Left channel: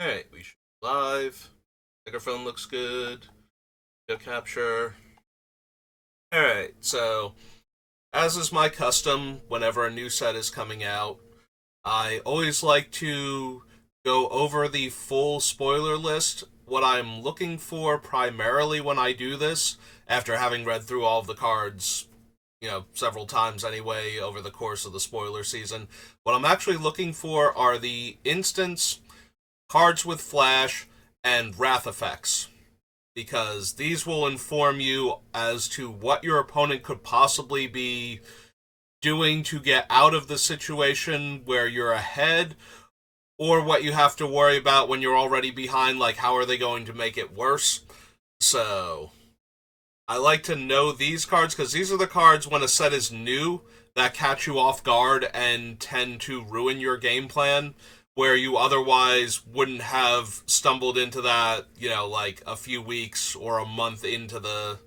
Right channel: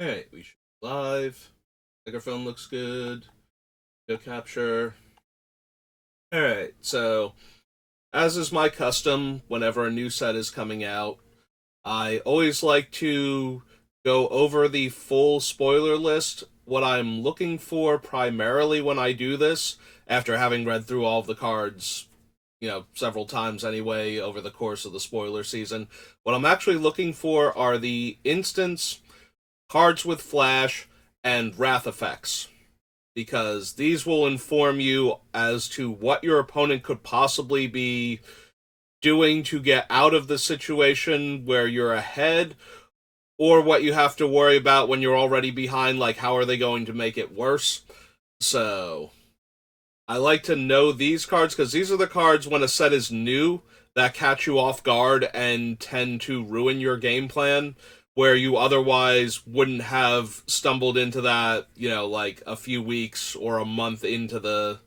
Alright, we should be live. Microphone looks good. Video capture. Alright, so as is my custom, whenever a new set is coming out, I always like to go over the full spoiler list, what I'm looking for primarily when I do this, after having read through all of the cards, several times anyway over the course of the spoiler season. What I'm actually looking for are the instants, cards with flash, and wrath effects, because these will inform you as to what your opponent could possibly be doing to get out of the situation where you're ahead, or what you have to worry about when you're already behind, like how are they going to make it worse. So I like to know these cards because these are the cards when a set is new that catch you off guard and tend to ruin your game plan, where you otherwise wouldn't have stumbled into that, like a few weeks or a month into the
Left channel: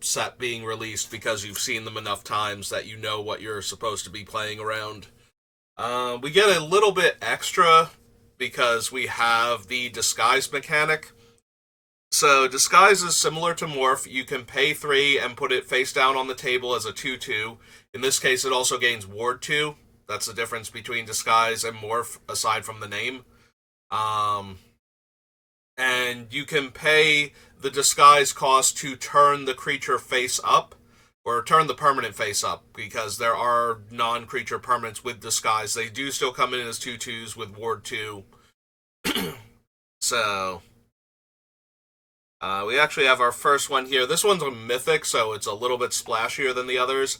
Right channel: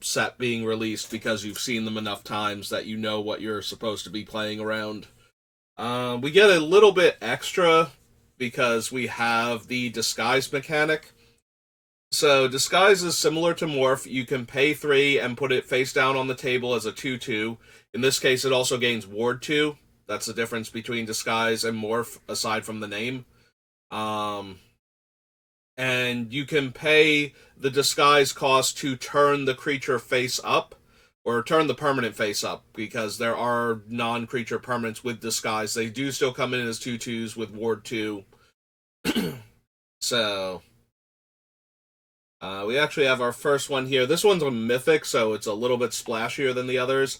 set being released, because you've seen them enough times that you know what you're supposed to be playing around. We get a little bit extra because we have the disguise mechanic. So disguise is similar to morph. You can pay 3 and put it face down on the table as a 2/2. In this case, it also gains ward 2. That's the difference between disguise and morph, aside from the name. Um, and you can pay the disguise cost to turn the creature face up, or turn the permanent face up, because there are non-creature permanents with disguise. They do still come in as 2/2s with ward 2. So we actually have our first one here. This one's a mythic, so it's a little bit splashier than the others.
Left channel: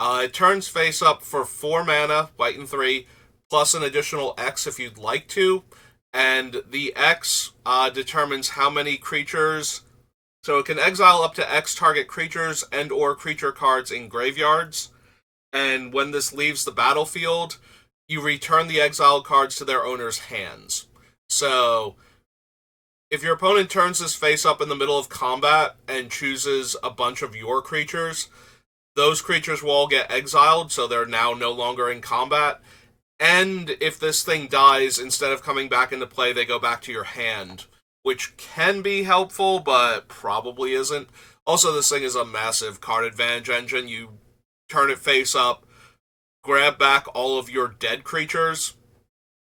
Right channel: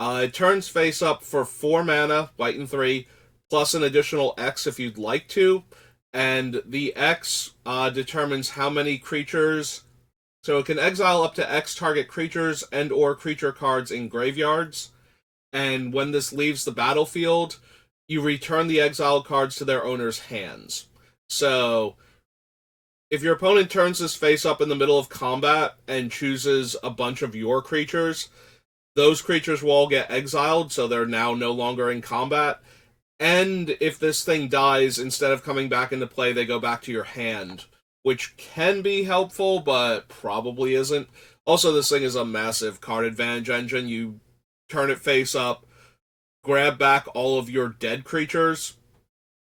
It turns face up for 4 mana, white and 3, plus an additional X if you'd like to. And the X determines how many creatures. So it can exile up to X target creatures and or creature cards in graveyards. And when this leaves the battlefield, you return the exiled cards to their owner's hands. So if your opponent turns his face up in the middle of combat and chooses a bunch of your creatures, those creatures will all get exiled, so they're now no longer in combat. And if this thing dies, instead of coming back into play, they go back to your hand, which can be helpful, but probably isn't. Also, this thing is a massive card advantage engine. You turn it face up, grab back all of your dead creatures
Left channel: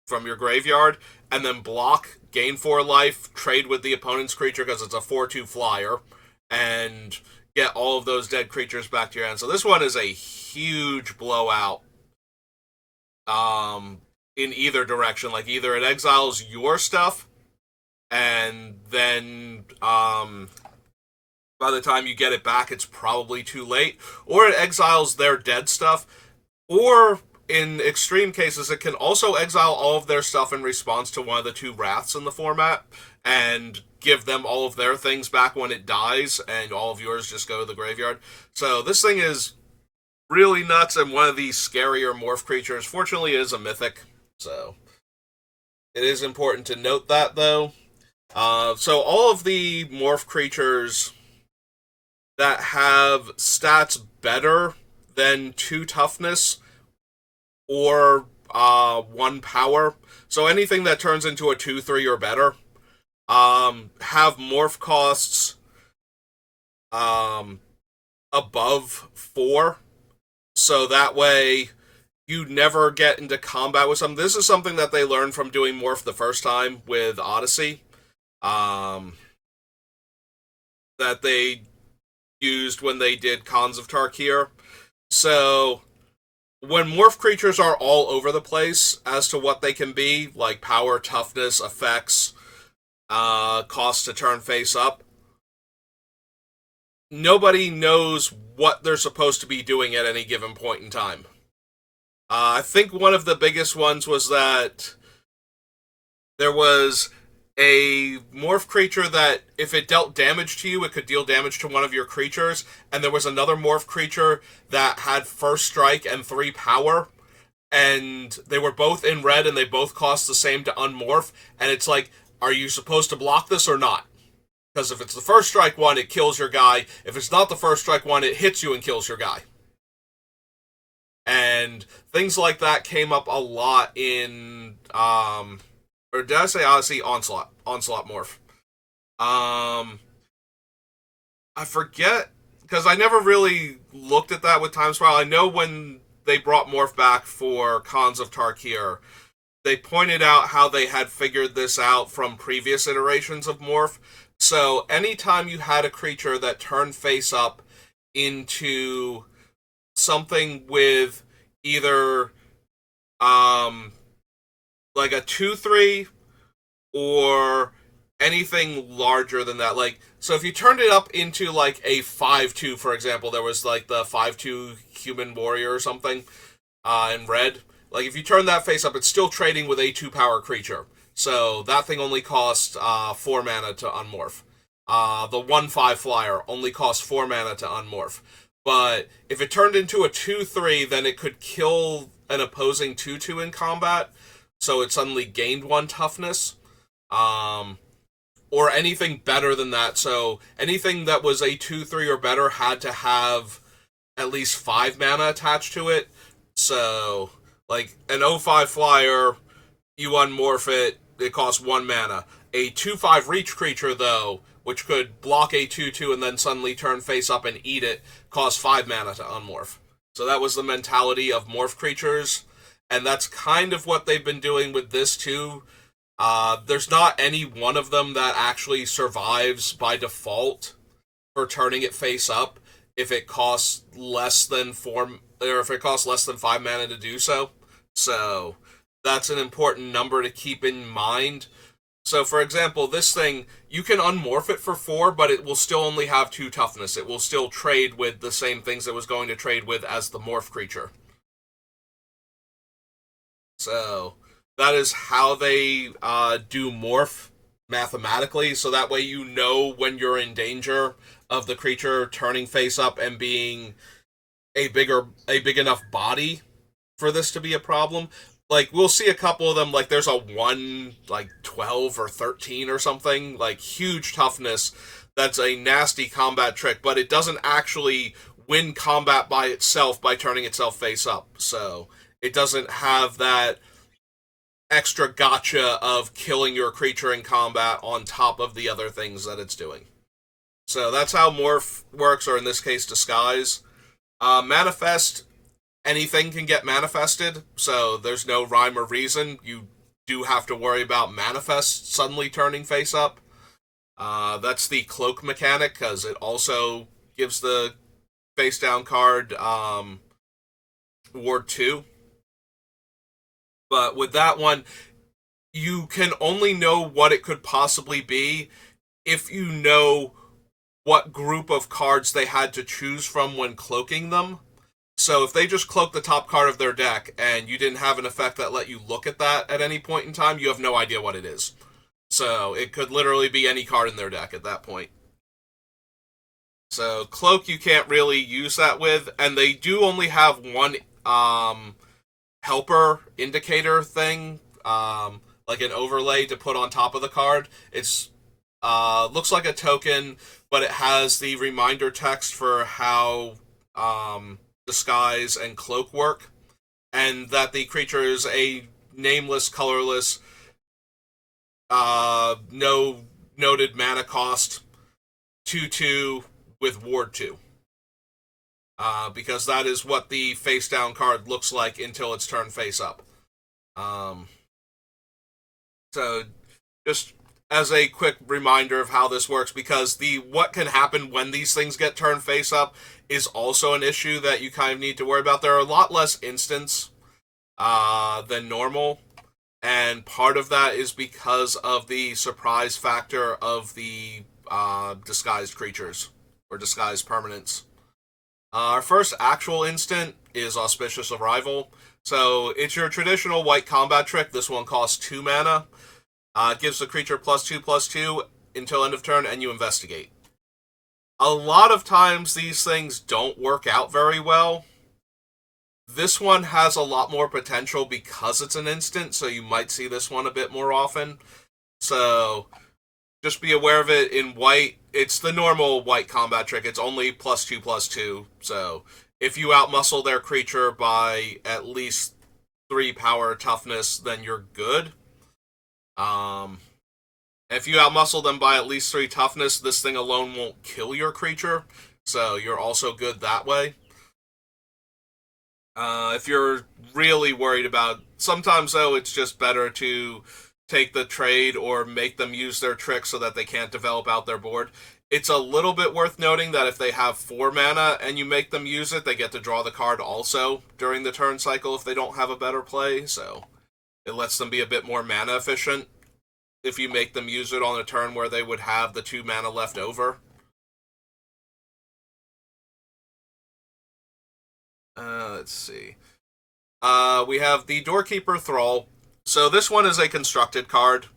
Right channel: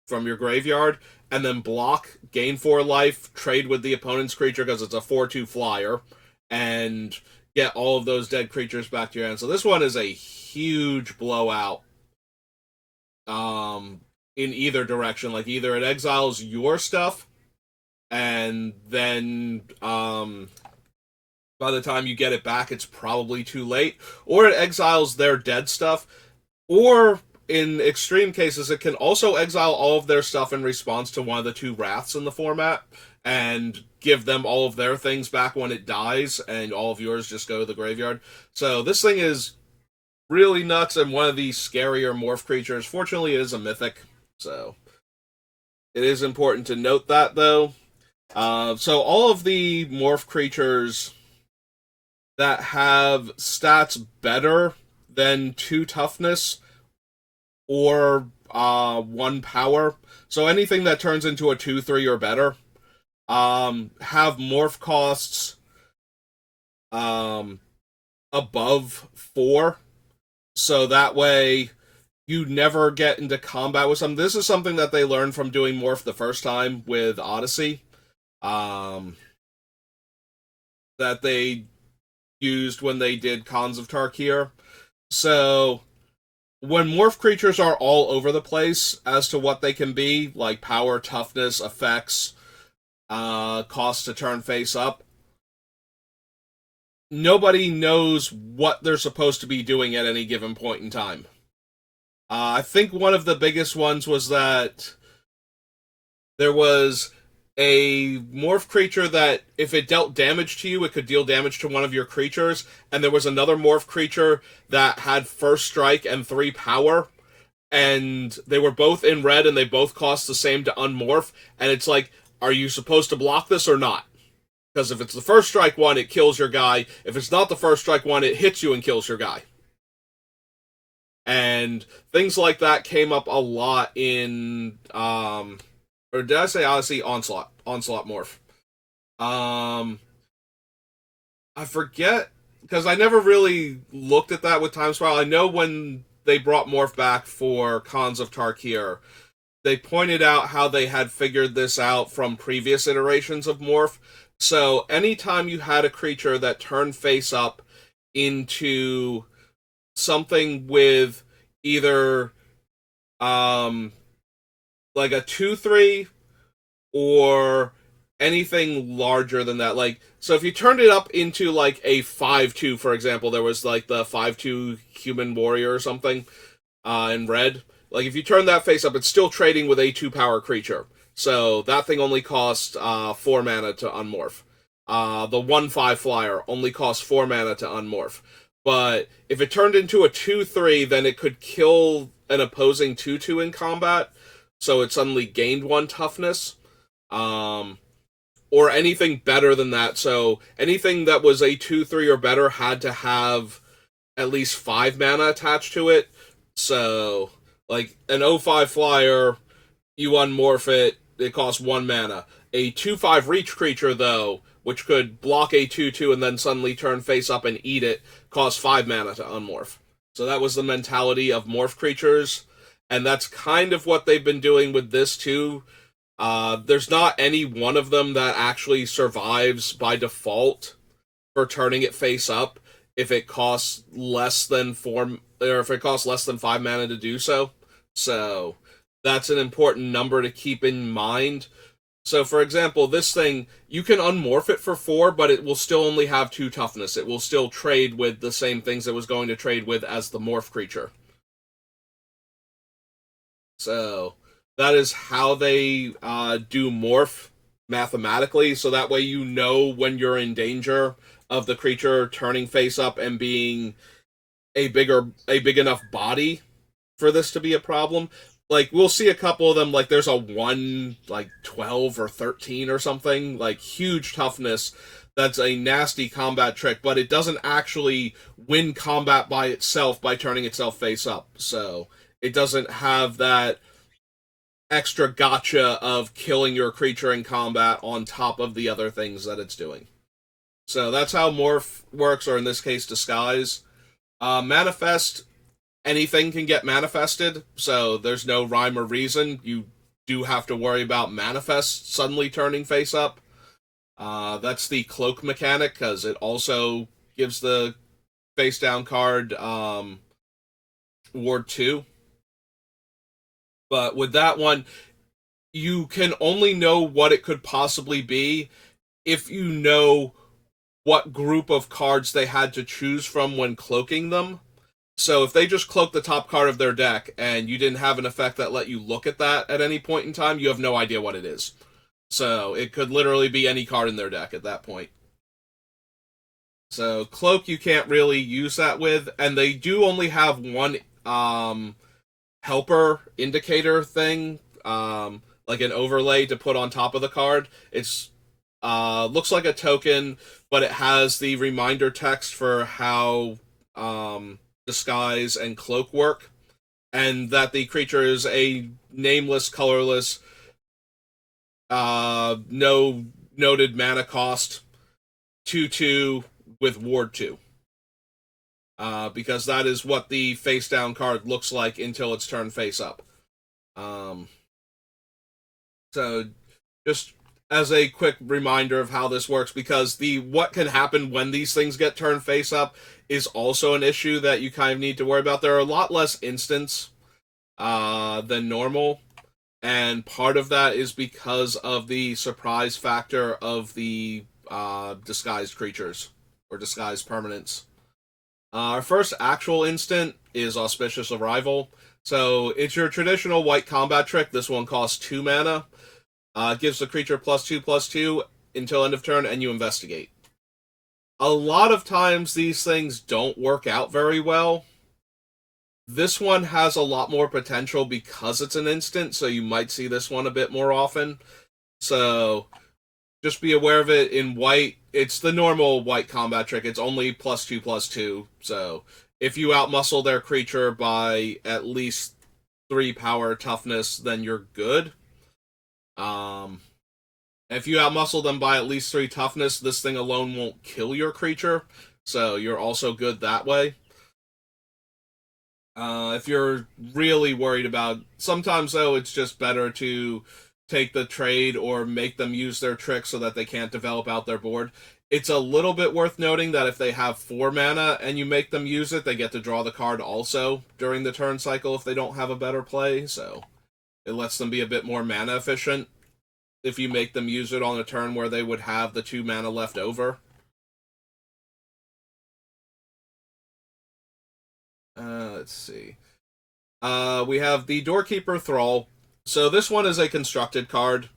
from your graveyard, and then block, gain 4 life, trade with the opponent's creature because it's a 4/2 flyer, and get all of those dead creatures back to your hand. So this one is a huge blowout in either direction. Like, either it exiles your stuff, and then by the time you get it back, it's probably too late, or it exiles their dead stuff, or in extreme cases, it can also exile all of their stuff in response to one of the 2 wraths in the format, and give them all of their things back when it dies, and all of yours just go to the graveyard. So this thing is really nuts, and one of the scarier morph creatures. Fortunately, it is a mythic, so it is important to note that, though. So all of the morph creatures that have stats better than 2 toughness or 1 power, so anything that turns into a 2/3 or better, have morph costs above 4, so that way you never get into combat with some. This is something that they learned from doing morph the first time with Odyssey, that they used when they did Cons of Tarkir. So when morph creatures are all over the place as to what they can be, like power, toughness, effects, cost to turn face up, nobody knows what they're supposed to be doing at any given point in time. I think one of the biggest ones was that there was a morph creature that if it dealt damage to you, it could deal damage to one of your creatures, and there was another morph creature that had first strike and 3 power, and they were both in red and they both cost the same to unmorph, and it's like, are you supposed to block this or not? Because if it's the first strike one, it kills your guy. If it's not the first strike one, it hits you and kills your guy. And things like that came up a lot in or did I say Odyssey? Onslaught morph. Um, I forget because I never really looked at that with Time Spiral. I know when they brought morph back for Cons of Tarkir, they pointed out how they had figured this out from previous iterations of morph. So anytime you had a creature that turned face up into something with either um like a 2/3 or anything larger than that. Like, so if you turned it up into like a 5/2, for example, there was like the 5/2 human warrior or something in red. Like, if you turn that face up, it's still trading with a 2 power creature. So that thing only costs 4 mana to unmorph. The 1/5 flyer only costs 4 mana to unmorph. But if it turned into a 2/3, then it could kill an opposing 2/2 in combat. So it suddenly gained 1 toughness. Um, or anything better than that. So anything that was a 2/3 or better had to have at least 5 mana attached to it. So, like an 0/5 flyer, you unmorph it, it costs 1 mana. A 2/5 reach creature, though, which could block a 2/2 and then suddenly turn face up and eat it, costs 5 mana to unmorph. So that was the mentality of morph creatures, and that's kind of what they've been doing with this too. There's not any one of them that actually survives by default for turning it face up if it costs less than 4 or if it costs less than 5 mana to do so. So that's an important number to keep in mind. So for example, this thing, you can unmorph it for 4, but it will still only have 2 toughness. It will still trade with the same things it was going to trade with as the morph creature. So that is how they do morph mathematically. So that way you know when you're in danger of the creature turning face up and being a big enough body for this to be a problem. Like, we'll see a couple of them, like there's a 1 like 12 or 13 or something, like huge toughness. That's a nasty combat trick, but it doesn't actually win combat by itself by turning itself face up. So it doesn't have that extra gotcha of killing your creature in combat on top of the other things that it's doing. So that's how morph works, or in this case, disguise. Manifest, anything can get manifested, so there's no rhyme or reason. You do have to worry about manifest suddenly turning face up. That's the cloak mechanic, because it also gives the face down card ward 2. But with that one, you can only know what it could possibly be if you know what group of cards they had to choose from when cloaking them. So if they just cloaked the top card of their deck and you didn't have an effect that let you look at that at any point in time, you have no idea what it is. So it could literally be any card in their deck at that point. So cloak you can't really use that with, and they do only have one helper indicator thing, like an overlay to put on top of the card. It's looks like a token, but it has the reminder text for how disguise and cloak work, and that the creature is a nameless, colorless, no noted mana cost 2/2 with ward 2. Because that is what the face down card looks like until it's turned face up. So just as a quick reminder of how this works, because the what can happen when these things get turned face up is also an issue that you kind of need to worry about. There are a lot less instants than normal, and part of that is because of the surprise factor of the disguised creatures or disguised permanents. Our first actual instant is Auspicious Arrival. So it's your traditional white combat trick. This one costs 2 mana. Gives the creature +2/+2 until end of turn, and you investigate. A lot of times these things don't work out very well. This one has a lot more potential because it's an instant, so you might see this one a bit more often. So just be aware of it. In white, it's the normal white combat trick. It's only +2/+2. So if you outmuscle their creature by at least 3 power toughness, then you're good. Um, if you outmuscle them by at least 3 toughness, this thing alone won't kill your creature, so you're also good that way. If you're really worried about, sometimes though, it's just better to take the trade or make them use their trick so that they can't develop out their board. It's a little bit worth noting that if they have 4 mana and you make them use it, they get to draw the card also during the turn cycle if they don't have a better play, so it lets them be a bit more mana efficient if you make them use it on a turn where they would have the 2 mana left over. Let's see. We have the Doorkeeper Thrall. So this one is a constructed card.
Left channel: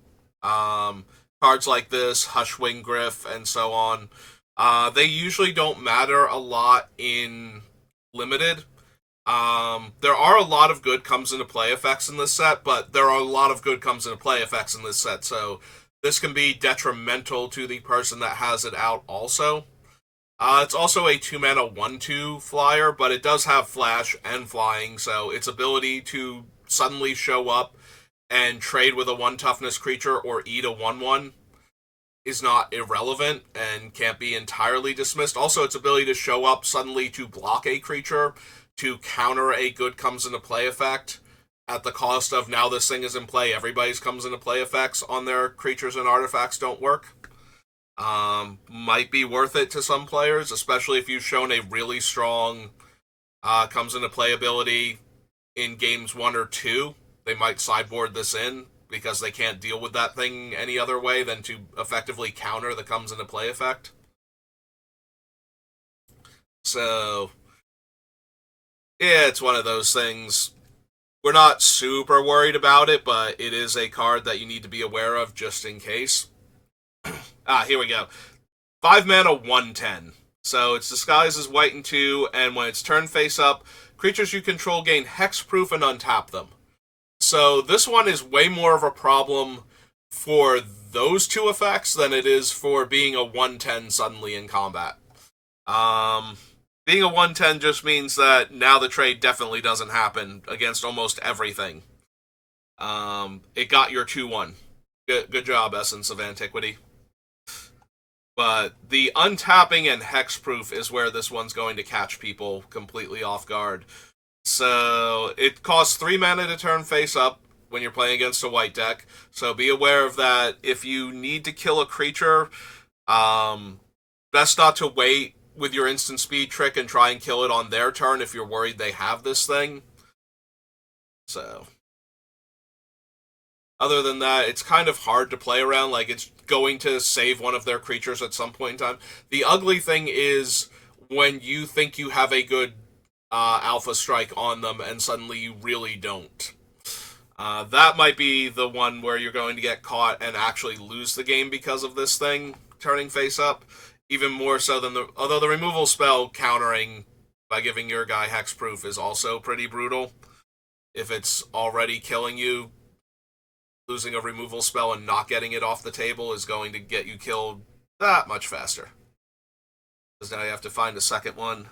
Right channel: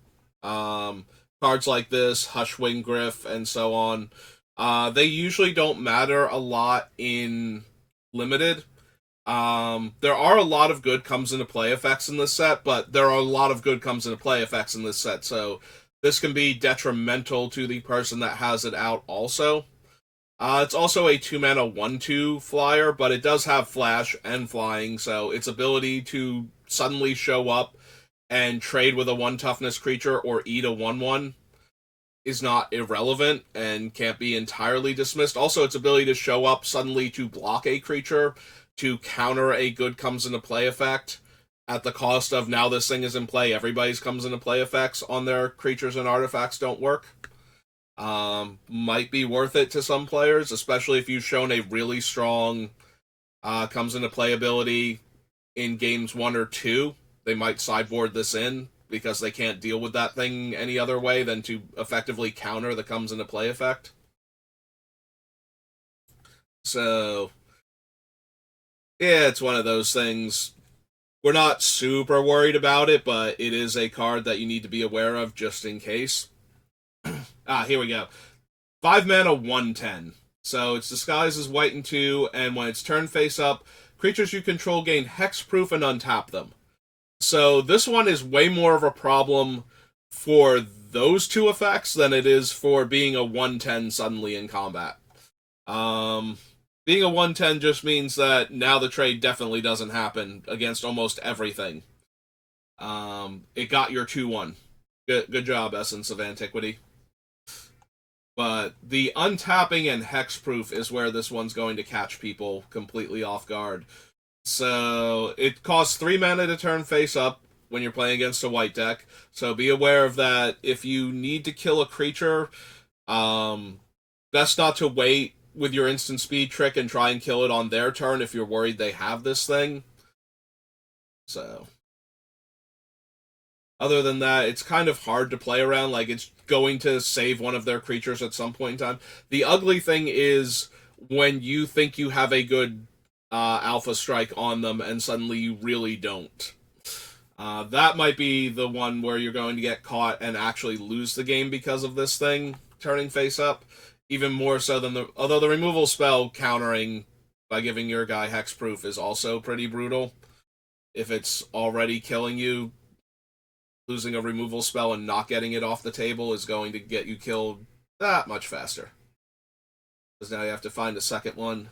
Cards like this, Hushwing Griff, and so on, they usually don't matter a lot in Limited. There are a lot of good comes into play effects in this set, but there are a lot of good comes into play effects in this set, so this can be detrimental to the person that has it out also. It's also a 2 mana 1/2 flyer, but it does have flash and flying, so its ability to suddenly show up and trade with a 1 toughness creature or eat a 1/1 is not irrelevant and can't be entirely dismissed. Also, its ability to show up suddenly to block a creature to counter a good comes into play effect at the cost of now this thing is in play, everybody's comes into play effects on their creatures and artifacts don't work. Might be worth it to some players, especially if you've shown a really strong comes into play ability in games 1 or 2. They might sideboard this in because they can't deal with that thing any other way than to effectively counter the comes into play effect. So, yeah, it's one of those things. We're not super worried about it, but it is a card that you need to be aware of just in case. Here we go. 5 mana 1/10. So its disguise is white and 2, and when it's turn face up, creatures you control gain hexproof and untap them. So this one is way more of a problem for those 2 effects than it is for being a 1/10 suddenly in combat. Being a 1/10 just means that now the trade definitely doesn't happen against almost everything. It got your 2/1. Good job, Essence of Antiquity. But the untapping and hexproof is where this one's going to catch people completely off guard. So it costs 3 mana to turn face up when you're playing against a white deck. So be aware of that. If you need to kill a creature, best not to wait with your instant speed trick and try and kill it on their turn if you're worried they have this thing. So other than that, it's kind of hard to play around. Like, it's going to save one of their creatures at some point in time. The ugly thing is when you think you have a good alpha strike on them and suddenly you really don't. That might be the one where you're going to get caught and actually lose the game because of this thing turning face up. Even more so than although the removal spell countering by giving your guy hexproof is also pretty brutal. If it's already killing you, losing a removal spell and not getting it off the table is going to get you killed that much faster. Because now you have to find a second one.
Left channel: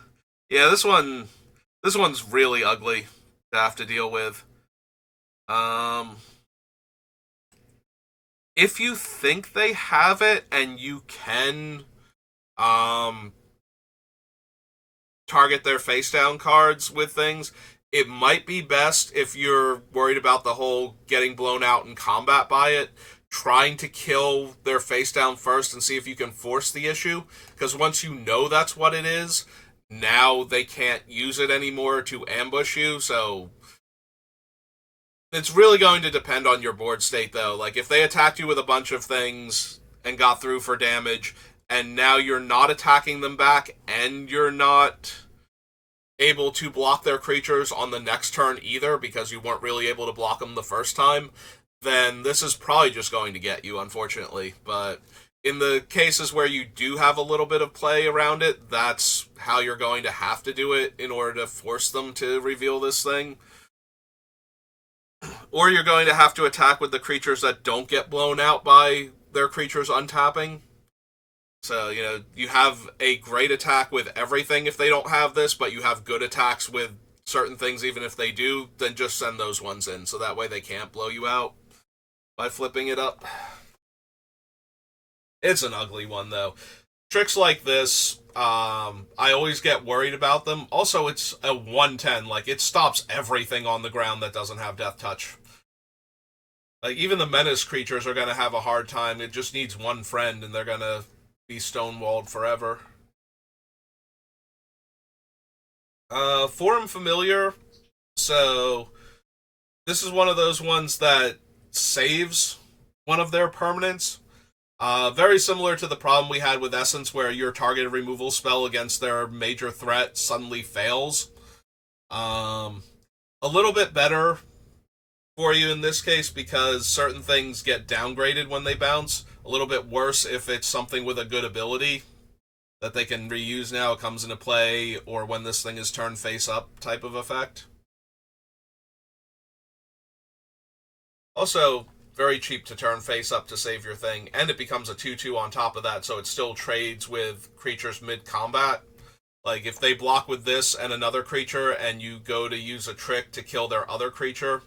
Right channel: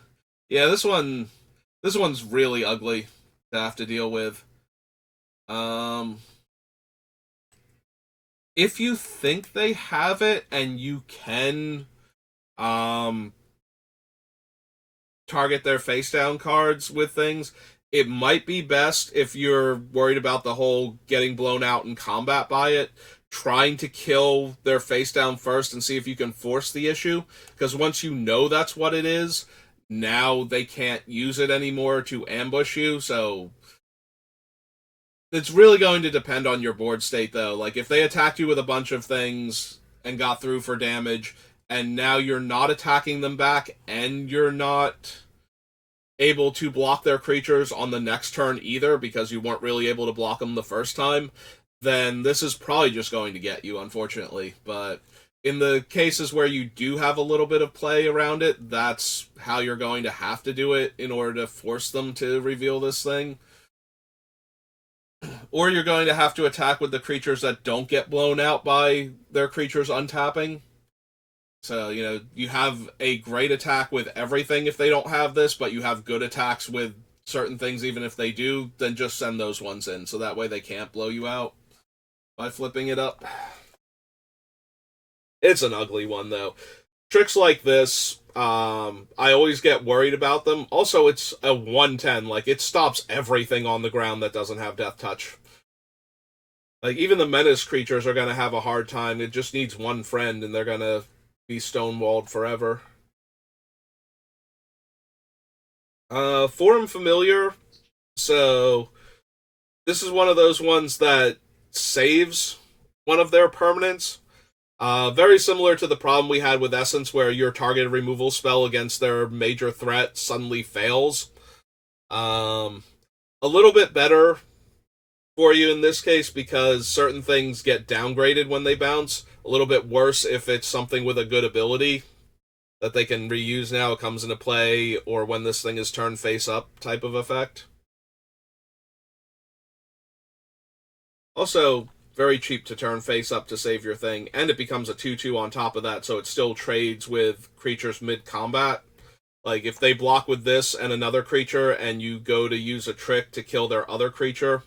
Yeah, this one's really ugly to have to deal with. If you think they have it and you can target their face down cards with things, it might be best if you're worried about the whole getting blown out in combat by it, trying to kill their face down first and see if you can force the issue. Because once you know that's what it is, now they can't use it anymore to ambush you. So it's really going to depend on your board state, though. Like, if they attacked you with a bunch of things and got through for damage, and now you're not attacking them back, and you're not able to block their creatures on the next turn either because you weren't really able to block them the first time, then this is probably just going to get you, unfortunately. But in the cases where you do have a little bit of play around it, that's how you're going to have to do it in order to force them to reveal this thing. Or you're going to have to attack with the creatures that don't get blown out by their creatures untapping. So, you have a great attack with everything if they don't have this, but you have good attacks with certain things even if they do, then just send those ones in, so that way they can't blow you out. by flipping it up. It's an ugly one, though. Tricks like this, I always get worried about them. Also, it's a 110. Like, it stops everything on the ground that doesn't have Death Touch. Like, even the menace creatures are going to have a hard time. It just needs one friend, and they're going to be stonewalled forever. Forum Familiar. So, this is one of those ones that saves one of their permanents. Very similar to the problem we had with Essence, where your targeted removal spell against their major threat suddenly fails. A little bit better for you in this case because certain things get downgraded when they bounce. A little bit worse if it's something with a good ability that they can reuse now. It comes into play, or when this thing is turned face up type of effect. Also, very cheap to turn face up to save your thing, and it becomes a 2-2 on top of that, so it still trades with creatures mid-combat. Like, if they block with this and another creature, and you go to use a trick to kill their other creature,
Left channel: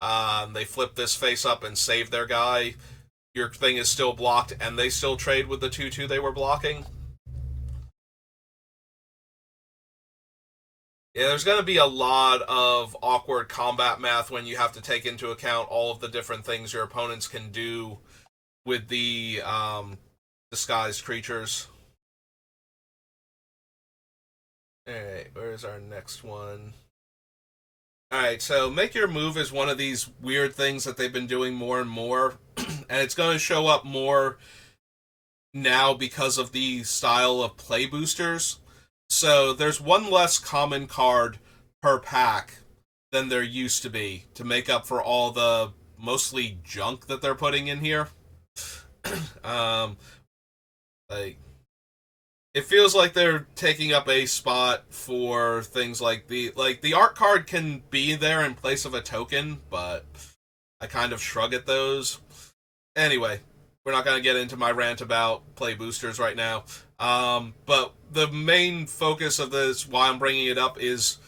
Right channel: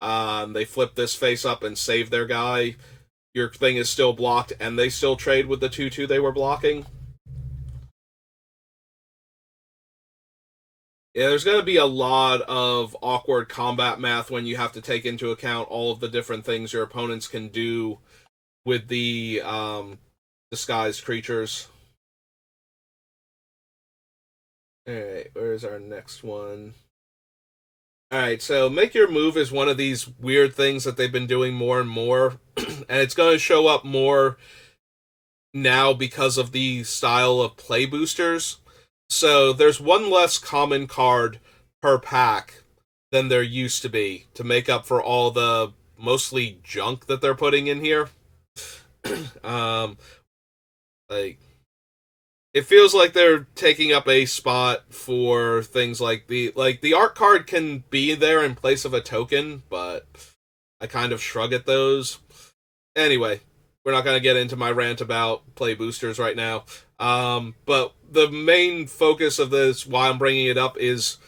they flip this face up and save their guy, your thing is still blocked, and they still trade with the 2-2 they were blocking. Yeah, there's going to be a lot of awkward combat math when you have to take into account all of the different things your opponents can do with the disguised creatures. Alright, where's our next one? Alright, so Make Your Move is one of these weird things that they've been doing more and more, and it's going to show up more now because of the style of play boosters. So there's one less common card per pack than there used to be to make up for all the mostly junk that they're putting in here. Like, it feels like they're taking up a spot for things like the art card can be there in place of a token, but I kind of shrug at those. Anyway, we're not going to get into my rant about play boosters right now. But the main focus of this, why I'm bringing it up, is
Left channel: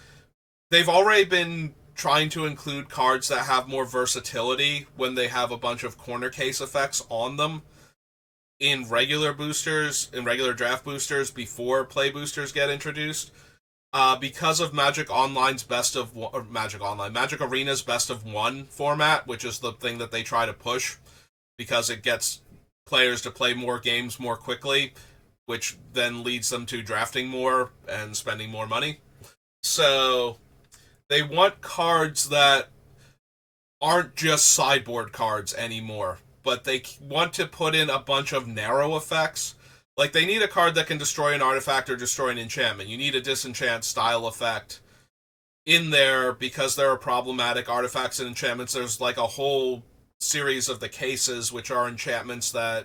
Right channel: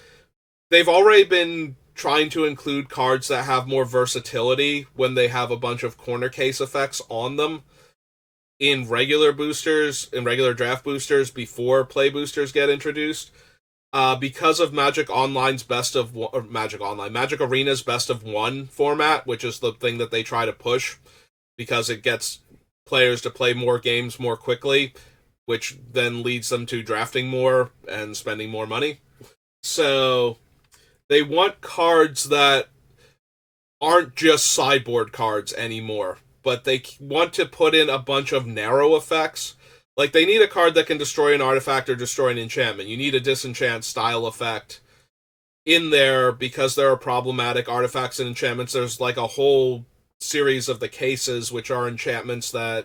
they've already been trying to include cards that have more versatility when they have a bunch of corner case effects on them in regular boosters, in regular draft boosters, before play boosters get introduced. Because of Magic Arena's best of one format, which is the thing that they try to push, because it gets players to play more games more quickly, which then leads them to drafting more and spending more money. So they want cards that aren't just sideboard cards anymore, but they want to put in a bunch of narrow effects. Like, they need a card that can destroy an artifact or destroy an enchantment. You need a disenchant style effect in there because there are problematic artifacts and enchantments. There's like a whole series of the cases, which are enchantments that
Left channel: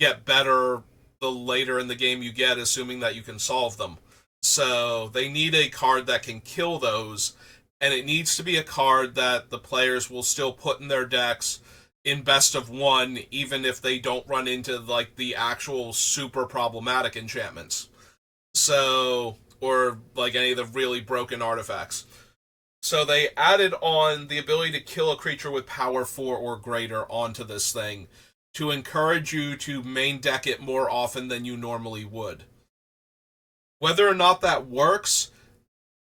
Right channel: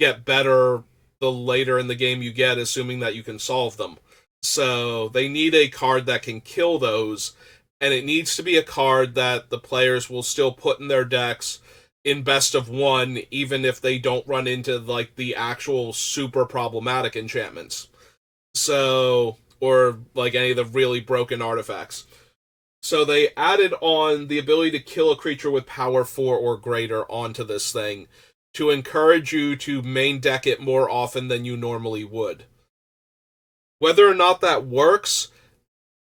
get better the later in the game you get, assuming that you can solve them. So they need a card that can kill those, and it needs to be a card that the players will still put in their decks in best of one, even if they don't run into like the actual super problematic enchantments. So, or like any of the really broken artifacts. So they added on the ability to kill a creature with power 4 or greater onto this thing to encourage you to main deck it more often than you normally would. Whether or not that works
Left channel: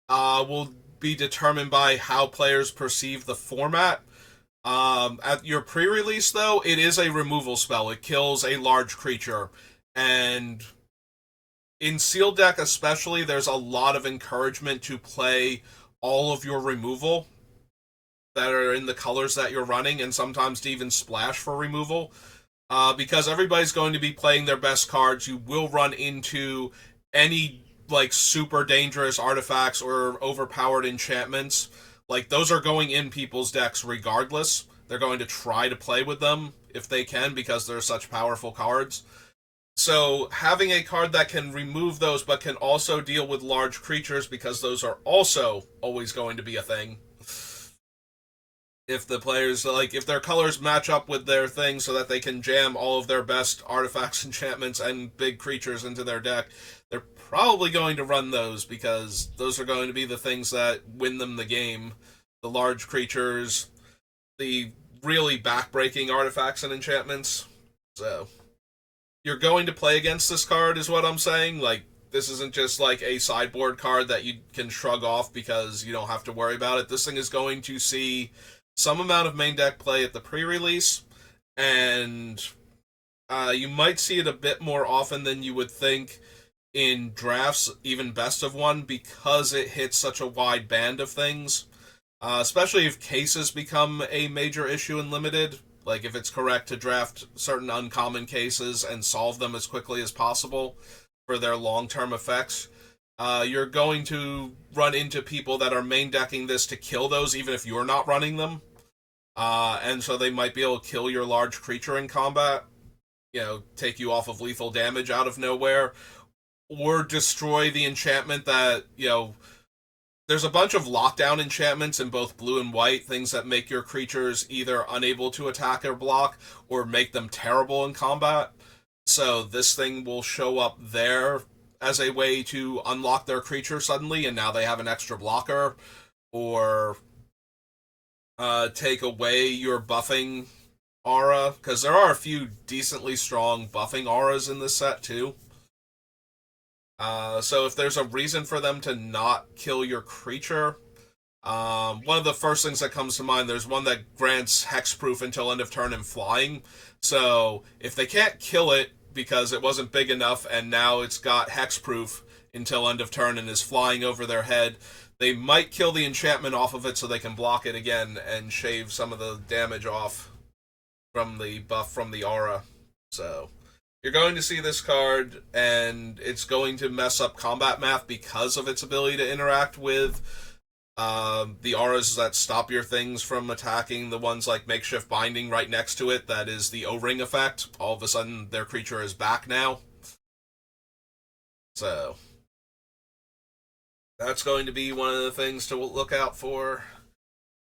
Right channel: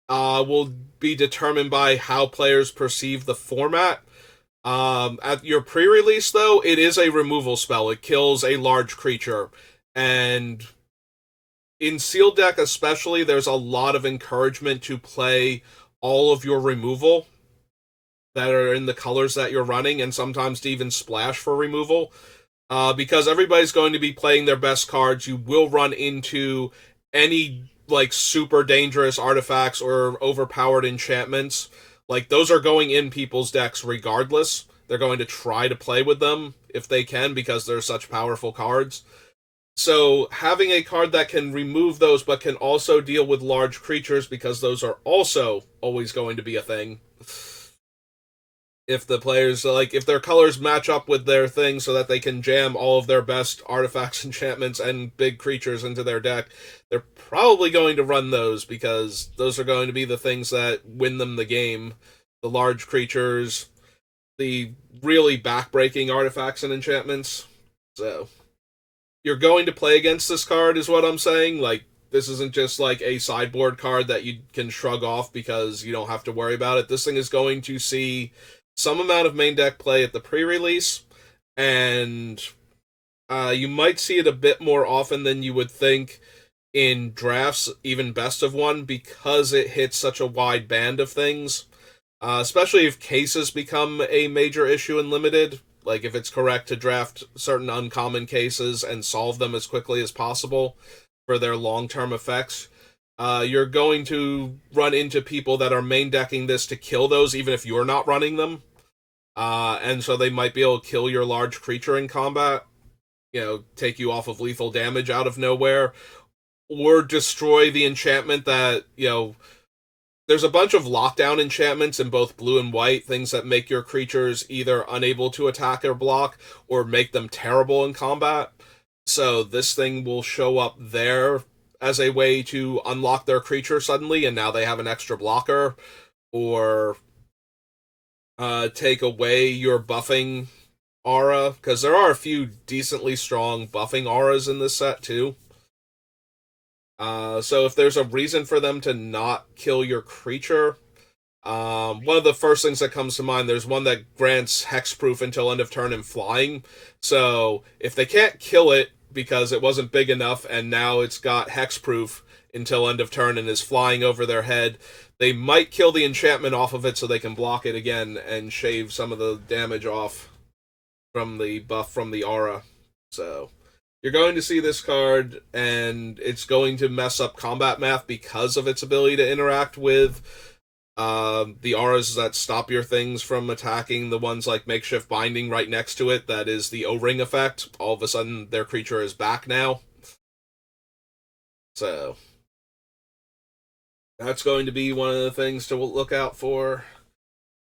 will be determined by how players perceive the format. At your pre-release, though, it is a removal spell. It kills a large creature. And in sealed deck especially, there's a lot of encouragement to play all of your removal that are in the colors that you're running, and sometimes to even splash for removal. Because everybody's going to be playing their best cards. You will run into any like super dangerous artifacts or overpowered enchantments. Like, those are going in people's decks regardless. They're going to try to play with them if they can because they're such powerful cards. So having a card that can remove those but can also deal with large creatures, because those are also always going to be a thing. If the players, like, if their colors match up with their thing so that they can jam all of their best artifacts, enchantments, and big creatures into their deck, they're probably going to run those because those are going to be the things that win them the game. The large creatures, the really backbreaking artifacts and enchantments. So you're going to play against this card, is what I'm saying. Like, this isn't just like a sideboard card that you can shrug off because you don't have to worry about it. This thing is going to see some amount of main deck play at the pre-release, and you might see it a bit more often than you would think in drafts, even best of one, because it hits such a wide band of things. Especially if cases become a major issue in limited. Like, if it's correct to draft certain uncommon cases and solve them as quickly as possible for their long-term effects, you're going to run into people that are main decking this to kill those, even if you're not running them. And so they might be able to kill your large creature in combat, take you off of lethal damage out of nowhere, or destroy the enchantment that, there's a bunch of lockdown enchantments in both blue and white, things that make your creatures either unable to attack or block, or make them terrible in combat. So this thing will show up there as a way to unlock their creature suddenly, and now they have an extra blocker, or take away your buffing aura, because there are a few decently strong buffing auras in this set too. So if there's a reason for them to not kill your creature, one of the first things that comes to mind, there's one that grants hexproof until end of turn and flying. So if they can't kill it because it wasn't big enough and now it's got hexproof until end of turn and is flying over their head, they might kill the enchantment off of it so they can block it again and shave some of the damage off from the buff from the aura. So you're going to see this card, and it's going to mess up combat math because of its ability to interact with the auras that stop your things from attacking. The ones like Makeshift Binding right next to it, that is the O-Ring effect. All of a sudden, their creature is back now. So that's going to be one of the things to look out for.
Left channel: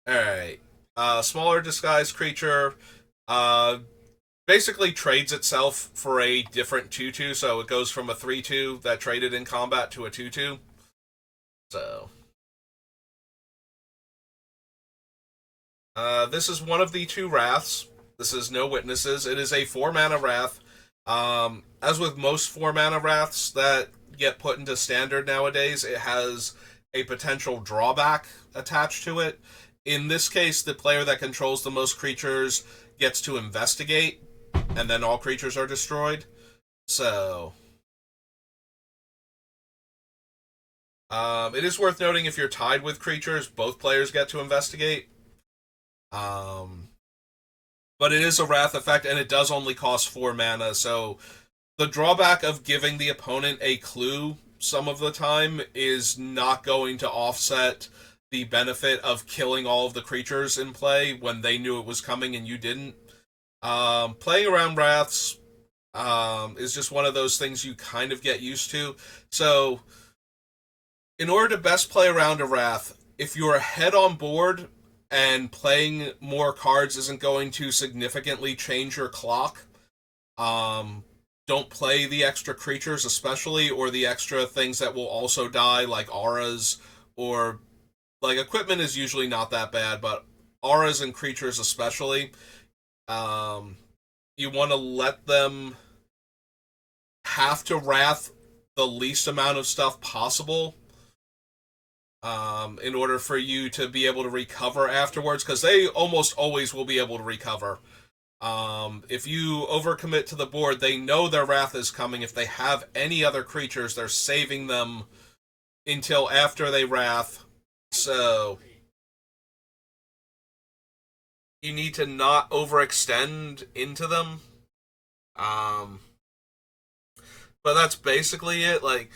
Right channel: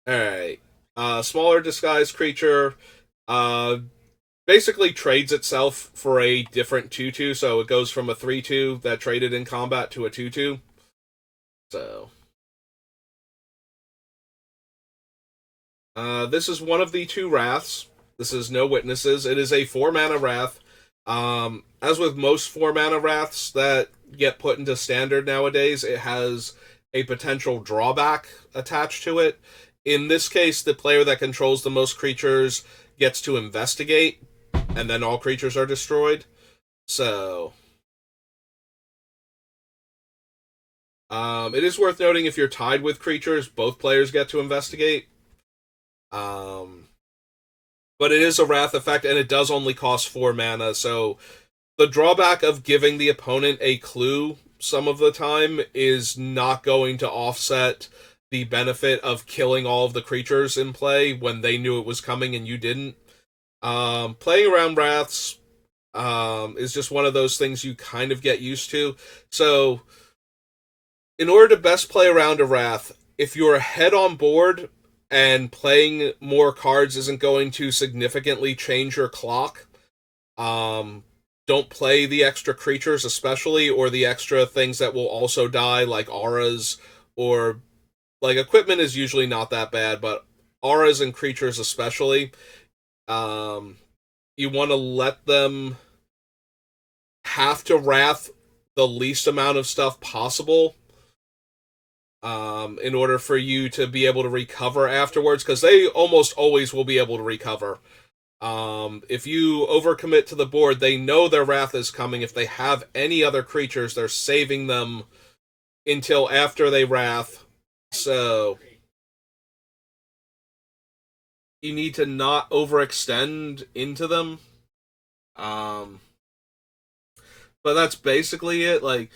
Alright. Smaller disguised creature. Basically trades itself for a different 2/2, so it goes from a 3/2 that traded in combat to a 2/2. So this is one of the 2 Wraths. This is no witnesses. It is a 4-mana Wrath. As with most 4-mana Wraths that get put into standard nowadays, it has a potential drawback attached to it. In this case, the player that controls the most creatures gets to investigate, and then all creatures are destroyed. So it is worth noting, if you're tied with creatures, both players get to investigate. But it is a Wrath effect, and it does only cost 4 mana, so the drawback of giving the opponent a clue some of the time is not going to offset the benefit of killing all of the creatures in play when they knew it was coming and you didn't. Playing around Wraths is just one of those things you kind of get used to. So, in order to best play around a Wrath, if you're ahead on board and playing more cards isn't going to significantly change your clock, don't play the extra creatures especially, or the extra things that will also die, like auras, or like equipment is usually not that bad, but auras and creatures especially, you want to let them have to Wrath the least amount of stuff possible in order for you to be able to recover afterwards, because they almost always will be able to recover. If you overcommit to the board, they know their Wrath is coming. If they have any other creatures, they're saving them until after they Wrath. So you need to not overextend into them. But that's basically it. Like,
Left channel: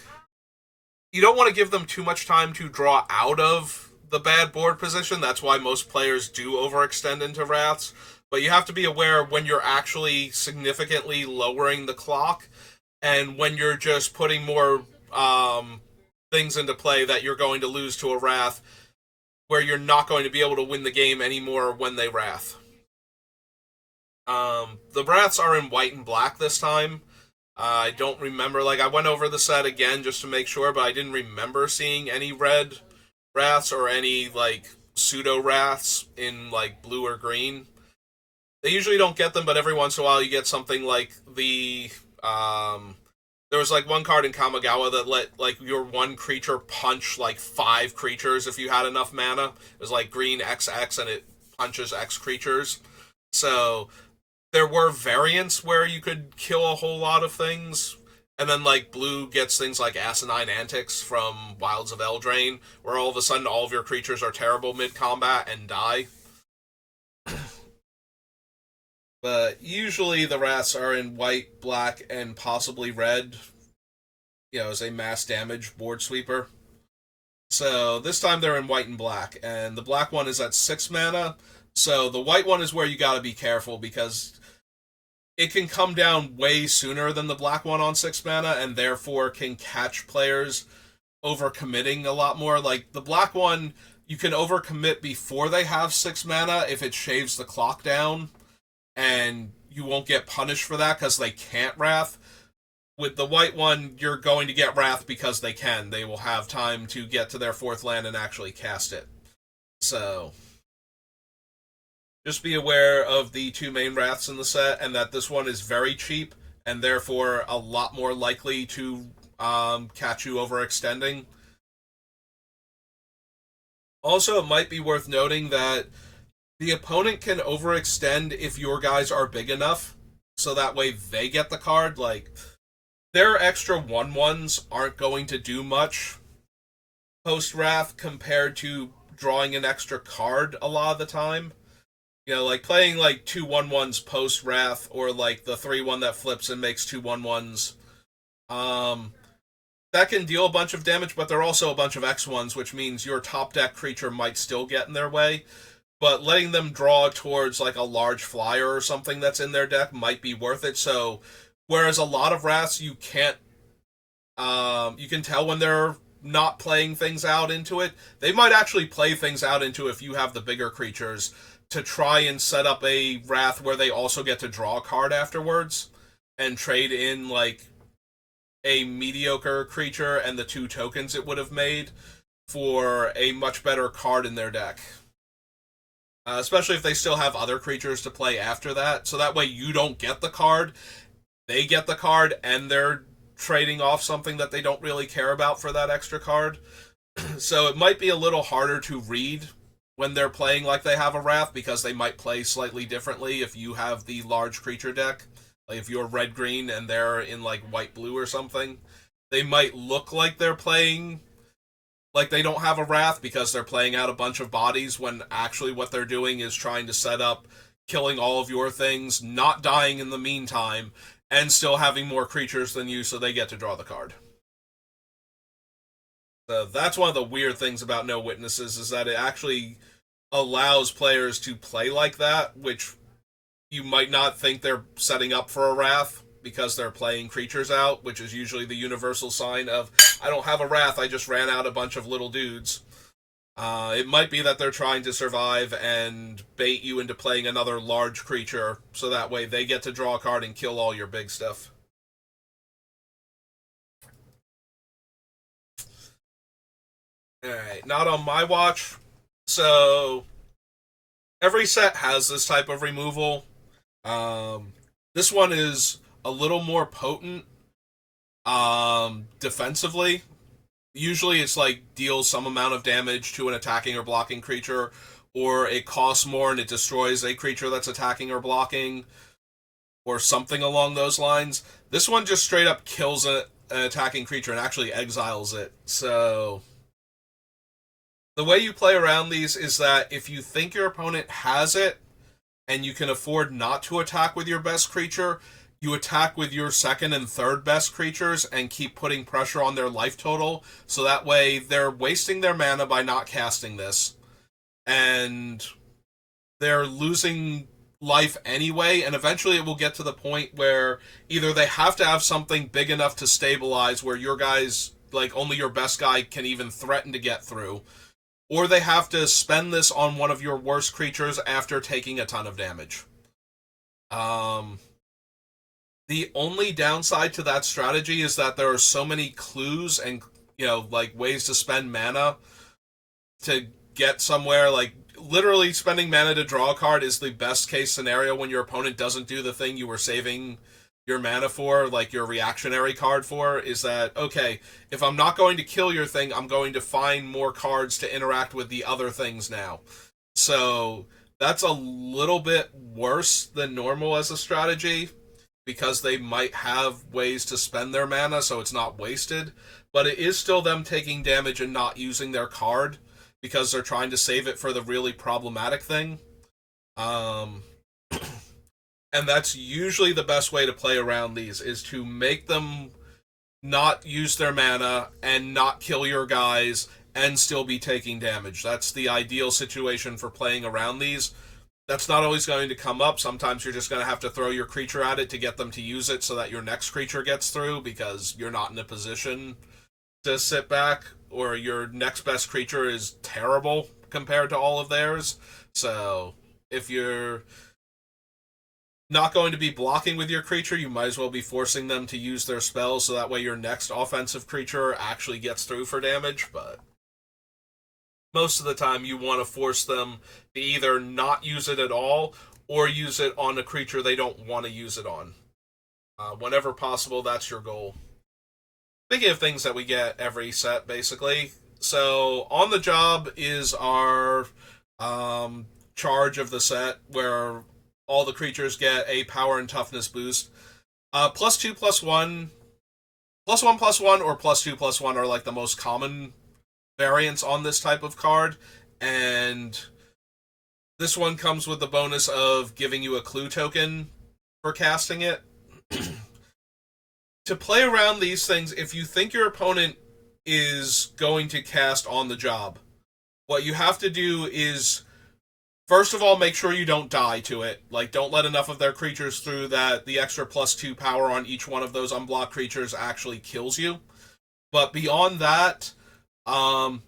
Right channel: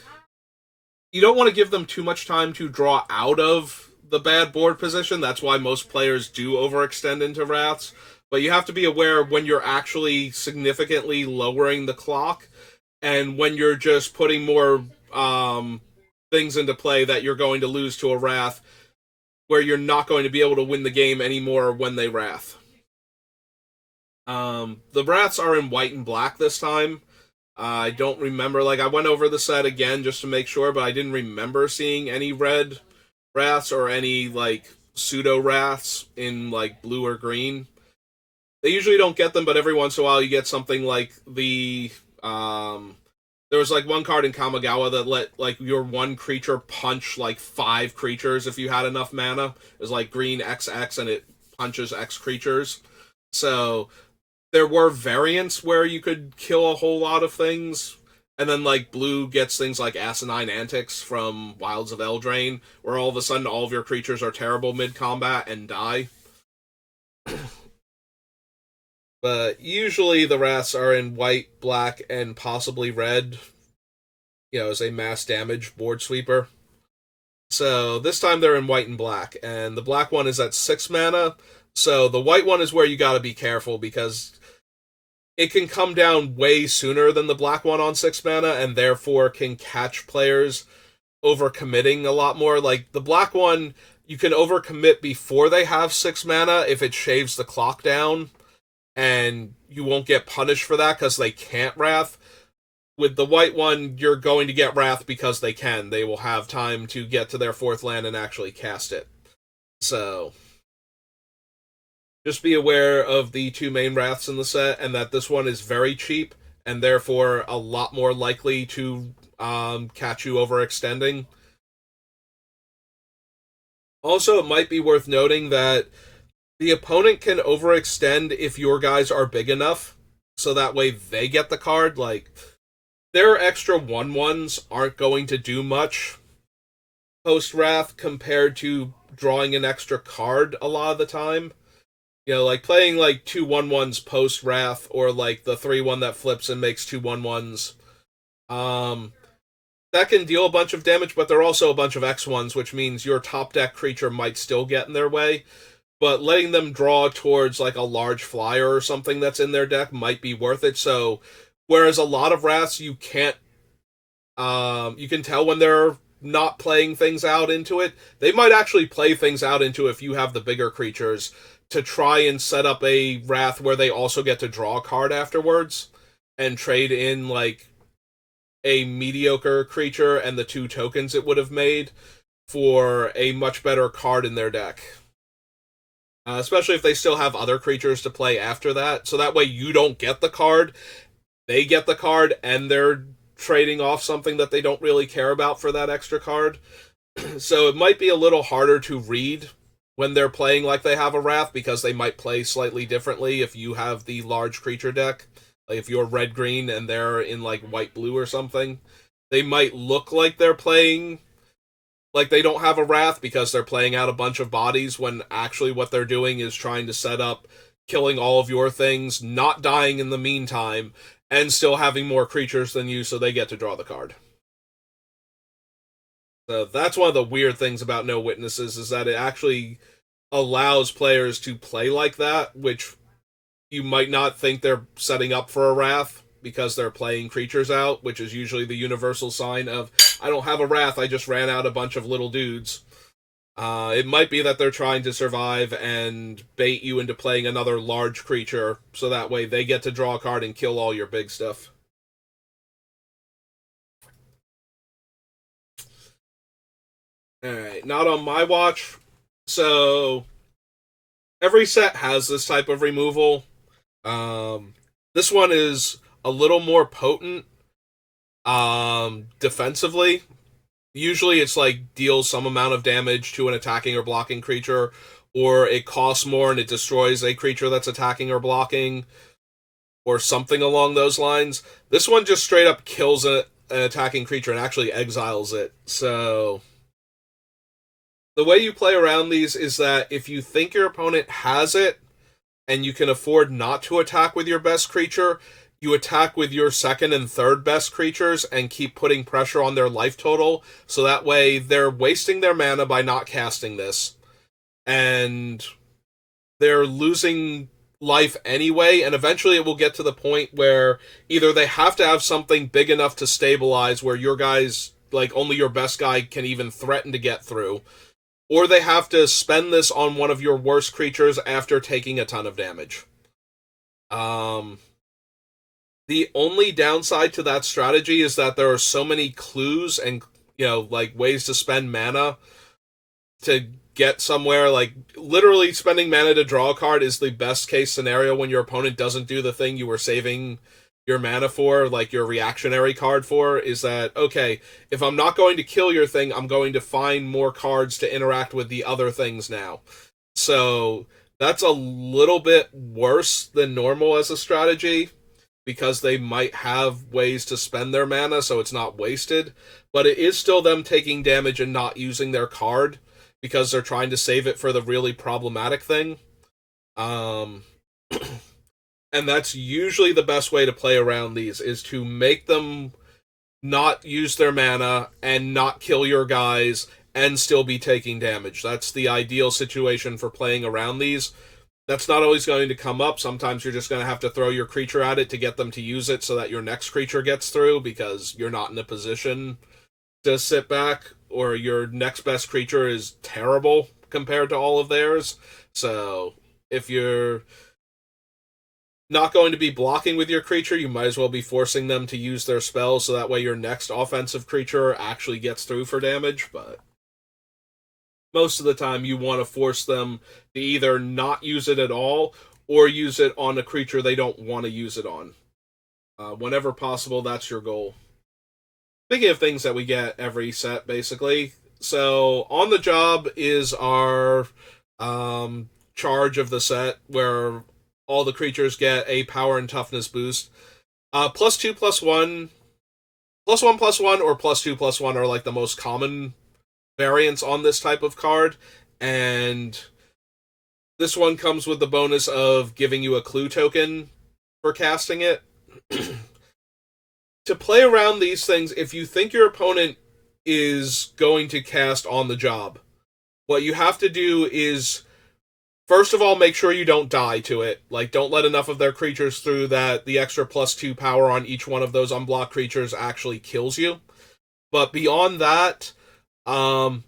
you don't want to give them too much time to draw out of the bad board position. That's why most players do overextend into Wraths. But you have to be aware when you're actually significantly lowering the clock, and when you're just putting more things into play that you're going to lose to a Wrath, where you're not going to be able to win the game anymore when they Wrath. The Wraths are in white and black this time. I don't remember, I went over the set again just to make sure, but I didn't remember seeing any red Wraths or any, pseudo Wraths in, blue or green. They usually don't get them, but every once in a while you get something like there was like one card in Kamigawa that let like your one creature punch like 5 creatures if you had enough mana. It was like green XX and it punches X creatures. So there were variants where you could kill a whole lot of things. And then like blue gets things like Asinine Antics from Wilds of Eldraine, where all of a sudden all of your creatures are terrible mid combat and die. But usually the wraths are in white, black, and possibly red, as a mass damage board sweeper. So this time they're in white and black, and the black one is at 6 mana. So the white one is where you gotta be careful because it can come down way sooner than the black one on 6 mana, and therefore can catch players overcommitting a lot more. Like the black one, you can overcommit before they have 6 mana if it shaves the clock down, and you won't get punished for that because they can't wrath. With the white one, you're going to get wrath because they can. They will have time to get to their 4th land and actually cast it. So just be aware of the 2 main wraths in the set, and that this one is very cheap and therefore a lot more likely to catch you overextending. Also, it might be worth noting that the opponent can overextend if your guys are big enough, so that way they get the card. Like, their extra 1/1s aren't going to do much post-wrath compared to drawing an extra card a lot of the time. Like playing like 2 1/1s post-wrath, or like the 3/1 that flips and makes 2 1/1s. That can deal a bunch of damage, but they're also a bunch of X1s, which means your top deck creature might still get in their way. But letting them draw towards like a large flyer or something that's in their deck might be worth it. So, whereas a lot of wraths you can't, you can tell when they're not playing things out into it. They might actually play things out into it if you have the bigger creatures to try and set up a wrath where they also get to draw a card afterwards and trade in like a mediocre creature and the 2 tokens it would have made for a much better card in their deck. Especially if they still have other creatures to play after that. So that way you don't get the card, they get the card, and they're trading off something that they don't really care about for that extra card. So it might be a little harder to read when they're playing like they have a wrath, because they might play slightly differently if you have the large creature deck. Like if you're red-green and they're in like white-blue or something, they might look like they're playing like they don't have a wrath because they're playing out a bunch of bodies, when actually what they're doing is trying to set up killing all of your things, not dying in the meantime, and still having more creatures than you, so they get to draw the card. So that's one of the weird things about No Witnesses, is that it actually allows players to play like that, which you might not think they're setting up for a wrath because they're playing creatures out, which is usually the universal sign of, I don't have a wrath, I just ran out a bunch of little dudes. It might be that they're trying to survive and bait you into playing another large creature, so that way they get to draw a card and kill all your big stuff. Alright, not on my watch. So, every set has this type of removal. This one is a little more potent defensively. Usually it's like deals some amount of damage to an attacking or blocking creature, or it costs more and it destroys a creature that's attacking or blocking, or something along those lines. This one just straight up kills an attacking creature and actually exiles it. So the way you play around these is that if you think your opponent has it and you can afford not to attack with your best creature, you attack with your second and third best creatures and keep putting pressure on their life total, so that way they're wasting their mana by not casting this, and they're losing life anyway, and eventually it will get to the point where either they have to have something big enough to stabilize where your guys, like only your best guy can even threaten to get through, or they have to spend this on one of your worst creatures after taking a ton of damage. The only downside to that strategy is that there are so many clues and, like ways to spend mana to get somewhere. Like, literally spending mana to draw a card is the best case scenario when your opponent doesn't do the thing you were saving your mana for, like your reactionary card for, is that, okay, if I'm not going to kill your thing, I'm going to find more cards to interact with the other things now. So that's a little bit worse than normal as a strategy, because they might have ways to spend their mana so it's not wasted, but it is still them taking damage and not using their card because they're trying to save it for the really problematic thing. Um, and that's usually the best way to play around these, is to make them not use their mana and not kill your guys and still be taking damage. That's the ideal situation for playing around these. That's not always going to come up. Sometimes you're just going to have to throw your creature at it to get them to use it so that your next creature gets through, because you're not in a position to sit back, or your next best creature is terrible compared to all of theirs. So if you're not going to be blocking with your creature, you might as well be forcing them to use their spells so that way your next offensive creature actually gets through for damage. But most of the time you want to force them to either not use it at all or use it on a creature they don't want to use it on. Whenever possible, that's your goal. Speaking of things that we get every set, basically. So, on the job is our charge of the set, where all the creatures get a power and toughness boost. +2/+1, +1/+1, or +2/+1 are like the most common variants on this type of card, and this one comes with the bonus of giving you a clue token for casting it. To play around these things, if you think your opponent is going to cast on the job, what you have to do is, first of all, make sure you don't die to it. Like, don't let enough of their creatures through that the extra +2 power on each one of those unblocked creatures actually kills you. But beyond that,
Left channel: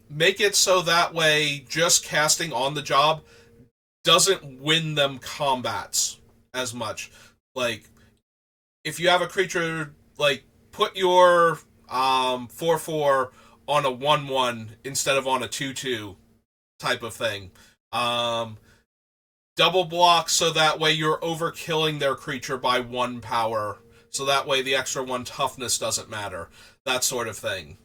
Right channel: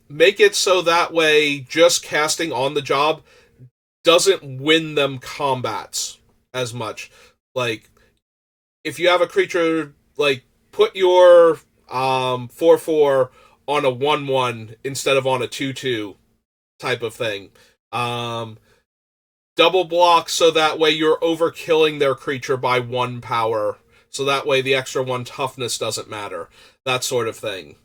make it so that way just casting on the job doesn't win them combats as much. Like, if you have a creature, like, put your 4/4 on a 1/1 instead of on a 2/2 type of thing. Double block so that way you're overkilling their creature by 1 power, so that way the extra 1 toughness doesn't matter. That sort of thing.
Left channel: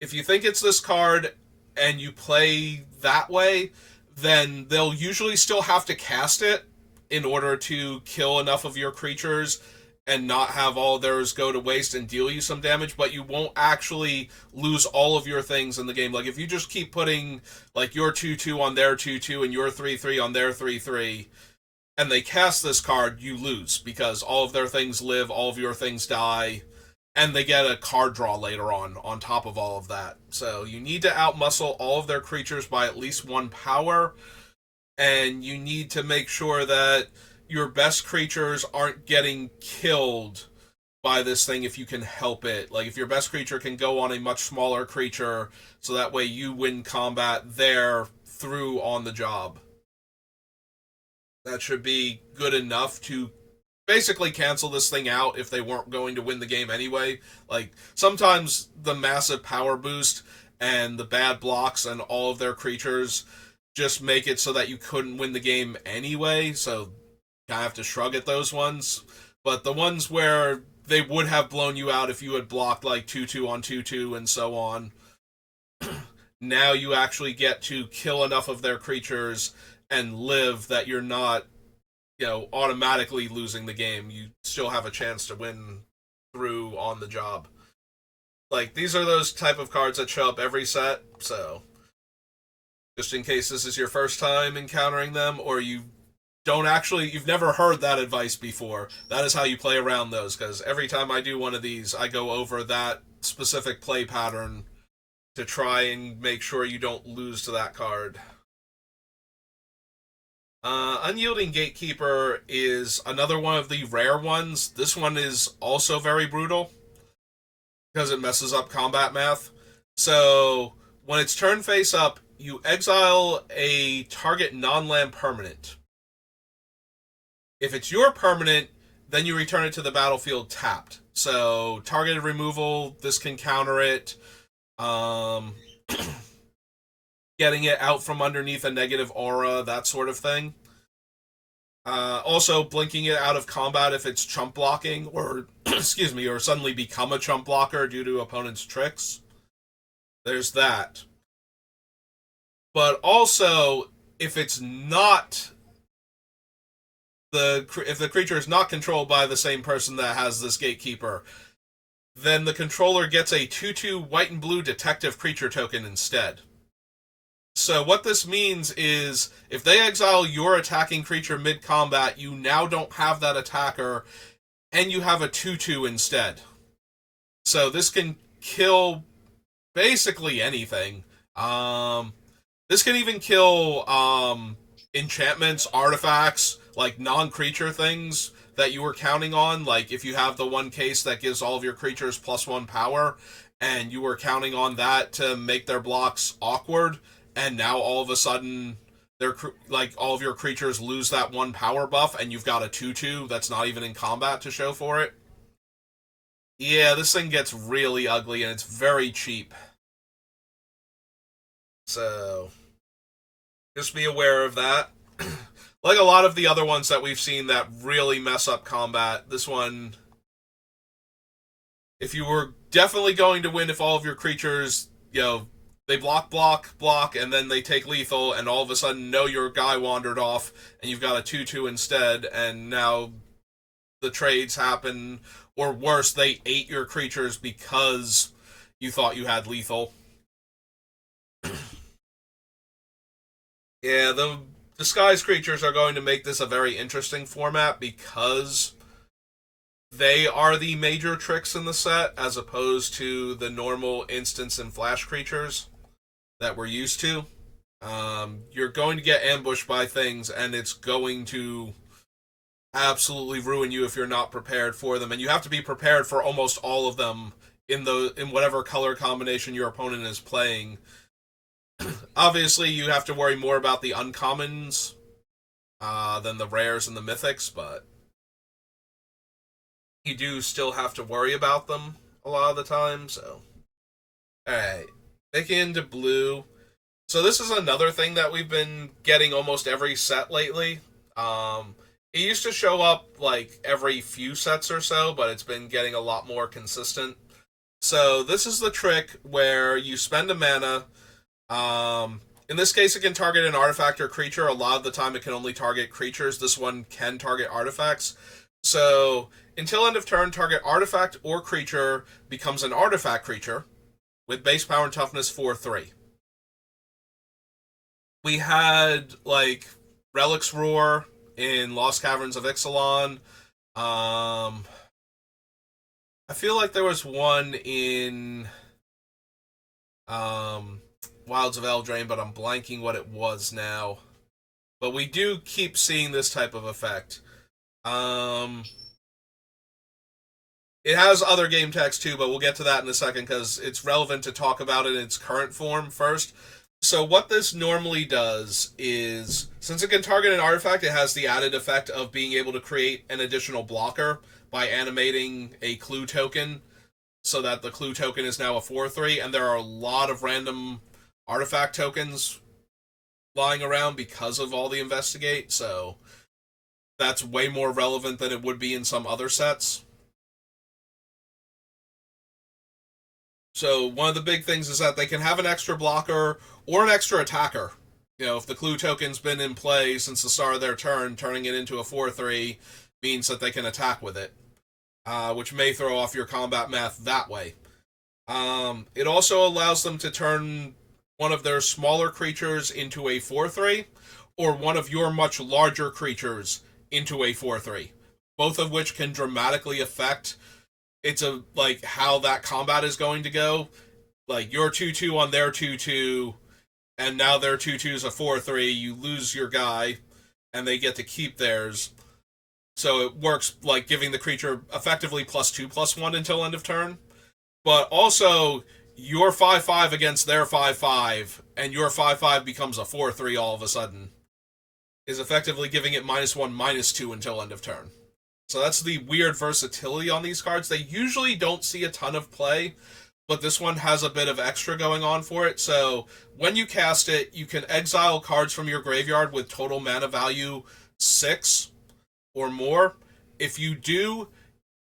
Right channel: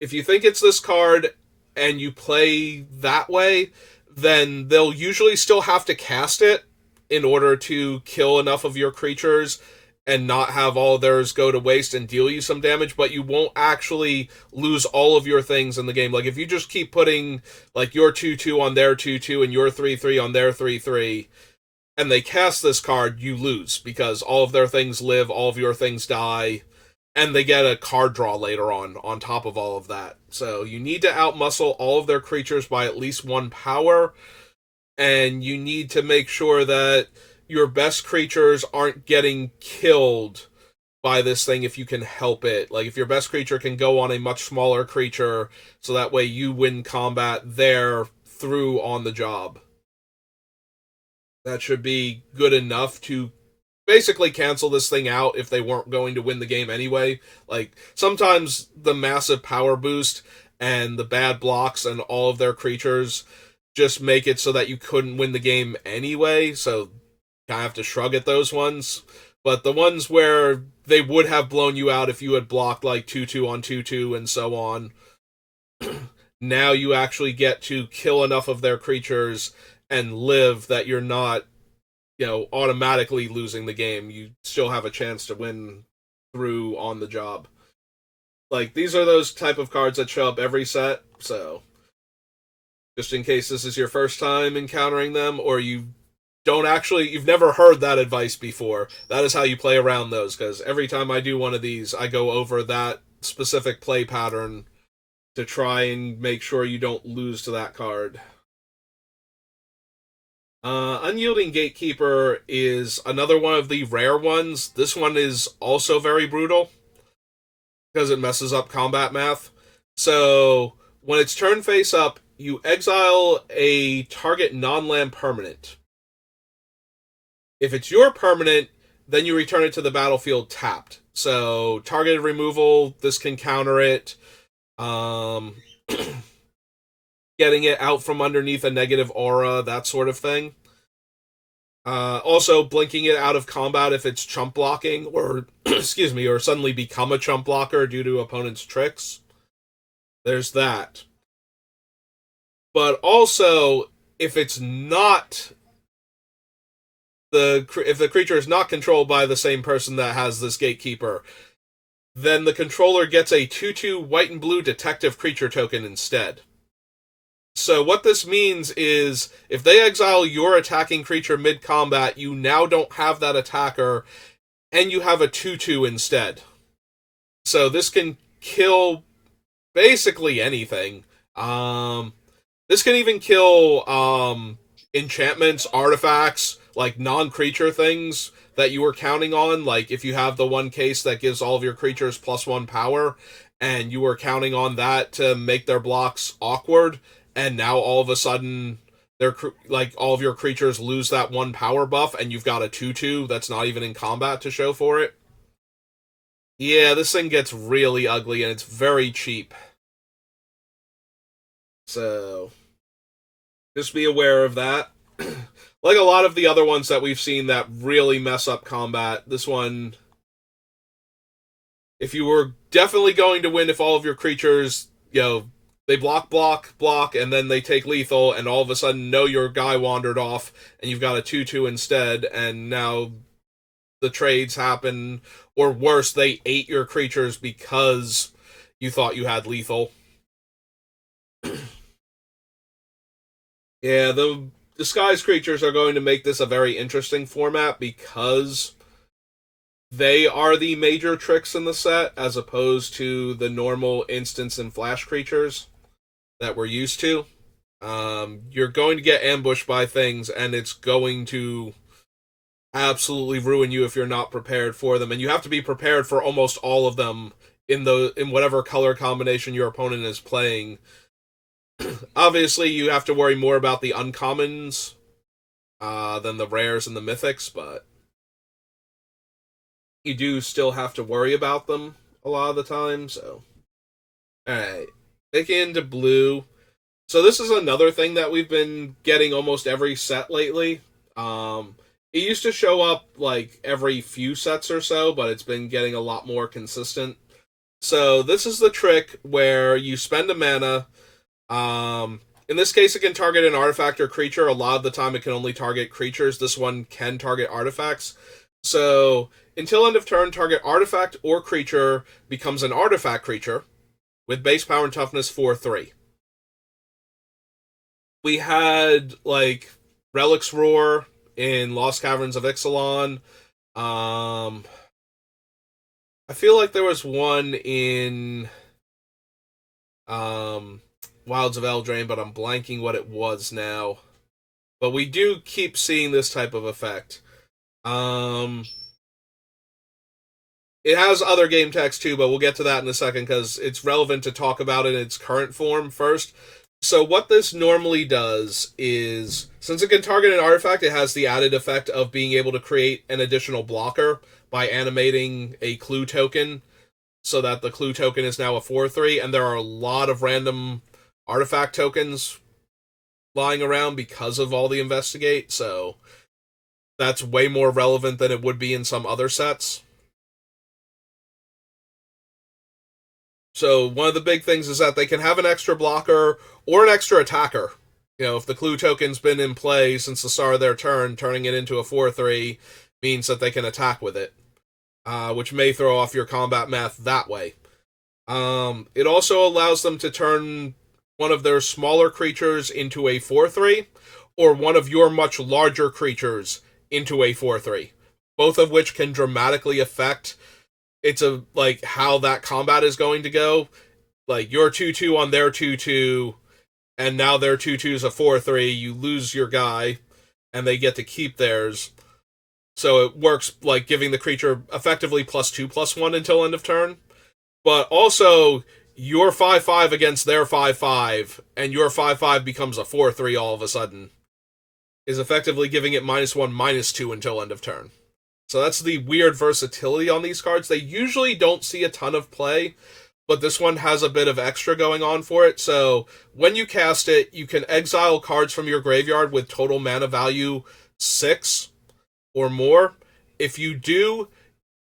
If you think it's this card and you play that way, then they'll usually still have to cast it in order to kill enough of your creatures and not have all theirs go to waste and deal you some damage, but you won't actually lose all of your things in the game. Like, if you just keep putting, like, your 2/2 on their 2/2 and your 3/3 on their 3/3, and they cast this card, you lose, because all of their things live, all of your things die, and they get a card draw later on top of all of that. So you need to outmuscle all of their creatures by at least 1 power, and you need to make sure that your best creatures aren't getting killed by this thing if you can help it. Like, if your best creature can go on a much smaller creature, so that way you win combat there through on the job. That should be good enough to basically cancel this thing out if they weren't going to win the game anyway. Like, sometimes the massive power boost and the bad blocks and all of their creatures just make it so that you couldn't win the game anyway, so I have to shrug at those ones. But the ones where they would have blown you out if you had blocked, like, 2/2 on 2/2 and so on, now you actually get to kill enough of their creatures and live that you're not, automatically losing the game. You still have a chance to win through on the job. Like, these are those type of cards that show up every set, so just in case this is your first time encountering them, or you've never heard that advice before, that is how you play around those, because every time I do one of these, I go over that specific play pattern to try and make sure you don't lose to that card. Unyielding Gatekeeper is another one of the rare ones. This one is also very brutal because it messes up combat math. So when it's turn face up, you exile a target non-land permanent. If it's your permanent, then you return it to the battlefield tapped. So targeted removal, this can counter it. getting it out from underneath a negative aura, that sort of thing. Also, blinking it out of combat if it's chump blocking, or excuse me, or suddenly become a chump blocker due to opponent's tricks. There's that. But also, if it's not if the creature is not controlled by the same person that has this gatekeeper, then the controller gets a 2/2 white and blue detective creature token instead. So what this means is if they exile your attacking creature mid-combat, you now don't have that attacker, and you have a 2/2 instead. So this can kill basically anything. This can even kill enchantments, artifacts, like non-creature things that you were counting on. Like if you have the one case that gives all of your creatures +1 power, and you were counting on that to make their blocks awkward, and now all of a sudden they're like all of your creatures lose that 1 power buff, and you've got a 2/2 that's not even in combat to show for it. Yeah, this thing gets really ugly, and it's very cheap. So just be aware of that. Like a lot of the other ones that we've seen that really mess up combat, this one, if you were definitely going to win if all of your creatures, they block, and then they take lethal, and all of a sudden, no, your guy wandered off, and you've got a 2/2 instead, and now the trades happen, or worse, they ate your creatures because you thought you had lethal. Yeah, the disguised creatures are going to make this a very interesting format because they are the major tricks in the set as opposed to the normal instance and flash creatures that we're used to. You're going to get ambushed by things, and it's going to absolutely ruin you if you're not prepared for them. And you have to be prepared for almost all of them in whatever color combination your opponent is playing. Obviously, you have to worry more about the uncommons than the rares and the mythics, but you do still have to worry about them a lot of the time. So, alright, making into blue. So this is another thing that we've been getting almost every set lately. It used to show up like every few sets or so, but it's been getting a lot more consistent. So this is the trick where you spend a mana. In this case, it can target an artifact or creature. A lot of the time, it can only target creatures. This one can target artifacts. So until end of turn, target artifact or creature becomes an artifact creature with base power and toughness 4/3. We had like Relic's Roar in Lost Caverns of Ixalan. I feel like there was one in Wilds of Eldraine, but I'm blanking what it was now. But we do keep seeing this type of effect. It has other game text too, but we'll get to that in a second because it's relevant to talk about it in its current form first. So what this normally does is, since it can target an artifact, it has the added effect of being able to create an additional blocker by animating a clue token, so that the clue token is now a 4/3, and there are a lot of random artifact tokens lying around because of all the investigate, so that's way more relevant than it would be in some other sets. So one of the big things is that they can have an extra blocker or an extra attacker. If the clue token's been in play since the start of their turn, turning it into a 4/3 means that they can attack with it, which may throw off your combat math that way. It also allows them to turn one of their smaller creatures into a 4/3, or one of your much larger creatures into a 4/3, both of which can dramatically affect how that combat is going to go. Like your 2/2 on their 2/2, and now their 2/2 is a 4/3. You lose your guy, and they get to keep theirs. So it works like giving the creature effectively +2/+1 until end of turn. But also, your 5/5 against their 5/5, and your 5/5 becomes a 4/3 all of a sudden, is effectively giving it -1/-2 until end of turn. So that's the weird versatility on these cards. They usually don't see a ton of play, but this one has a bit of extra going on for it. So when you cast it, you can exile cards from your graveyard with total mana value 6 or more. If you do,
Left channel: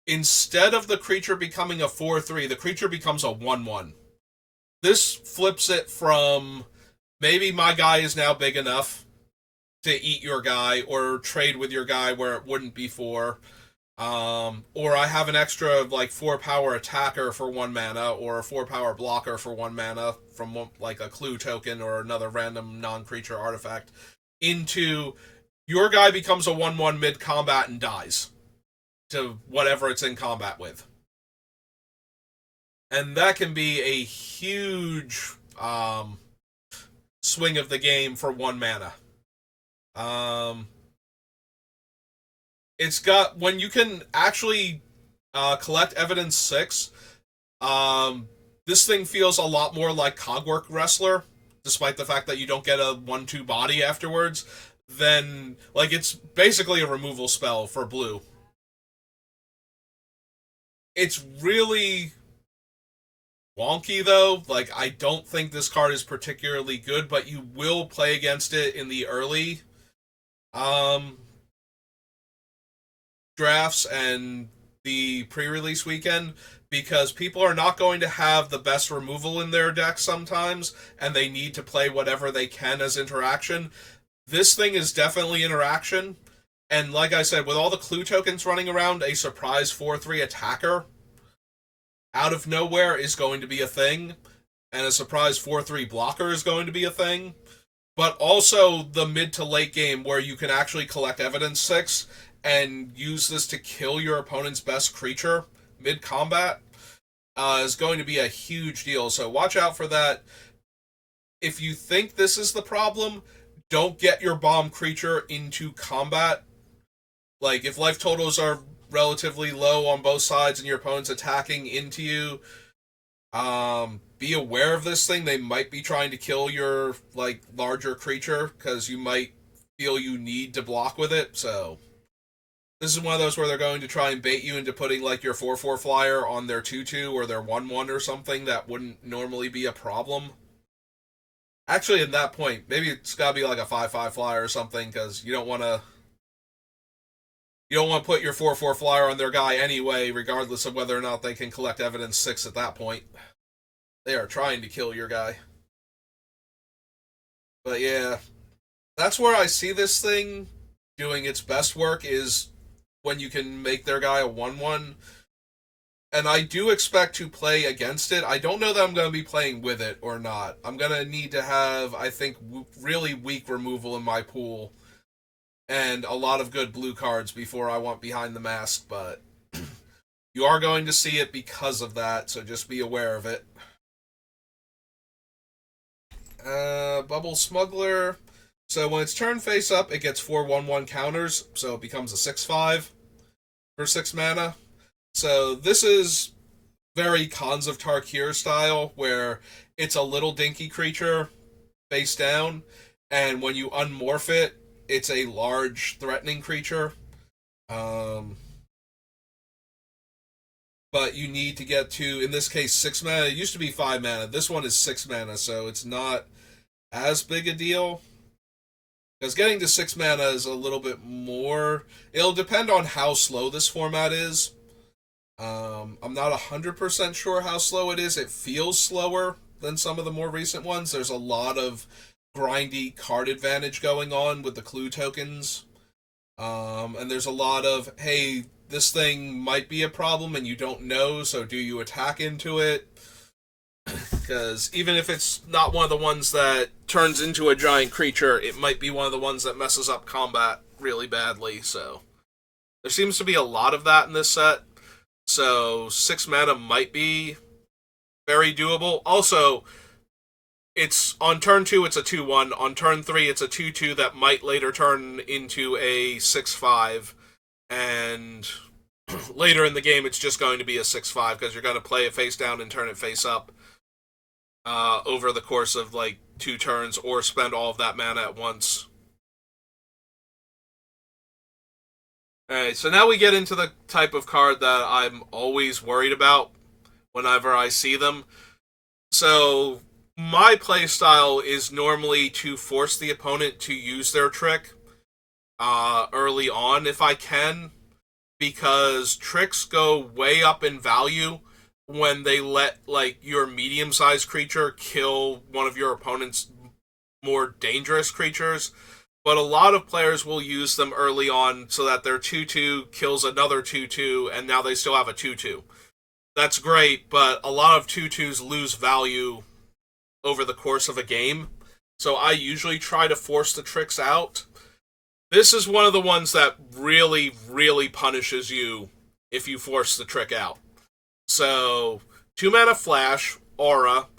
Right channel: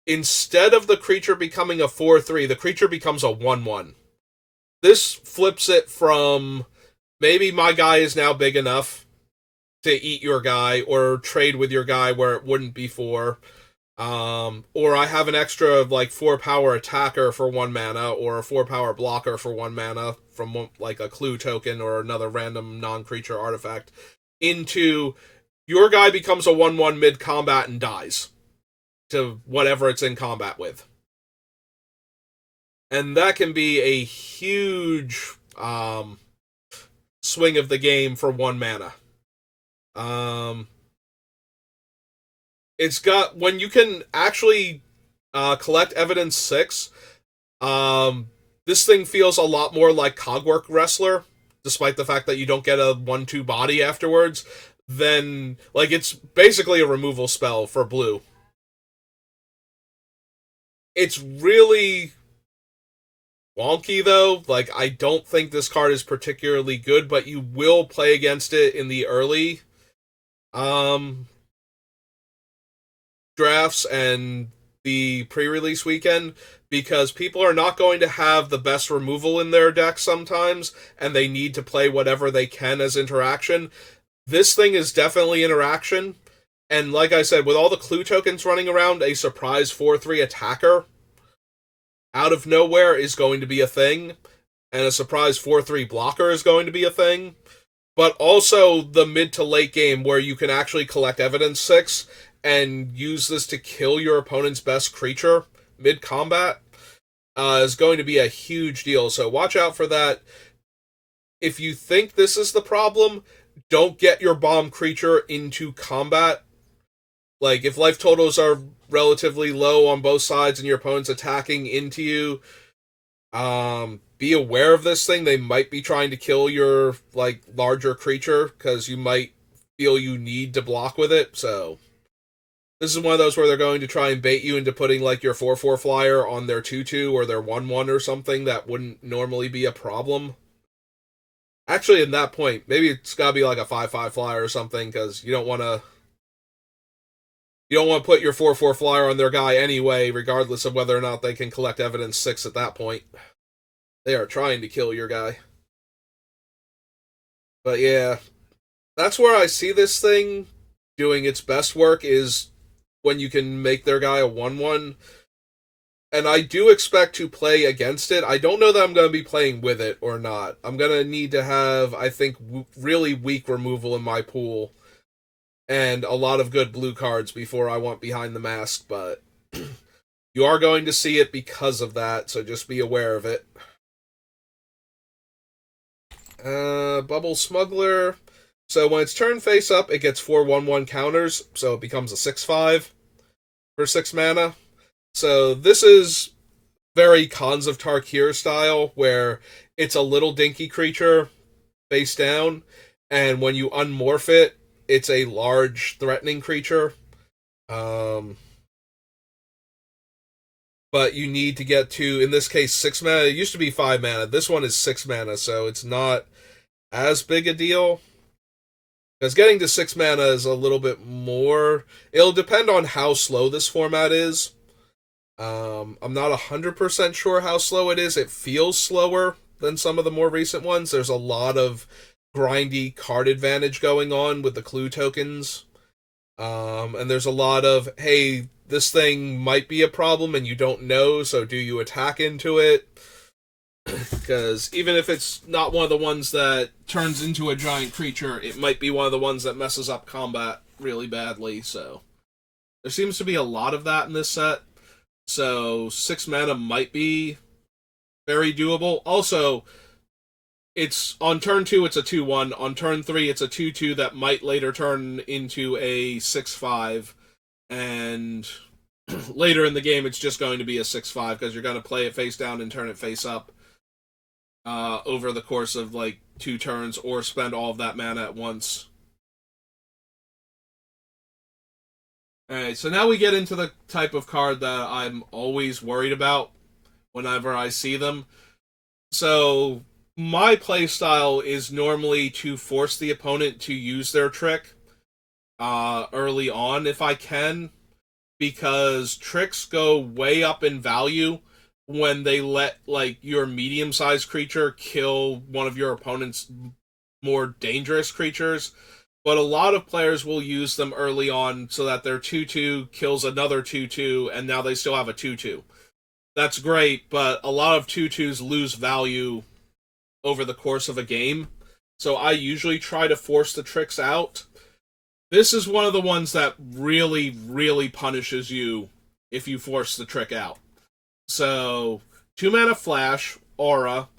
instead of the creature becoming a 4/3, the creature becomes a 1/1. This flips it from maybe my guy is now big enough to eat your guy or trade with your guy where it wouldn't before. Or I have an extra like 4-power attacker for 1 mana, or a 4-power blocker for 1 mana from like a clue token or another random non-creature artifact, into your guy becomes a 1/1 mid-combat and dies to whatever it's in combat with. And that can be a huge swing of the game for 1 mana. It's got, when you can actually collect evidence 6, this thing feels a lot more like Cogwork Wrestler, despite the fact that you don't get a 1/2 body afterwards. Then, like, it's basically a removal spell for blue. It's really wonky, though. Like, I don't think this card is particularly good, but you will play against it in the early drafts and the pre-release weekend, because people are not going to have the best removal in their deck sometimes, and they need to play whatever they can as interaction. This thing is definitely interaction, and like I said, with all the clue tokens running around, a surprise 4/3 attacker out of nowhere is going to be a thing, and a surprise 4/3 blocker is going to be a thing. But also the mid to late game where you can actually collect evidence 6 and use this to kill your opponent's best creature mid-combat is going to be a huge deal. So watch out for that. If you think this is the problem, don't get your bomb creature into combat. Like, if life totals are relatively low on both sides and your opponent's attacking into you, be aware of this thing. They might be trying to kill your, like, larger creature, because you might feel you need to block with it. So this is one of those where they're going to try and bait you into putting, like, your 4/4 flyer on their 2/2 or their 1/1 or something that wouldn't normally be a problem. Actually, at that point, maybe it's got to be like a 5/5 flyer or something, because you don't want to put your 4/4 flyer on their guy anyway, regardless of whether or not they can collect evidence 6 at that point. They are trying to kill your guy. But yeah, that's where I see this thing doing its best work, is when you can make their guy a 1/1. And I do expect to play against it. I don't know that I'm going to be playing with it or not. I'm going to need to have, I think, really weak removal in my pool and a lot of good blue cards before I want Behind the Mask, but you are going to see it because of that, so just be aware of it. Bubble Smuggler. So when it's turn face up, it gets 4 1/1 counters, so it becomes a 6/5 for 6 mana. So this is very Khans of Tarkir style, where it's a little dinky creature face down, and when you unmorph it, it's a large threatening creature. But you need to get to, in this case, 6 mana. It used to be 5 mana. This one is 6 mana, so it's not as big a deal. Because getting to 6 mana is a little bit more. It'll depend on how slow this format is. I'm not 100% sure how slow it is. It feels slower than some of the more recent ones. There's a lot of grindy card advantage going on with the clue tokens. And there's a lot of, hey, this thing might be a problem and you don't know, so do you attack into it? Because even if it's not one of the ones that turns into a giant creature, it might be one of the ones that messes up combat really badly. So there seems to be a lot of that in this set. So 6 mana might be very doable. Also, it's on turn 2, it's a 2/1. On turn 3, it's a 2/2 that might later turn into a 6/5. And later in the game, it's just going to be a 6/5 because you're going to play it face down and turn it face up over the course of like 2 turns, or spend all of that mana at once. Alright, so now we get into the type of card that I'm always worried about whenever I see them. So my playstyle is normally to force the opponent to use their trick early on if I can, because tricks go way up in value when they let like your medium-sized creature kill one of your opponent's more dangerous creatures. But a lot of players will use them early on so that their 2/2 kills another 2/2, and now they still have a 2/2. That's great, but a lot of 2/2s lose value over the course of a game. So I usually try to force the tricks out. This is one of the ones that really, really punishes you if you force the trick out. So, 2 mana flash, aura.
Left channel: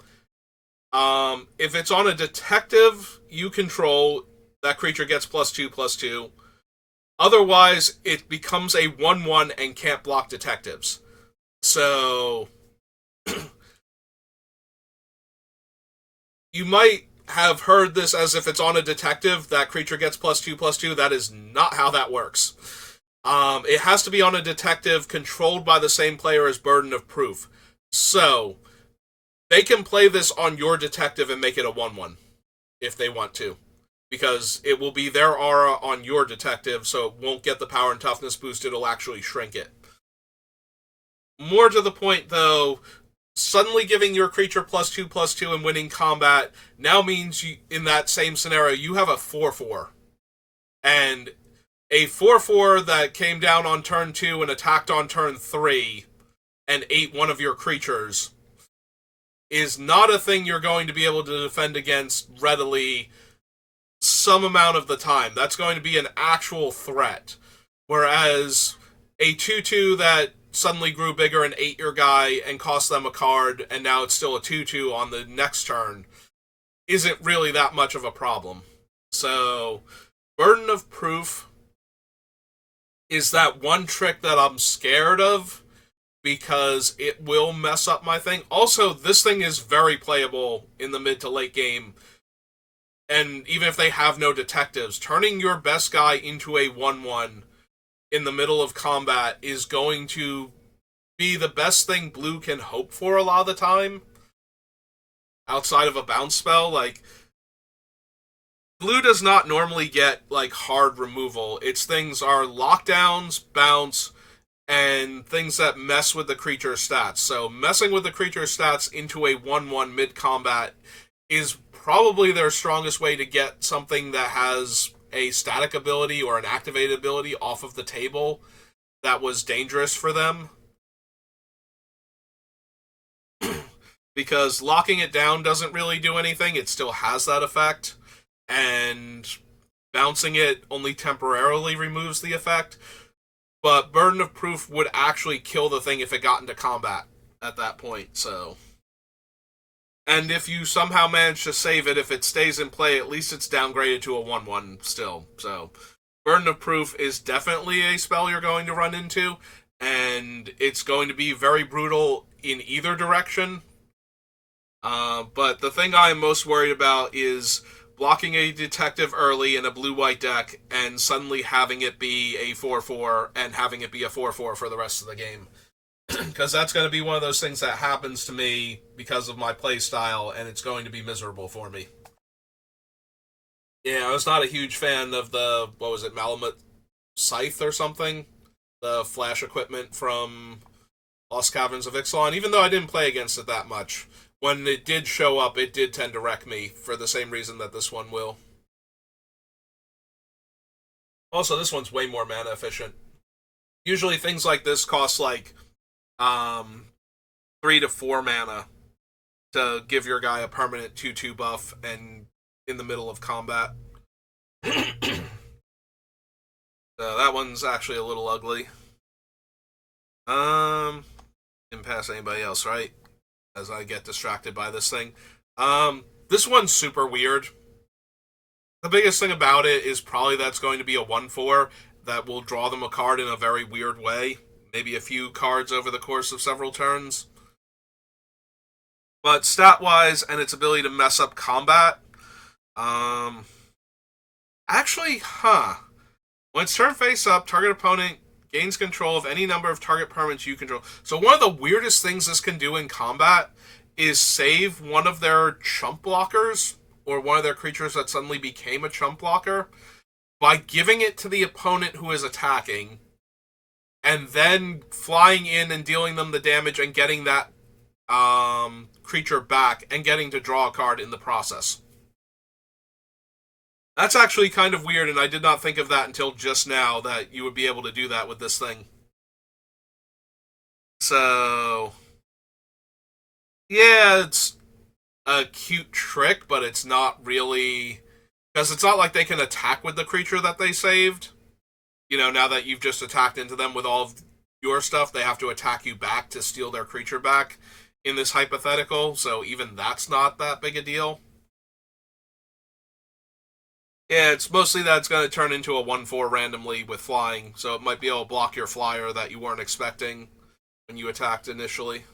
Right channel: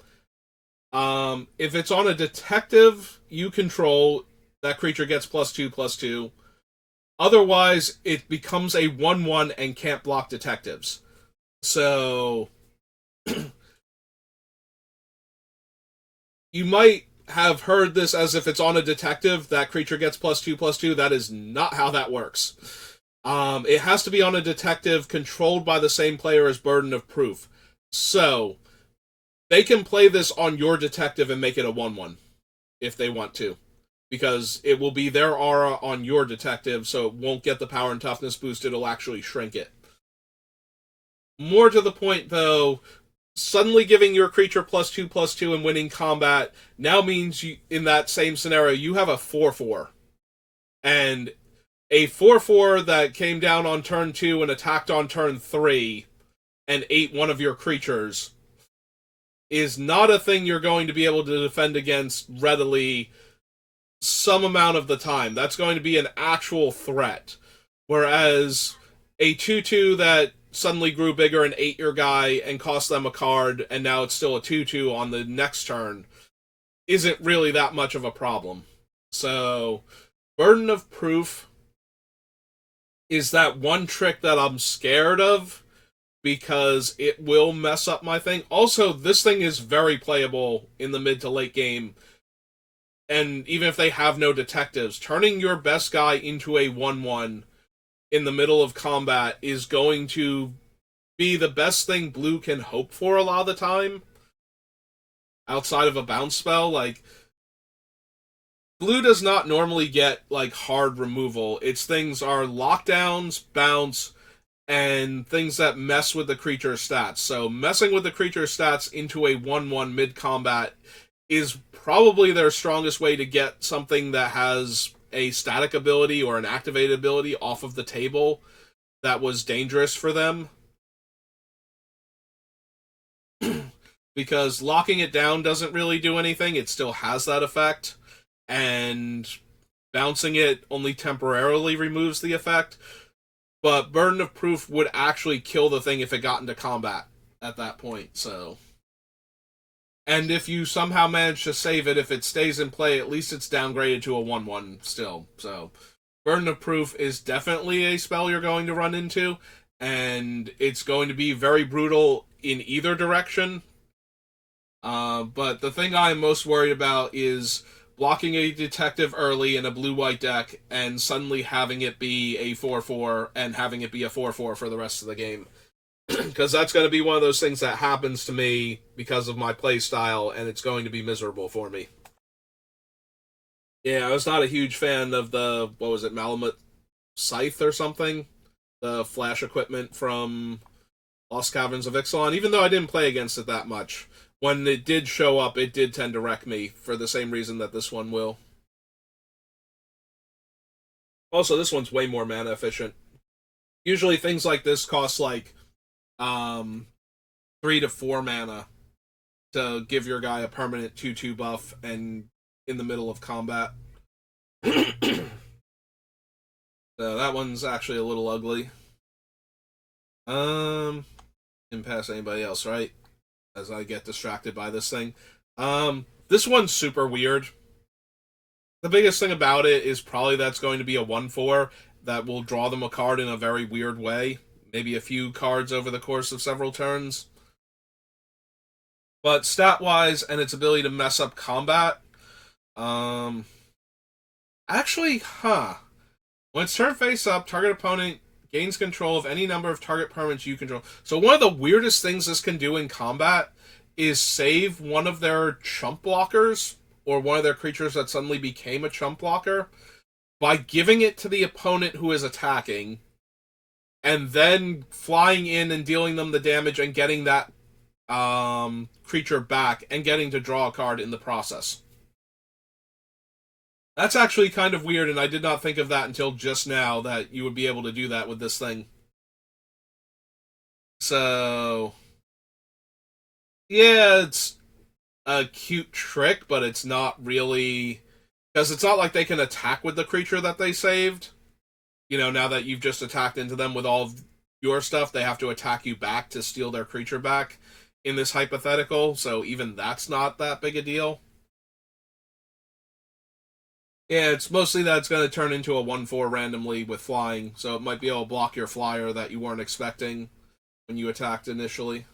If it's on a detective you control, that creature gets +2/+2. Otherwise, it becomes a 1/1 and can't block detectives. So, you might have heard this as if it's on a detective, that creature gets +2/+2. That is not how that works. It has to be on a detective controlled by the same player as Burden of Proof. So, they can play this on your detective and make it a 1/1 if they want to, because it will be their aura on your detective, so it won't get the power and toughness boost, it'll actually shrink it. More to the point, though, suddenly giving your creature +2/+2 and winning combat now means you, in that same scenario, you have a 4/4. And a 4/4 that came down on turn 2 and attacked on turn 3 and ate one of your creatures is not a thing you're going to be able to defend against readily some amount of the time. That's going to be an actual threat. Whereas a 2/2 that suddenly grew bigger and ate your guy and cost them a card, and now it's still a 2/2 on the next turn, isn't really that much of a problem. So, Burden of Proof is that one trick that I'm scared of, because it will mess up my thing. Also, this thing is very playable in the mid to late game, and even if they have no detectives, turning your best guy into a 1/1 in the middle of combat is going to be the best thing blue can hope for a lot of the time, outside of a bounce spell. Like, blue does not normally get like hard removal. Its things are lockdowns, bounce, and things that mess with the creature's stats. So messing with the creature's stats into a 1/1 mid-combat is probably their strongest way to get something that has a static ability or an activated ability off of the table that was dangerous for them. Because locking it down doesn't really do anything, it still has that effect, and bouncing it only temporarily removes the effect. But Burden of Proof would actually kill the thing if it got into combat at that point, so. And if you somehow manage to save it, if it stays in play, at least it's downgraded to a 1/1 still. So, Burden of Proof is definitely a spell you're going to run into, and it's going to be very brutal in either direction. But the thing I'm most worried about is blocking a detective early in a blue-white deck and suddenly having it be a 4/4 and having it be a 4/4 for the rest of the game. Because that's going to be one of those things that happens to me because of my play style, and it's going to be miserable for me. Yeah, I was not a huge fan of the, what was it, Malamut Scythe or something? The flash equipment from Lost Caverns of Ixalan, even though I didn't play against it that much. When it did show up, it did tend to wreck me for the same reason that this one will. Also, this one's way more mana efficient. Usually things like this cost like 3 to 4 mana to give your guy a permanent 2/2 buff and in the middle of combat. So that one's actually a little ugly. Didn't pass anybody else, right? As I get distracted by this thing. This one's super weird. The biggest thing about it is probably that's going to be a 1/4 that will draw them a card in a very weird way. Maybe a few cards over the course of several turns. But stat-wise and its ability to mess up combat, actually, when it's turn face up, target opponent gains control of any number of target permanents you control. So one of the weirdest things this can do in combat is save one of their chump blockers or one of their creatures that suddenly became a chump blocker by giving it to the opponent who is attacking and then flying in and dealing them the damage and getting that creature back and getting to draw a card in the process. That's actually kind of weird, and I did not think of that until just now, that you would be able to do that with this thing. So, yeah, it's a cute trick, but it's not really... Because it's not like they can attack with the creature that they saved. You know, now that you've just attacked into them with all of your stuff, they have to attack you back to steal their creature back in this hypothetical, so even that's not that big a deal. Yeah, it's mostly that it's going to turn into a 1/4 randomly with flying, so it might be able to block your flyer that you weren't expecting when you attacked initially.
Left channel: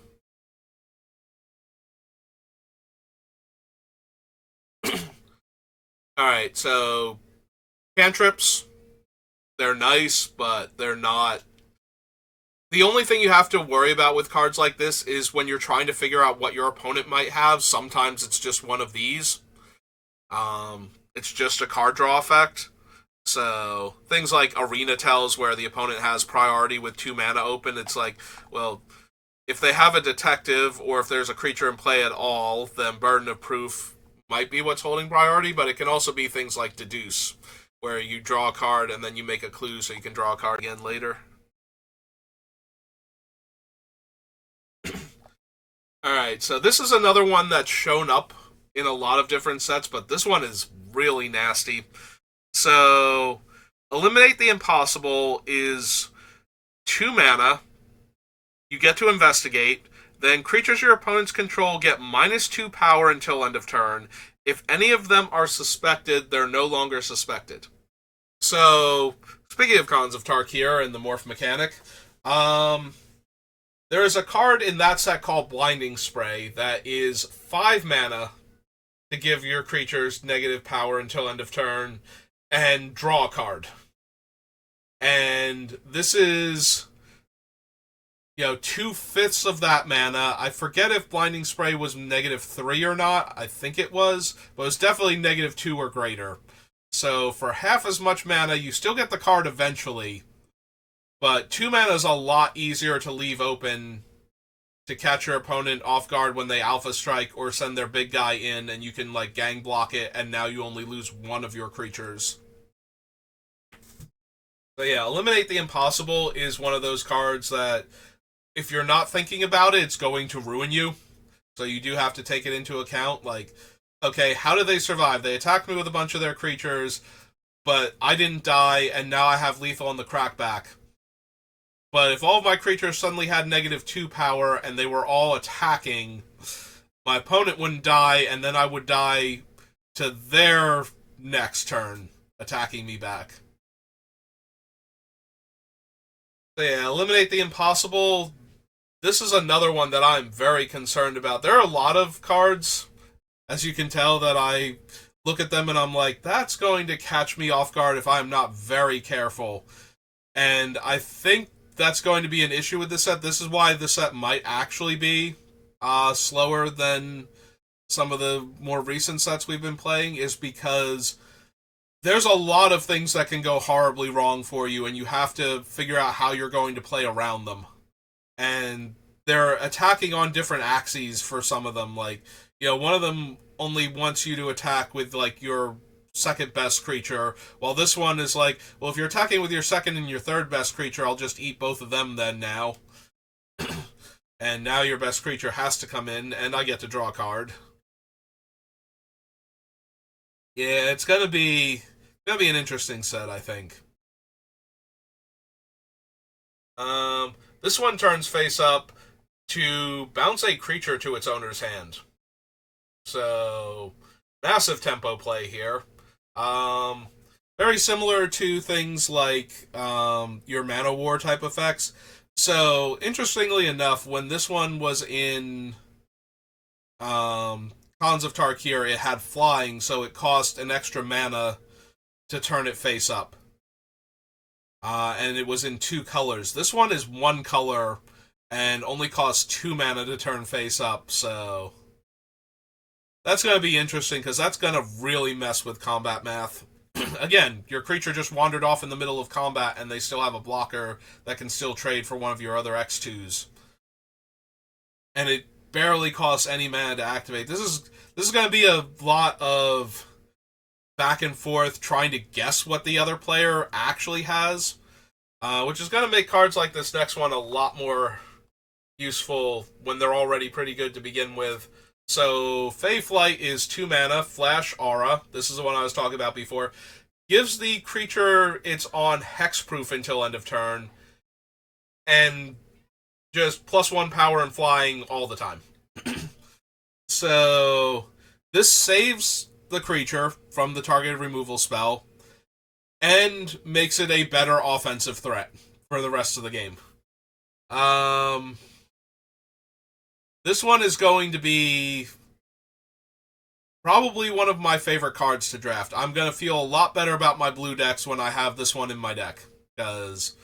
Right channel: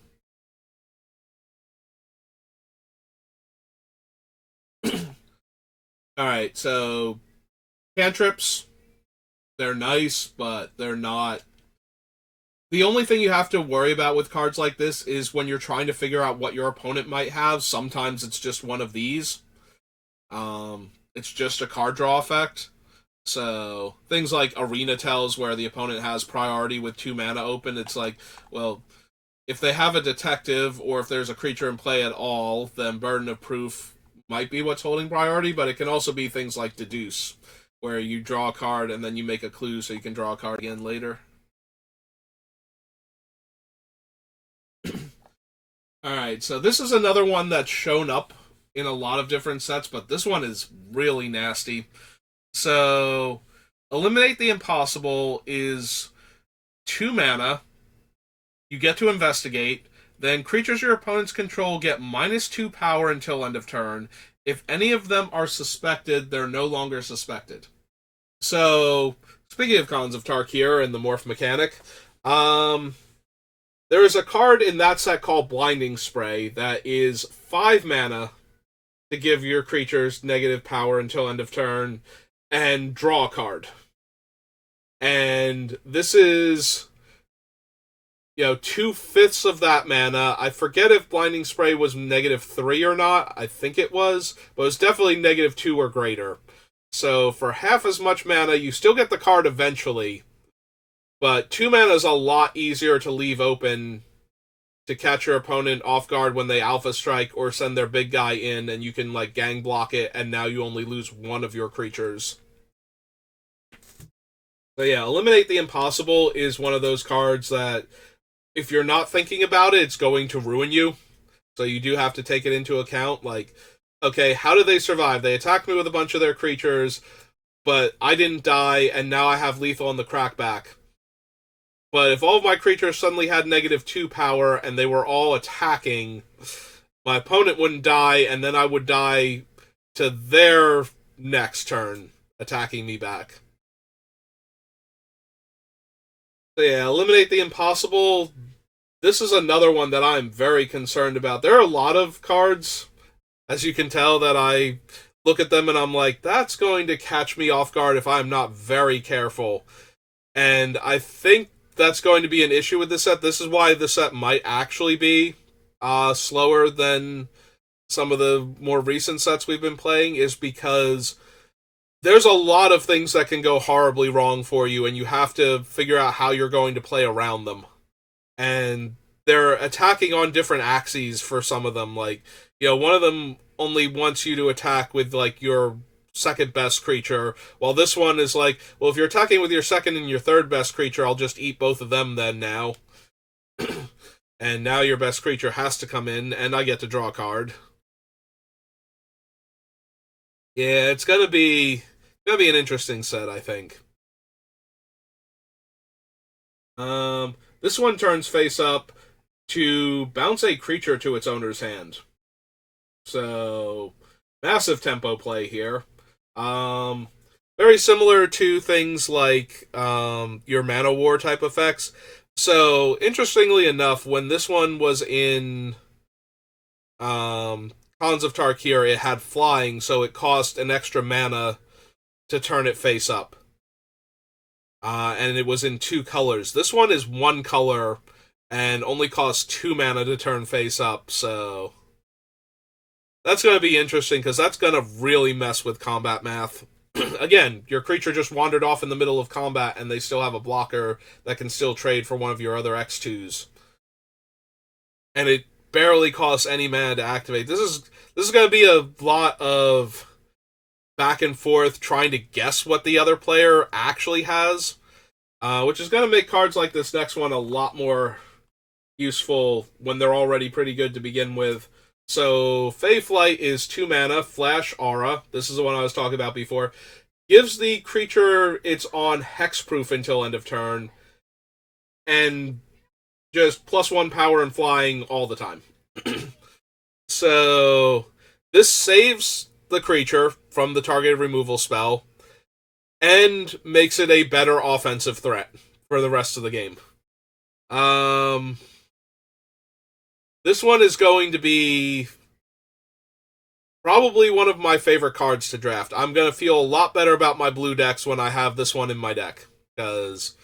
Alright, so cantrips, they're nice, but they're not... The only thing you have to worry about with cards like this is when you're trying to figure out what your opponent might have, sometimes it's just one of these. It's just a card draw effect. So things like Arena Tells, where the opponent has priority with 2 mana open, it's like, well, if they have a detective or if there's a creature in play at all, then Burden of Proof might be what's holding priority, but it can also be things like Deduce, where you draw a card and then you make a clue so you can draw a card again later. Alright, so this is another one that's shown up in a lot of different sets, but this one is really nasty. So, Eliminate the Impossible is 2 mana. You get to investigate. Then creatures your opponents control get -2 power until end of turn. If any of them are suspected, they're no longer suspected. So, speaking of Khans of Tarkir and the morph mechanic, there is a card in that set called Blinding Spray that is 5 mana to give your creatures negative power until end of turn and draw a card. And this is, 2/5 of that mana. I forget if Blinding Spray was -3 or not. I think it was, but it was definitely -2 or greater. So for half as much mana, you still get the card eventually, but 2 mana is a lot easier to leave open to catch your opponent off guard when they alpha strike or send their big guy in, and you can gang block it, and now you only lose one of your creatures. So yeah, Eliminate the Impossible is one of those cards that, if you're not thinking about it, it's going to ruin you. So you do have to take it into account. Okay, how did they survive? They attacked me with a bunch of their creatures, but I didn't die, and now I have lethal on the crackback. But if all of my creatures suddenly had -2 power and they were all attacking, my opponent wouldn't die, and then I would die to their next turn, attacking me back. So yeah, Eliminate the Impossible. This is another one that I'm very concerned about. There are a lot of cards, as you can tell, that I look at them and I'm like, that's going to catch me off guard if I'm not very careful. And I think that's going to be an issue with this set. This is why this set might actually be slower than some of the more recent sets we've been playing, is because there's a lot of things that can go horribly wrong for you, and you have to figure out how you're going to play around them. And they're attacking on different axes for some of them. One of them only wants you to attack with, your second best creature, while this one is well, if you're attacking with your second and your third best creature, I'll just eat both of them then now. And now your best creature has to come in, and I get to draw a card. Yeah, it's gonna be an interesting set, I think. This one turns face up to bounce a creature to its owner's hand. So, massive tempo play here. Very similar to things like your Mana War type effects. So, interestingly enough, when this one was in Khans of Tarkir, it had flying, so it cost an extra mana to turn it face up. and it was in 2 colors. This one is 1 color and only costs 2 mana to turn face up, so that's going to be interesting because that's going to really mess with combat math. Again, your creature just wandered off in the middle of combat and they still have a blocker that can still trade for one of your other X2s. And it barely costs any mana to activate. This is going to be a lot of back and forth trying to guess what the other player actually has, which is going to make cards like this next one a lot more useful when they're already pretty good to begin with. So, Fey Flight is 2 mana, Flash Aura. This is the one I was talking about before. Gives the creature its on hexproof until end of turn, and just +1 power and flying all the time. So, this saves the creature from the targeted removal spell and makes it a better offensive threat for the rest of the game. This one is going to be probably one of my favorite cards to draft. I'm going to feel a lot better about my blue decks when I have this one in my deck, because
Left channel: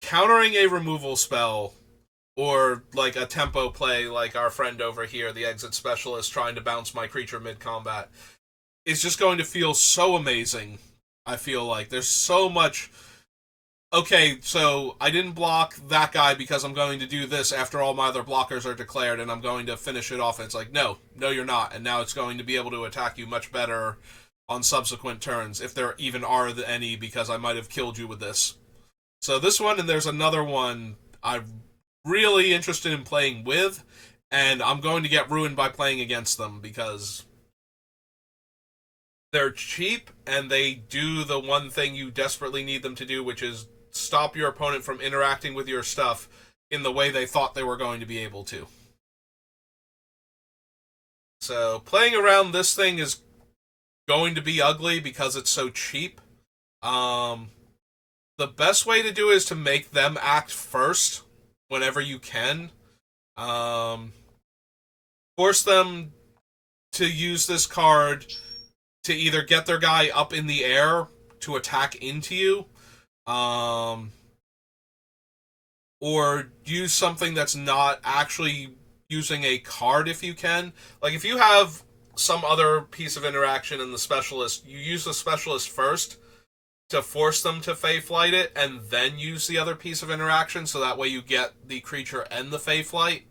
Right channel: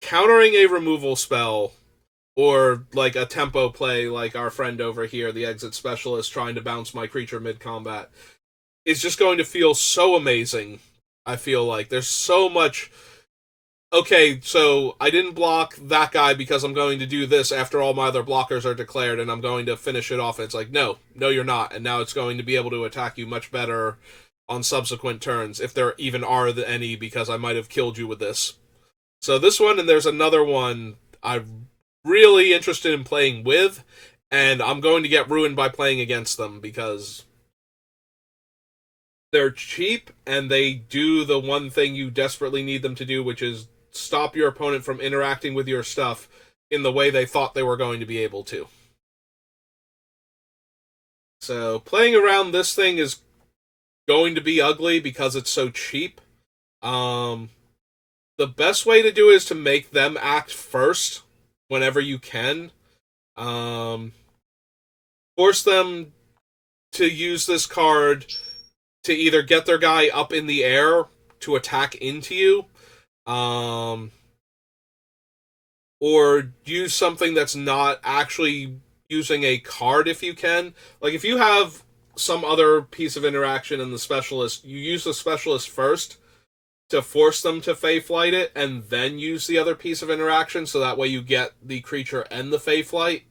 countering a removal spell or like a tempo play like our friend over here, the Exit Specialist, trying to bounce my creature mid-combat, is just going to feel so amazing. I feel like there's so much... Okay, so I didn't block that guy because I'm going to do this after all my other blockers are declared, and I'm going to finish it off. It's like, no, you're not. And now it's going to be able to attack you much better on subsequent turns, if there even are any, because I might have killed you with this. So this one, and there's another one I'm really interested in playing with, and I'm going to get ruined by playing against them, because they're cheap, and they do the one thing you desperately need them to do, which is stop your opponent from interacting with your stuff in the way they thought they were going to be able to. So playing around this thing is going to be ugly because it's so cheap. The best way to do it is to make them act first whenever you can. Force them to use this card to either get their guy up in the air to attack into you, or use something that's not actually using a card if you can. Like, if you have some other piece of interaction in the Specialist, you use the Specialist first to force them to Fey Flight it, and then use the other piece of interaction, so that way you get the creature and the Fey Flight.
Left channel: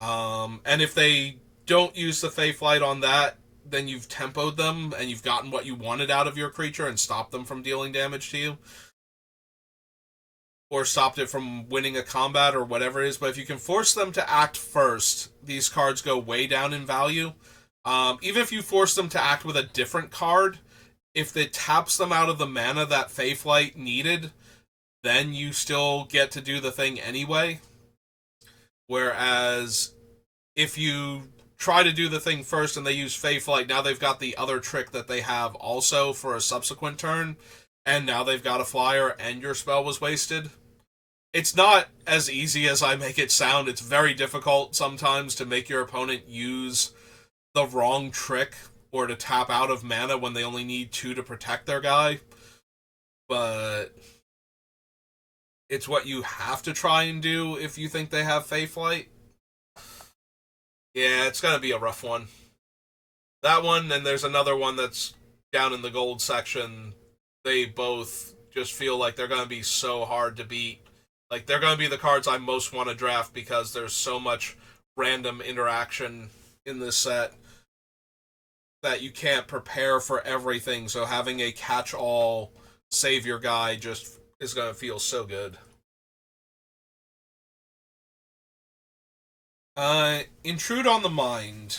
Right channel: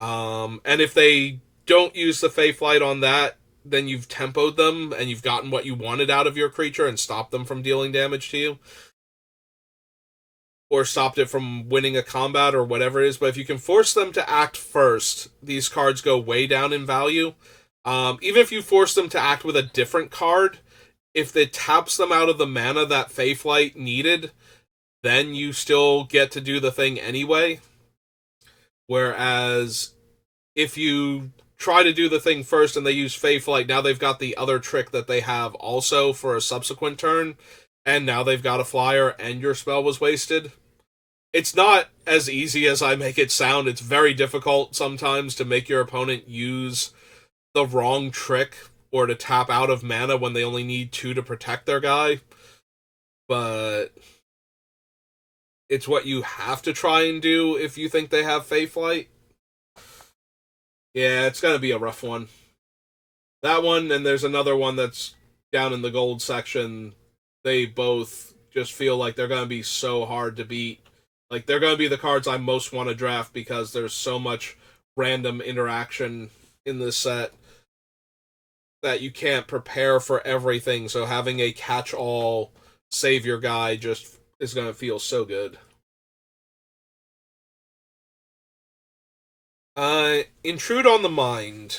And if they don't use the Fey Flight on that, then you've tempoed them, and you've gotten what you wanted out of your creature and stopped them from dealing damage to you. Or stopped it from winning a combat or whatever it is. But if you can force them to act first, these cards go way down in value. Even if you force them to act with a different card, if it taps them out of the mana that Fey Flight needed, then you still get to do the thing anyway. Whereas if you try to do the thing first and they use Fey Flight, now they've got the other trick that they have also for a subsequent turn, and now they've got a flyer and your spell was wasted. It's not as easy as I make it sound. It's very difficult sometimes to make your opponent use the wrong trick or to tap out of mana when they only need 2 to protect their guy. But it's what you have to try and do if you think they have Fey Flight. Yeah, it's going to be a rough one. That one, and there's another one that's down in the gold section. They both just feel like they're going to be so hard to beat. Like, they're going to be the cards I most want to draft because there's so much random interaction in this set that you can't prepare for everything. So having a catch-all savior guy just is going to feel so good. Intrude on the Mind.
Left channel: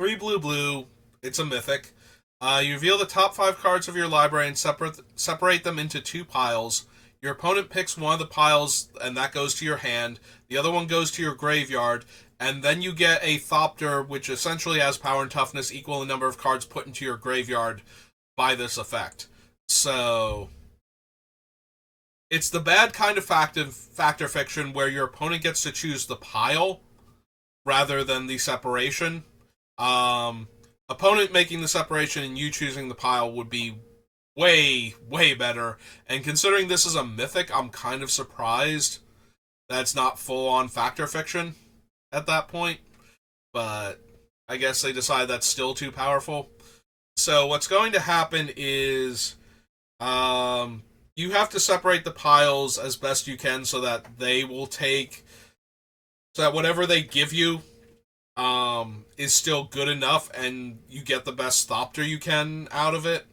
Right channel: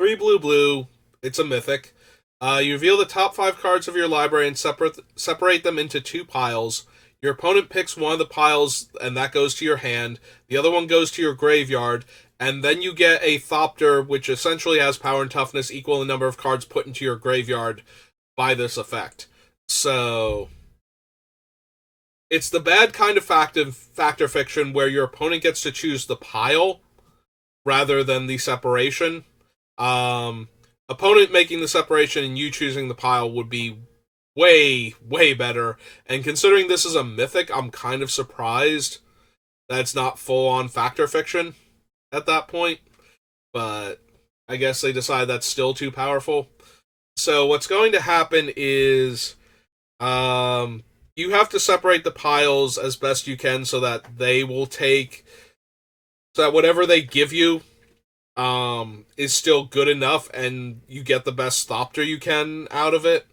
3 blue. It's a mythic. You reveal the top 5 cards of your library and separate them into 2 piles. Your opponent picks one of the piles, and that goes to your hand. The other one goes to your graveyard, and then you get a Thopter, which essentially has power and toughness equal to the number of cards put into your graveyard by this effect. So it's the bad kind of factor fiction where your opponent gets to choose the pile rather than the separation. Opponent making the separation and you choosing the pile would be way, way better. And considering this is a mythic, I'm kind of surprised that it's not full on factor fiction at that point. But I guess they decide that's still too powerful. So what's going to happen is you have to separate the piles as best you can so that they will take so that whatever they give you is still good enough and you get the best Thopter you can out of it.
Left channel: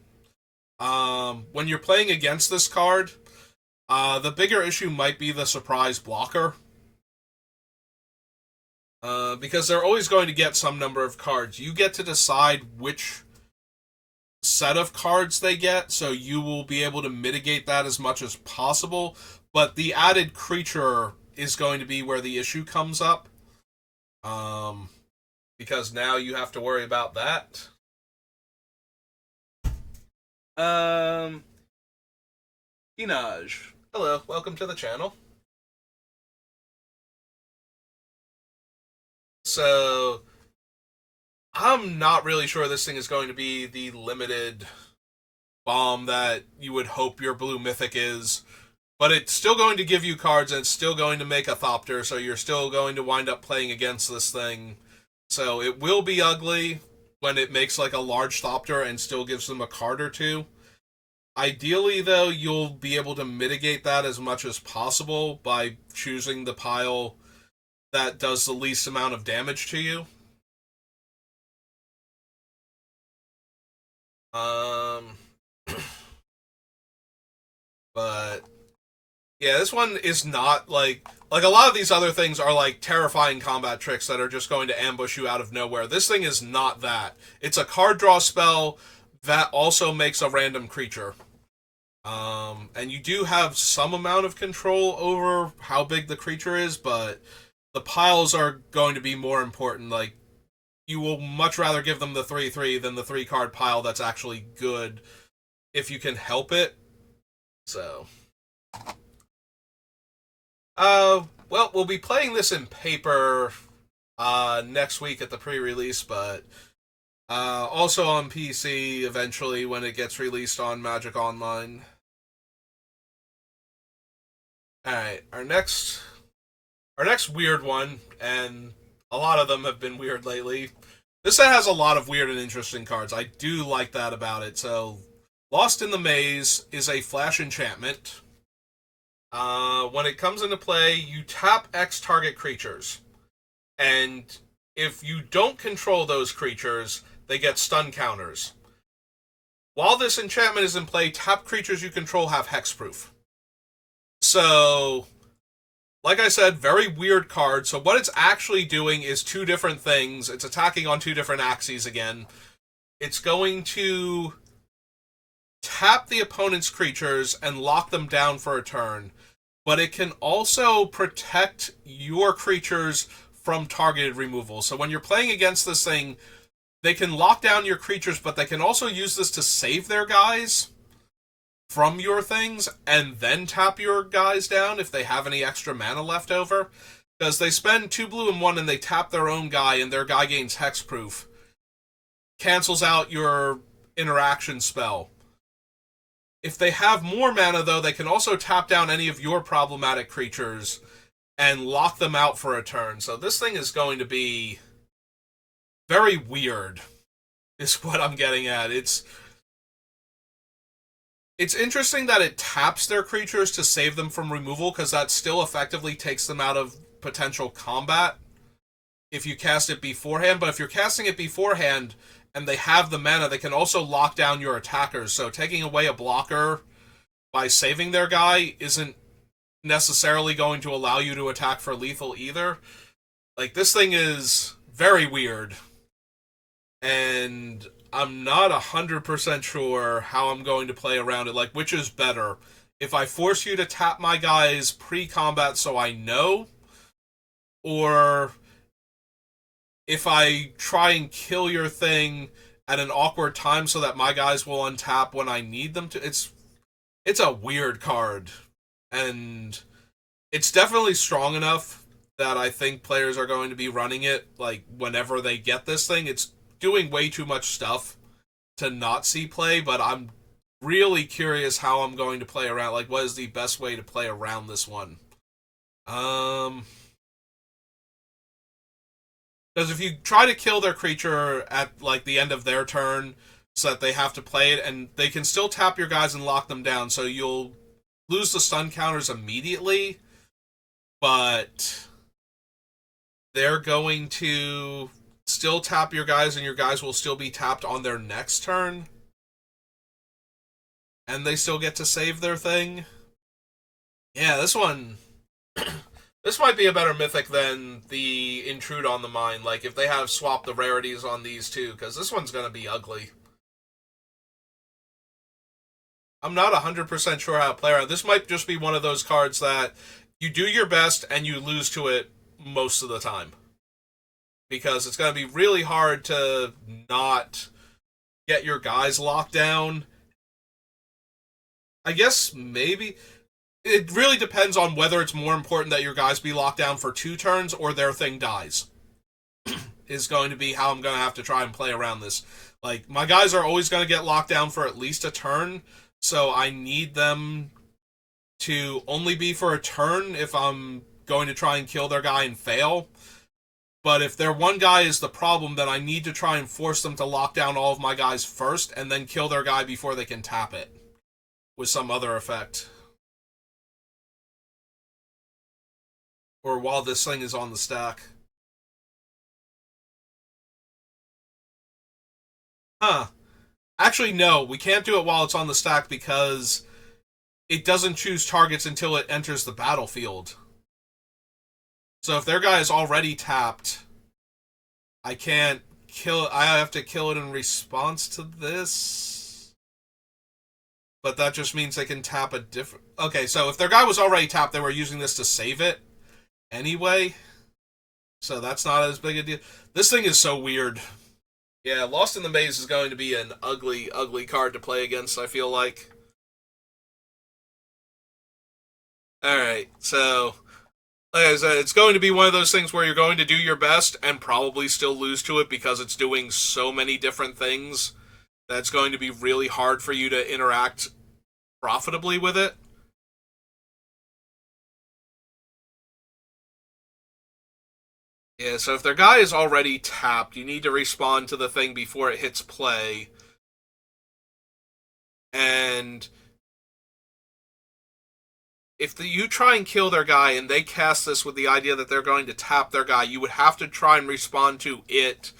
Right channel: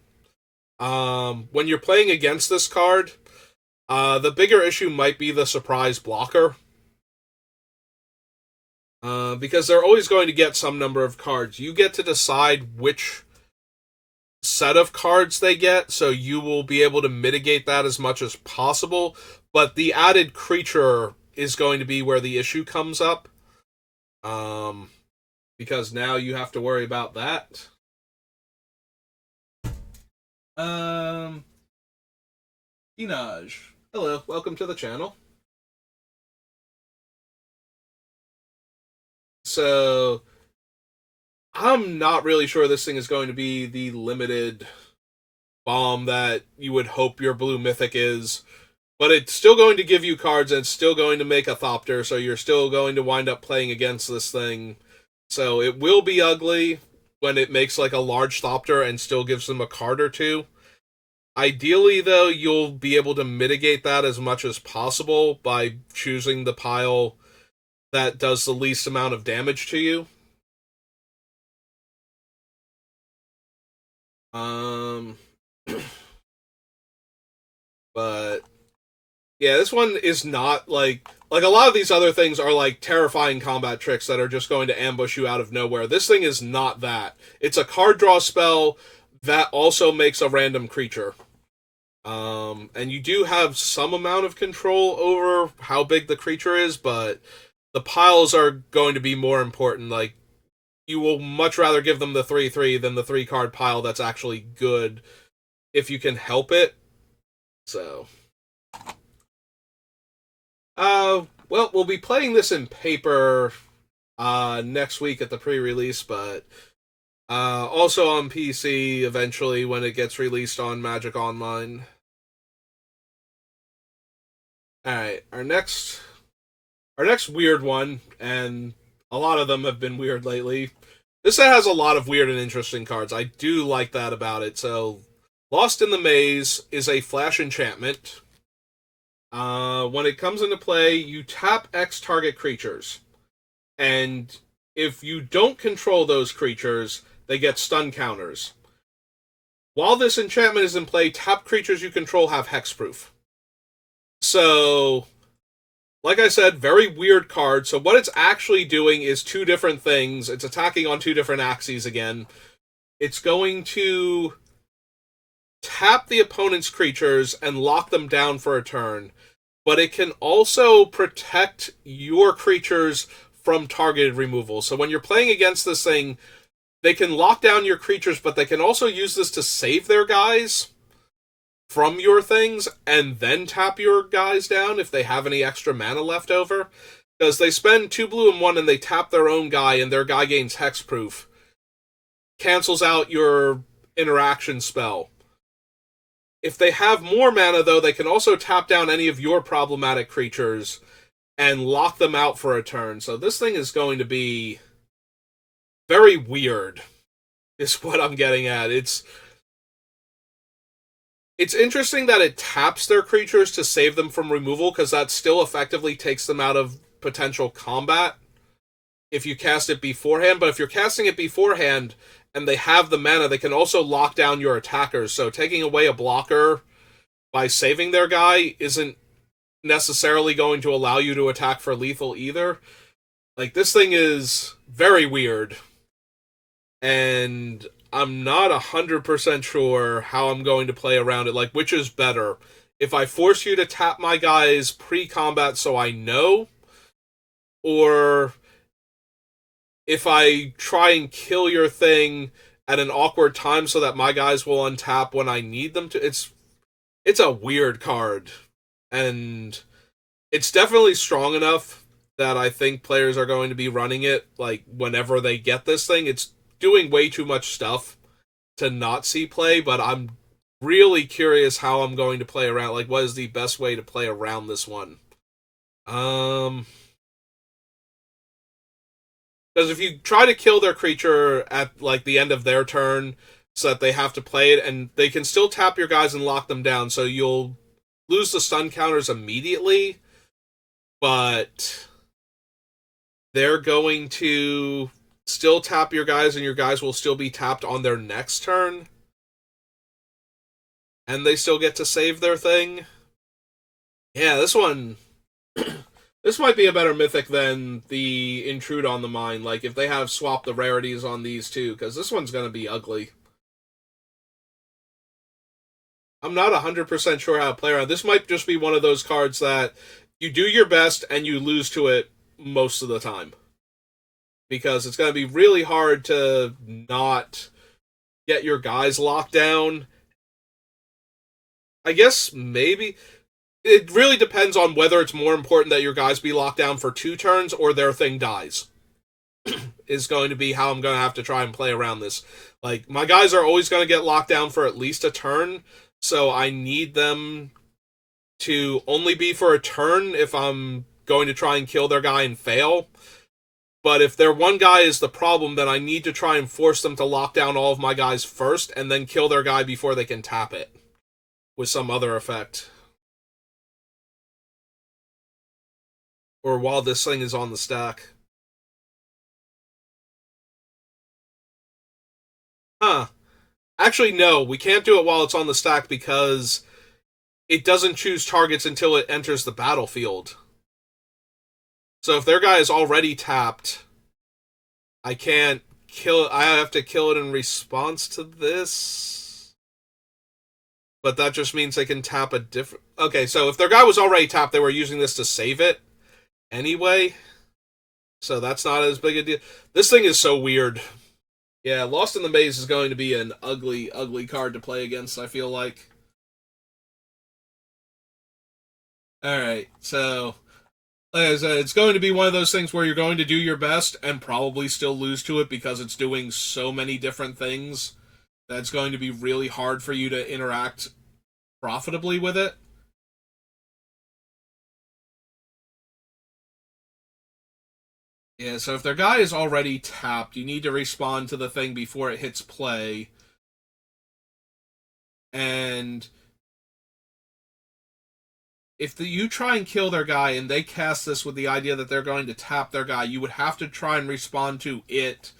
When you're playing against this card, the bigger issue might be the surprise blocker. Because they're always going to get some number of cards. You get to decide which set of cards they get, so you will be able to mitigate that as much as possible. But the added creature is going to be where the issue comes up. Because now you have to worry about that. Inaj. Hello, welcome to the channel. So, I'm not really sure this thing is going to be the limited bomb that you would hope your blue mythic is. But it's still going to give you cards and it's still going to make a Thopter, so you're still going to wind up playing against this thing. So it will be ugly when it makes like a large Thopter and still gives them a card or two. Ideally, though, you'll be able to mitigate that as much as possible by choosing the pile that does the least amount of damage to you. But yeah, this one is not like a lot of these other things are like terrifying combat tricks that are just going to ambush you out of nowhere. This thing is not that. It's a card draw spell that also makes a random creature. And you do have some amount of control over how big the creature is, but the piles are going to be more important. Like, you will much rather give them the 3/3 than the 3-card pile that's actually good if you can help it. So, well, we'll be playing this in paper next week at the pre-release, but also on PC eventually when it gets released on Magic Online. Alright, our next weird one, and a lot of them have been weird lately. This set has a lot of weird and interesting cards. I do like that about it. So, Lost in the Maze is a flash enchantment. When it comes into play, you tap X target creatures. And if you don't control those creatures, they get stun counters. While this enchantment is in play, tap creatures you control have hexproof. So, like I said, very weird card. So what it's actually doing is two different things. It's attacking on two different axes again. It's going to tap the opponent's creatures and lock them down for a turn. But it can also protect your creatures from targeted removal. So when you're playing against this thing, they can lock down your creatures, but they can also use this to save their guys from your things and then tap your guys down if they have any extra mana left over. Because they spend 2 blue and 1 and they tap their own guy and their guy gains hexproof. Cancels out your interaction spell. If they have more mana, though, they can also tap down any of your problematic creatures and lock them out for a turn. So this thing is going to be very weird, is what I'm getting at. It's interesting that it taps their creatures to save them from removal, because that still effectively takes them out of potential combat if you cast it beforehand. But if you're casting it beforehand and they have the mana, they can also lock down your attackers. So taking away a blocker by saving their guy isn't necessarily going to allow you to attack for lethal either. Like, this thing is very weird. And I'm not 100% sure how I'm going to play around it. Like, which is better? If I force you to tap my guys pre-combat so I know, or if I try and kill your thing at an awkward time so that my guys will untap when I need them to. It's a weird card, and it's definitely strong enough that I think players are going to be running it like whenever they get this thing. It's doing way too much stuff to not see play, but I'm really curious how I'm going to play around. Like, what is the best way to play around this one? Um, because if you try to kill their creature at like the end of their turn, so that they have to play it, and they can still tap your guys and lock them down, so you'll lose the stun counters immediately, but they're going to still tap your guys, and your guys will still be tapped on their next turn, and they still get to save their thing. Yeah, this one. This might be a better mythic than the Intrude on the Mind. Like, if they have swapped the rarities on these two, because this one's going to be ugly. I'm not 100% sure how to play around. This might just be one of those cards that you do your best and you lose to it most of the time. Because it's going to be really hard to not get your guys locked down. I guess maybe it really depends on whether it's more important that your guys be locked down for 2 turns or their thing dies. Is going to be how I'm going to have to try and play around this. Like, my guys are always going to get locked down for at least a turn, so I need them to only be for a turn if I'm going to try and kill their guy and fail. But if their one guy is the problem, then I need to try and force them to lock down all of my guys first and then kill their guy before they can tap it with some other effect. Or while this thing is on the stack. Huh. Actually, no, we can't do it while it's on the stack because it doesn't choose targets until it enters the battlefield. So if their guy is already tapped, I can't kill it. I have to kill it in response to this. But that just means they can tap a different... Okay, so if their guy was already tapped, they were using this to save it anyway. So that's not as big a deal. This thing is so weird. Yeah, Lost in the Maze is going to be an ugly, ugly card to play against, I feel like. Alright, so like I said, it's going to be one of those things where you're going to do your best and probably still lose to it because it's doing so many different things that it's going to be really hard for you to interact profitably with it. Yeah, so if their guy is already tapped, you need to respond to the thing before it hits play. And if you try and kill their guy and they cast this with the idea that they're going to tap their guy, you would have to try and respond to it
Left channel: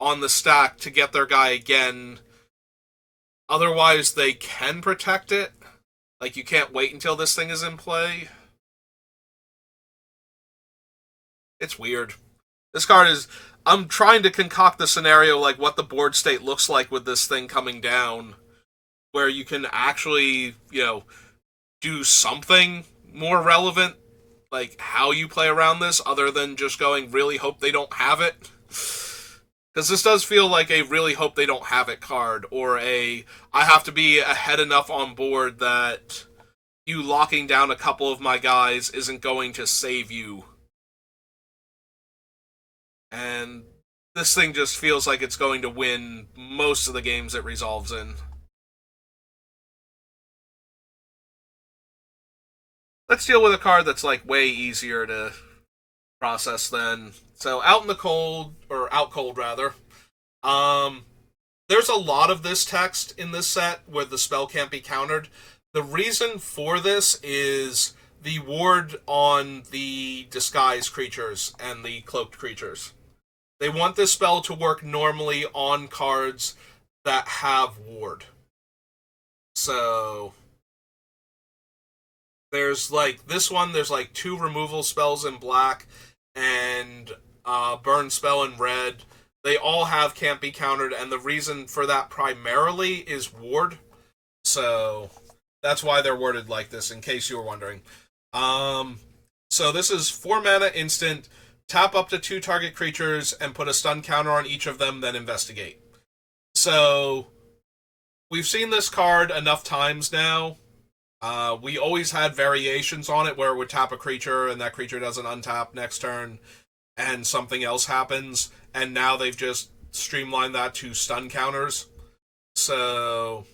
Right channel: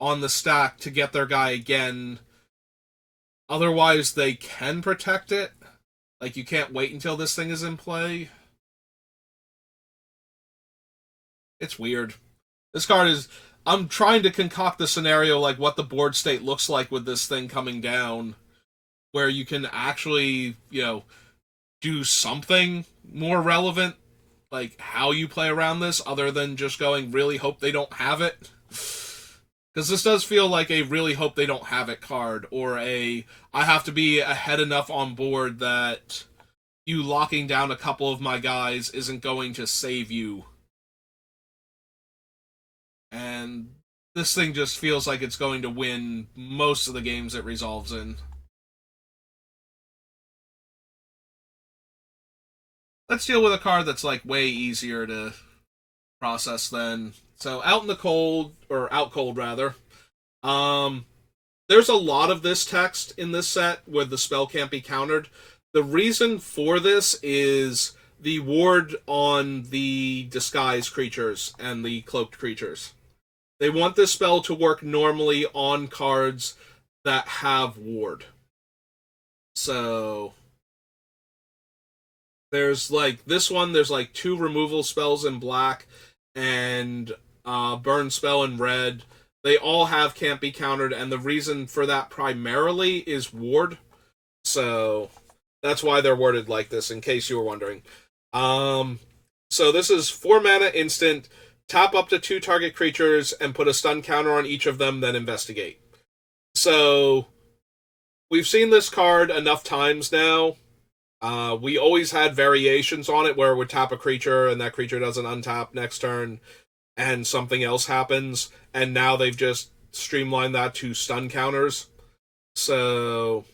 on the stack to get their guy again. Otherwise, they can protect it. Like, you can't wait until this thing is in play. It's weird. This card is... I'm trying to concoct the scenario like what the board state looks like with this thing coming down, where you can actually, do something more relevant, like how you play around this, other than just going, really hope they don't have it. Because this does feel like a really hope they don't have it card, or I have to be ahead enough on board that you locking down a couple of my guys isn't going to save you. And this thing just feels like it's going to win most of the games it resolves in. Let's deal with a card that's like way easier to process then. So out in the cold, or out cold rather, um, there's a lot of this text in this set where the spell can't be countered. The reason for this is the ward on the disguised creatures and the cloaked creatures. They want this spell to work normally on cards that have ward. So there's like this one, there's like 2 removal spells in black and burn spell in red. They all have can't be countered, and the reason for that primarily is ward. So that's why they're worded like this, in case you were wondering. So this is 4 mana instant. Tap up to 2 target creatures and put a stun counter on each of them, then investigate. So we've seen this card enough times now. We always had variations on it where it would tap a creature and that creature doesn't untap next turn and something else happens. And now they've just streamlined that to stun counters. So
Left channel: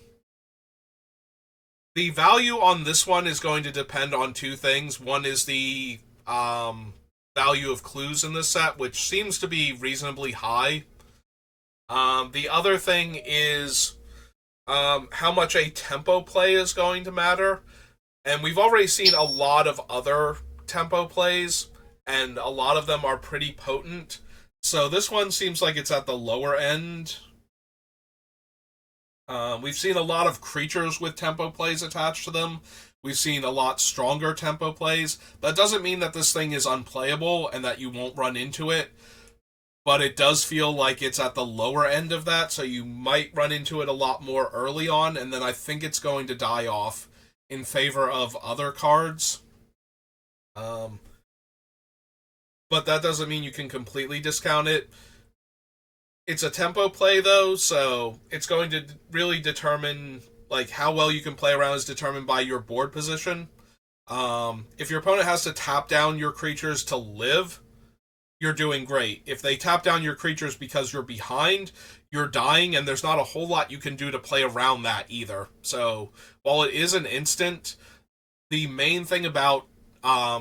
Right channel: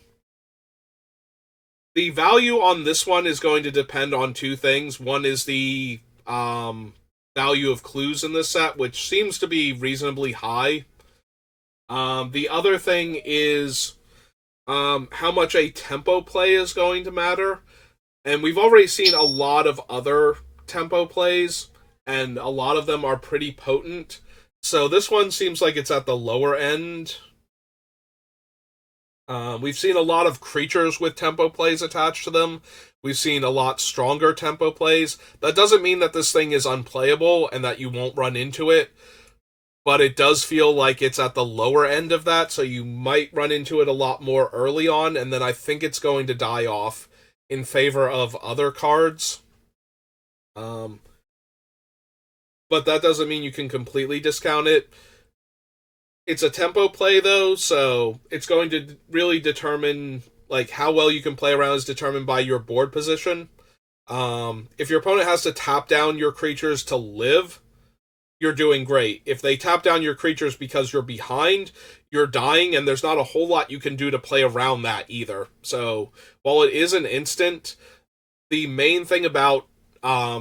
The value on this one is going to depend on two things. One is the value of clues in this set, which seems to be reasonably high. The other thing is how much a tempo play is going to matter. And we've already seen a lot of other tempo plays, and a lot of them are pretty potent. So this one seems like it's at the lower end. We've seen a lot of creatures with tempo plays attached to them. We've seen a lot stronger tempo plays. That doesn't mean that this thing is unplayable and that you won't run into it, but it does feel like it's at the lower end of that, so you might run into it a lot more early on, and then I think it's going to die off in favor of other cards. But that doesn't mean you can completely discount it. It's a tempo play, though, so it's going to really determine, like, how well you can play around is determined by your board position. If your opponent has to tap down your creatures to live, you're doing great. If they tap down your creatures because you're behind, you're dying, and there's not a whole lot you can do to play around that either. So, while it is an instant, the main thing about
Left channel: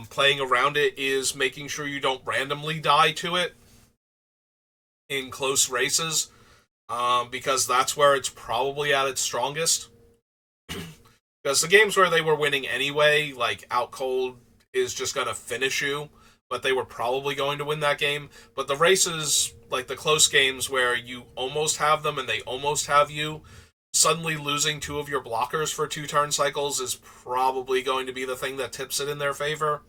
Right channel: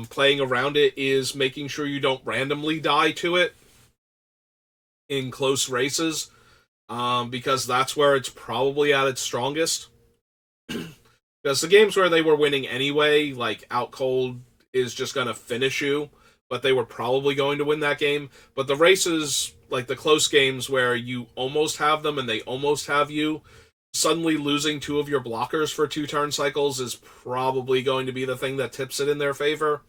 playing around it is making sure you don't randomly die to it in close races, because that's where it's probably at its strongest. Because the games where they were winning anyway, like Out Cold is just going to finish you, but they were probably going to win that game. But the races, like the close games where you almost have them and they almost have you, suddenly losing two of your blockers for 2 turn cycles is probably going to be the thing that tips it in their favor.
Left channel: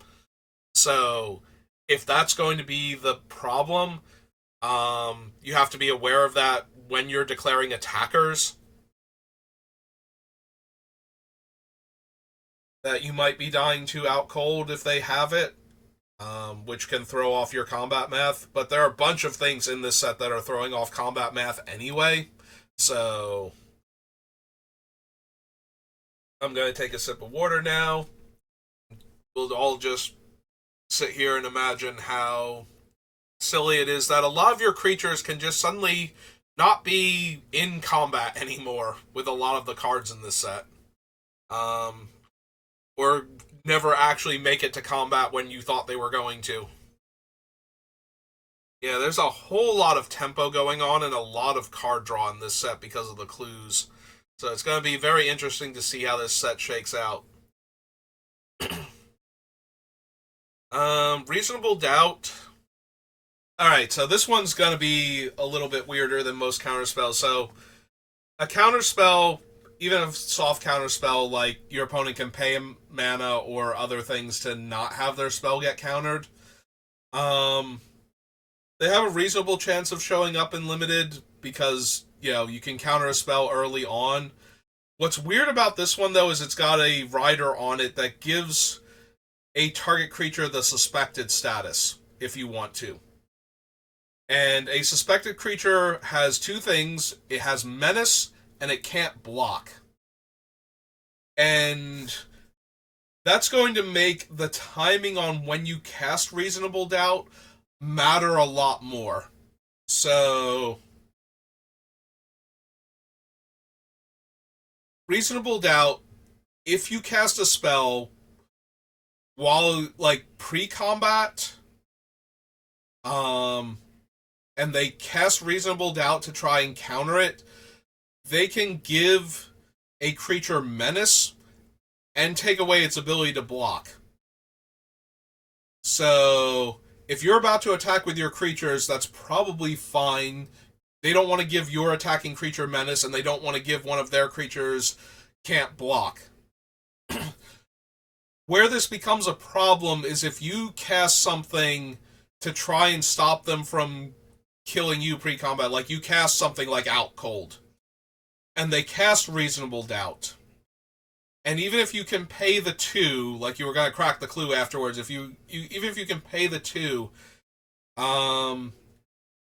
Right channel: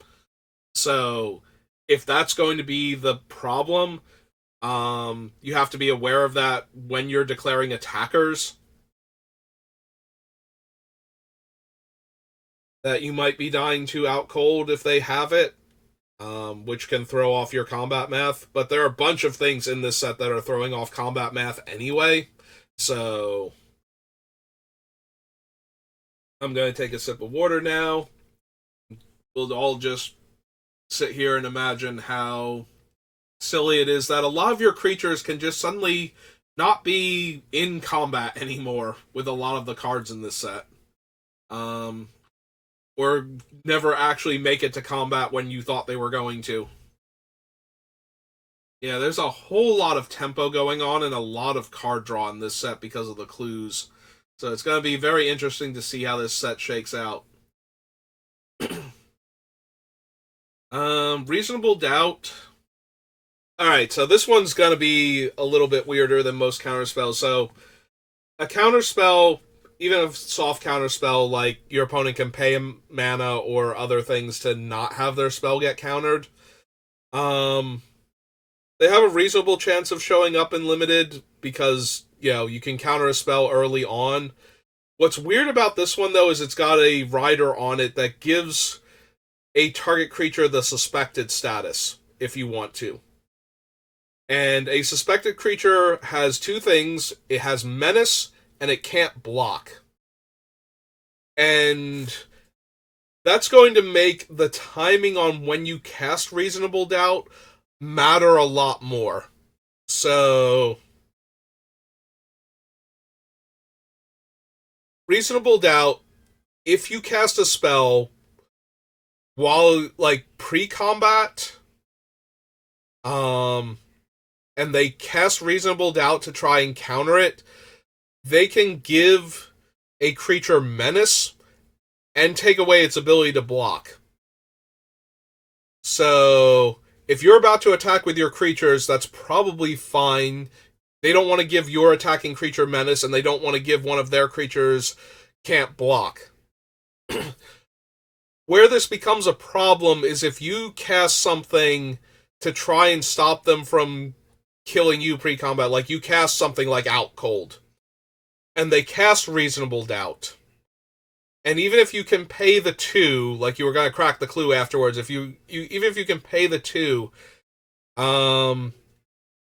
So if that's going to be the problem, you have to be aware of that when you're declaring attackers, that you might be dying to Out Cold if they have it, which can throw off your combat math. But there are a bunch of things in this set that are throwing off combat math anyway, so I'm going to take a sip of water now. We'll all just sit here and imagine how silly it is that a lot of your creatures can just suddenly not be in combat anymore with a lot of the cards in this set. Or never actually make it to combat when you thought they were going to. Yeah, there's a whole lot of tempo going on and a lot of card draw in this set because of the clues. So it's going to be very interesting to see how this set shakes out. Reasonable Doubt. Alright, so this one's going to be a little bit weirder than most counterspells. So, a counterspell, even a soft counterspell, like your opponent can pay mana or other things to not have their spell get countered. They have a reasonable chance of showing up in Limited because, you know, you can counter a spell early on. What's weird about this one, though, is it's got a rider on it that gives a target creature the suspected status, if you want to. And a suspected creature has 2 things. It has menace, and it can't block. And that's going to make the timing on when you cast Reasonable Doubt matter a lot more. So, Reasonable Doubt, if you cast a spell while, like, pre-combat, and they cast Reasonable Doubt to try and counter it, they can give a creature menace and take away its ability to block. So, if you're about to attack with your creatures, that's probably fine. They don't want to give your attacking creature menace, and they don't want to give one of their creatures can't block. Where this becomes a problem is if you cast something to try and stop them from killing you pre-combat, like you cast something like Out Cold, and they cast Reasonable Doubt. And even if you can pay the 2, like you were going to crack the clue afterwards, even if you can pay the 2,